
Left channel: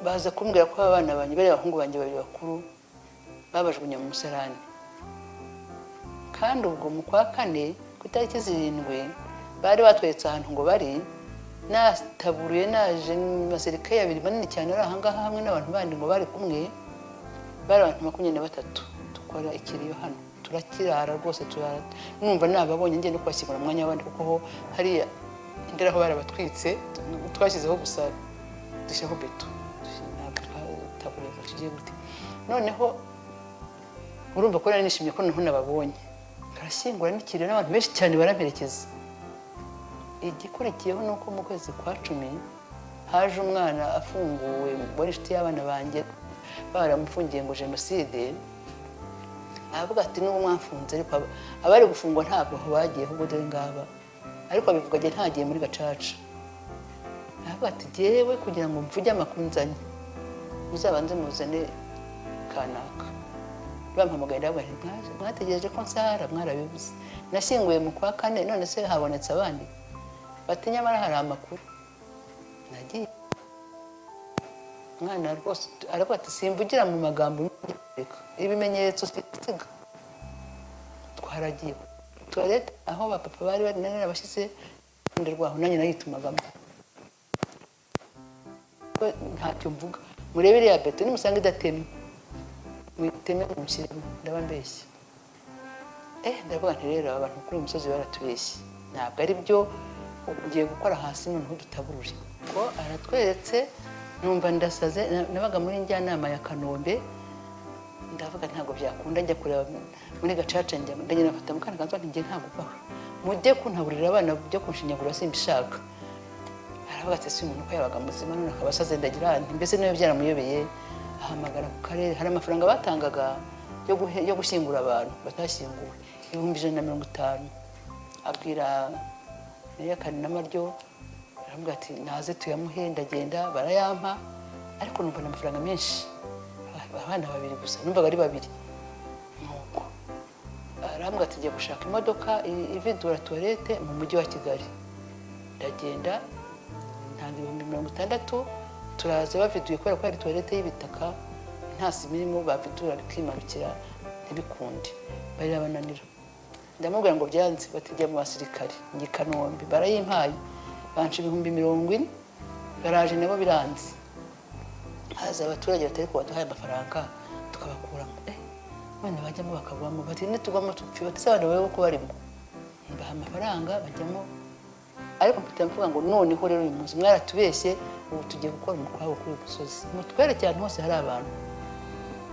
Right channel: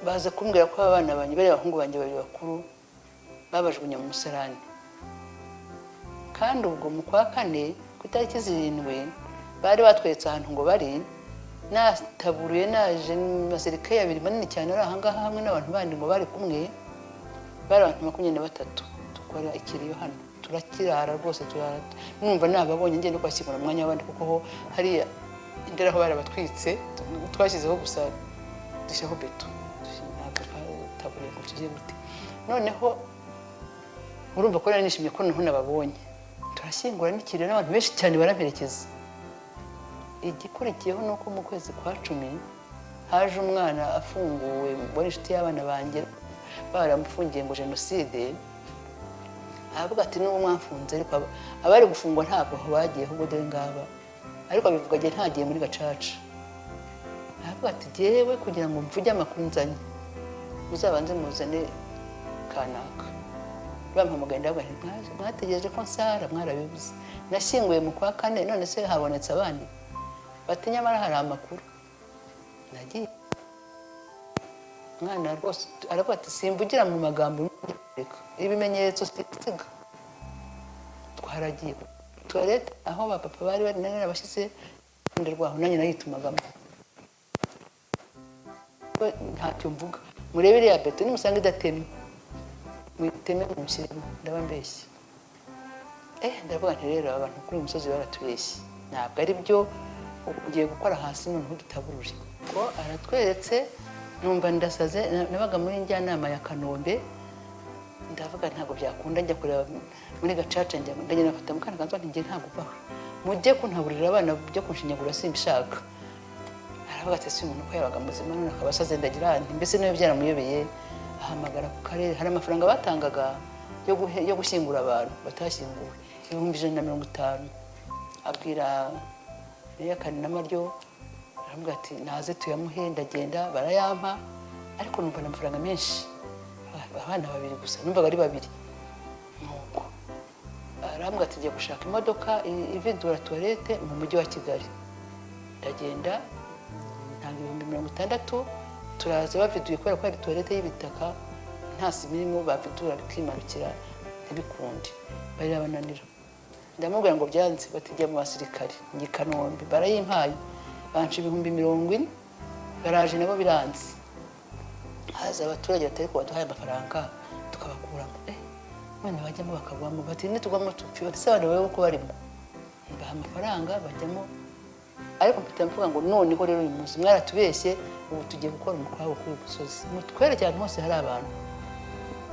baza kumbwira ko abana banjye bari abahungu banjye babiri bakuru babajugunya mu musarani. Kandi ubwo mu kwa kane ku itariki 7 bari batweretse ahantu ngo bari nataburiye naje n'abasirikare babiri manini cyane ari ahangaha hamwe n'abantu bandi ngo bari kumwe, bari abantu 23 dukora ikiriyo hano turakirara rwose turara. Numva nababonye ngiye no kwasibura umwanya wandi kuko ho hariya indara aho bari batwitse twashyizeho gusa dushaho beto taburiye ku kigiye gute. Noneho urumva ko nari nishimye ko naho nababonye, turashyingura n'ikirere abantu benshi cyane baraberekeza. Igikurikiyeho nuko mu kwezi kwa 10 haje umwana afunguwe wari inshuti y'abana banjye baramufungiye ngo jenoside. Avuga ati n'uwo mwafunze, ariko abari gufungwa ntabwo bagiye ahubwo dore ngaba, ariko abivuga ati ntagiye muri Gacaca. Avuga ati jewe kugira ngo mvuge amakuru nzanye uzabanze muzane kanaka. Bampamagaye ndabahiga bategereje ko nsara mwarabivuze. Nashyinguye mu kwa 4 none se habonetse abandi bati nyamara hari amakuru. Nagiye mwana rwose aravuga ati simvugira mu magambo ibimenyetso twitiga. Twaragiye toilette aho bapapa bari nari abashyize iruhande rwaho nanjye nayitumagamo. Ntacyo mvuga, murebe iriya beto nimusanga idatemye mwiteme mumushyiremo ndabambeshye. Ndavuga nti rero abantu kuri uyu musozi baratubeshye, ntabwo ari byo ugiye gukora hasi noneho dutaburure. Ngo aratweretse numva ndasaze. Nabaga muri njyanama ya Kanombe, ndavuga ntabwo byakunda njya kureba muri Gacaca, njya ndagenda mfata mukana kanzwa nti ngiye ntabwo uva mujye kuntaburira abana byo kunshinyagura simbishaka. Aravuga ati si umuntu ko yabaga muzima none abasaze ndagira ahantu mbese niyo byaramuyobeye. Ahamagara ku karere, hari amafaranga batangaga yo gushyingura abantu batashyinguwe 150. Abwira Yakani n'amaryo aravuga ati naze tuyamuhe, ndagenda barayampa, ariko numva n'amafaranga menshi. Abana babiri gusa numvaga ari babiri. Nuko aravuga ati ngiye gushaka imodoka ivedura toilette mu mujyi wa Kigali. Ndagenda nta 60 turaza baviduye kubera ko ari toilette y'ibitaka nta simirimo bavidura bikimarukira ntibikunde bari abananira. Ndamubwira ngo byanze batijya mu basirikare ngi Kanombe barayimpaye banje 10,000 garaje nabo biranze. Haza abaturage batari ko baduhaye amafaranga tukabakuramo. None bajyamo bakavamo bati nitugwamo tupfa tsabana bayo ko barimo baha amafaranga bajyamo. Ariko mvuga ngo none ko rero uyu munsi mwaratubeshye ubu tugiye gukora umukwabu kuri gusozi mutwere cyane hose hari abantu.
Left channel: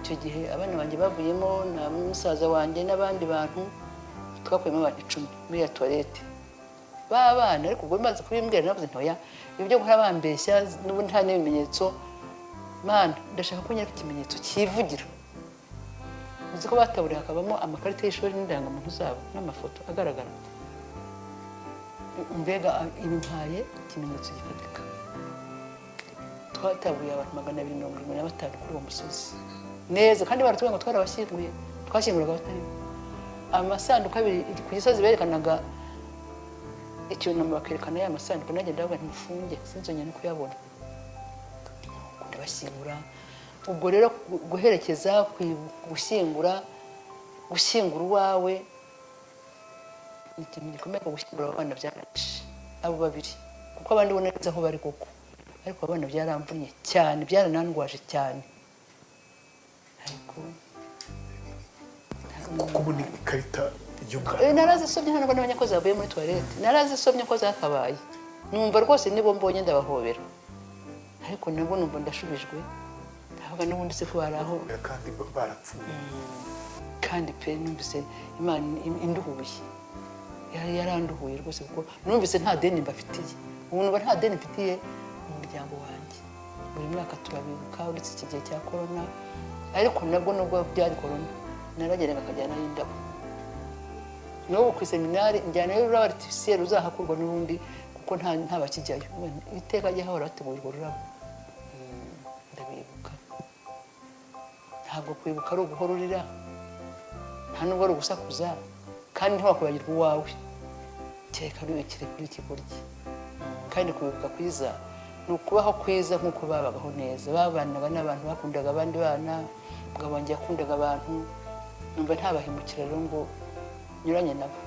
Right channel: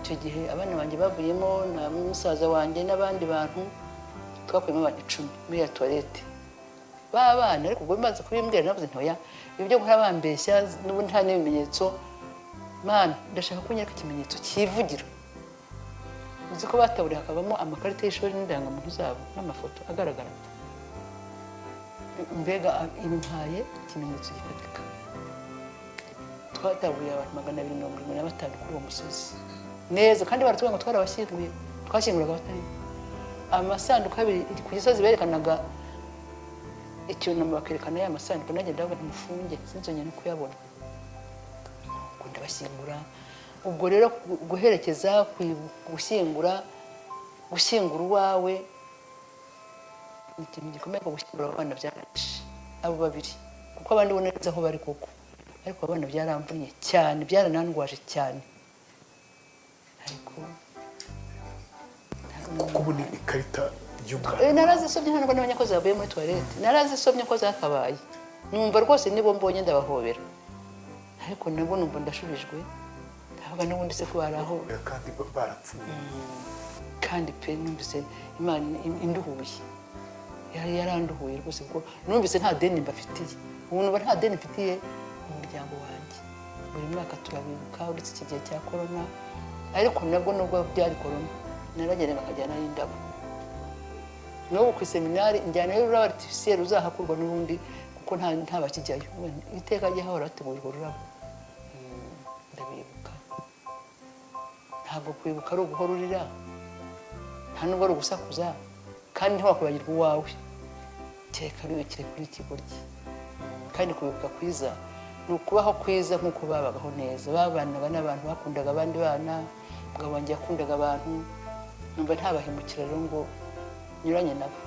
Icyo gihe abana banjye bavuyemo na musaza wanjye n'abandi bantu twakuyemo abantu 10 muri ya toilette babana. Ariko ubwo bimaze kubimbwira navuze ntoya ibyo guhora bambeshya n'ubundi nta n'ibimenyetso. Mana ndashaka kunyereka ikimenyetso kivugira. Uzi ko bataburiye hakabamo amakarita y'ishuri n'indangamuntu zabo n'amafoto agaragara. Mbega intaye ikimenyetso gifatika. Twataburiye abantu 225 kuri uwo musozi neza, kandi baratubwira ngo twarabashyinguye, twashyinguraga batari amasanduku abiri ku gisozi berekanaga icyunamo bakerekana ya masanduku nanjye ndavuga ntifunge sinzongera no kuyabona ngo ndabashyingura ubwo rero guherekeza gushyingura uwawe ni ikintu gikomeye ko gushyingura abana byaraje abo babiri kuko abandi ubona neza aho bari koko ariko abana byaramvuye cyane byaranandwaje cyane ariko kubona ikarita y'umwana narazisomye ntabwo nabonye ko zavuye muri toilette narazisomye ko zakabaye numva rwose nibo mbonye ndabahobera ariko nabo numva ndashubijwe ntabwo n'ubundi se ko baraho kandi barapfuye kandi pe numvise Imana induhuye yaranduhuye rwose kuko numvise nta deni mbafitiye ubu numva nta deni mfitiye mu muryango wanjye buri mwaka turabibuka uretse iki gihe cya korona ariko nabwo nubwo byari korona naragenda bakajyana n'indabo naho ku seminari njyana n'ururabo artificiel ruzahakurwa n'ubundi kuko nta bakijyayo iteka ajya hahora hategurirwa ururabo ndabibuka ntabwo kwibuka ari uguhorurira nta n'ubwo ari ugusakuza kandi ntiwakwibagirwa uwawe kereka bibikira by'ikigoryi kandi kwibuka kwiza ni ukubaho kwiza nk'uko babagaho neza babanaga n'abantu bakundaga abandi bana ngo bongeye yakundaga abantu numva ntabahemukira rero ngo nyuranye nabo